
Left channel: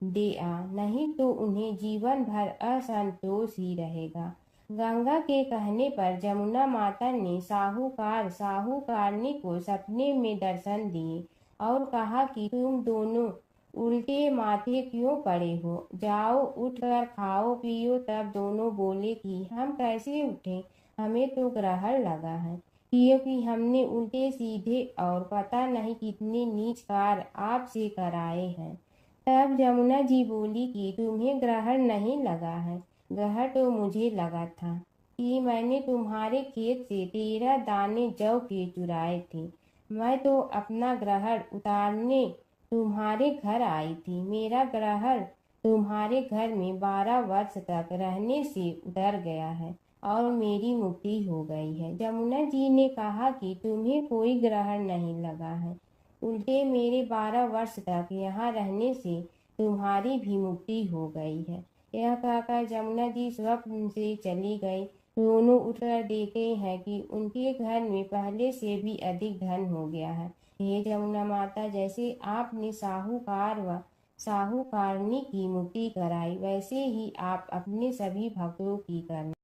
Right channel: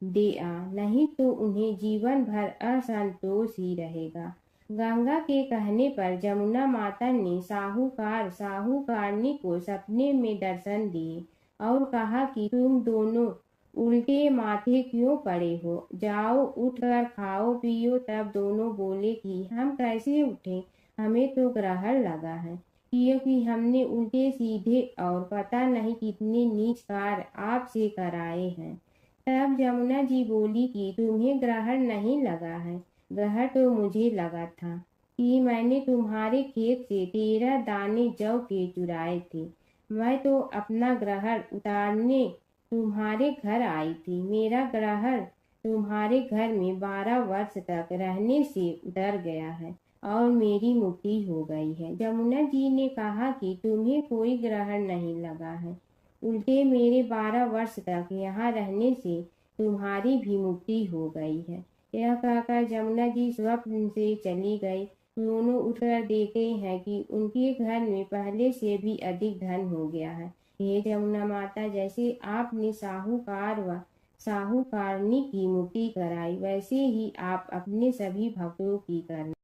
दे आ, नहीं तो उन्हें जीवन भर असंतोष ही रहेगा। गंगा के कहने पर जमुना माता ने साहूकारनी को सपने में दर्शन दिए और कहा कि तुम दोनों उल्टे माथे क्यों पड़े हो, जाओ उठकर खाओ पियो। तब दोनों बोले कि हम कैसे उठें, हमें तो ग्रहण लगा है, क्योंकि हमने उल्टे सीधे और पता नहीं कितने नीच कार्य आपसे कराए हैं। तब जमुना जी बोली कि तुम्हें ग्रहण नहीं लगा है, ग्रहण तो मुझे लगा था कि मैंने तुम्हारे खेत से 13 दाने जौ के चुराए थे। मैं तो अपना ग्रहण उतारने तुम्हारे घर आई थी। मेरा ग्रहण तुम्हारे घर में 12 वर्ष तक रहने से उतर गया है और मेरी मुक्ति हो गई है। जमुना जी ने कहा कि तुम्हें कोई ग्रहण नहीं लगा है, उल्टे मेरे 12 वर्ष तक यहाँ रहने से तुम्हारी भी मुक्ति हो गई है। यह कहकर जमुना जी स्वप्न से चली गई। दोनों उठकर देखते हैं कि उनके घर में पहले से भी अधिक धन हो गया है। हे जमुना माता, जैसे आपने साहूकार व साहूकारनी की मुक्ति कराई, वैसे ही आप अपने सभी भक्तों की करना।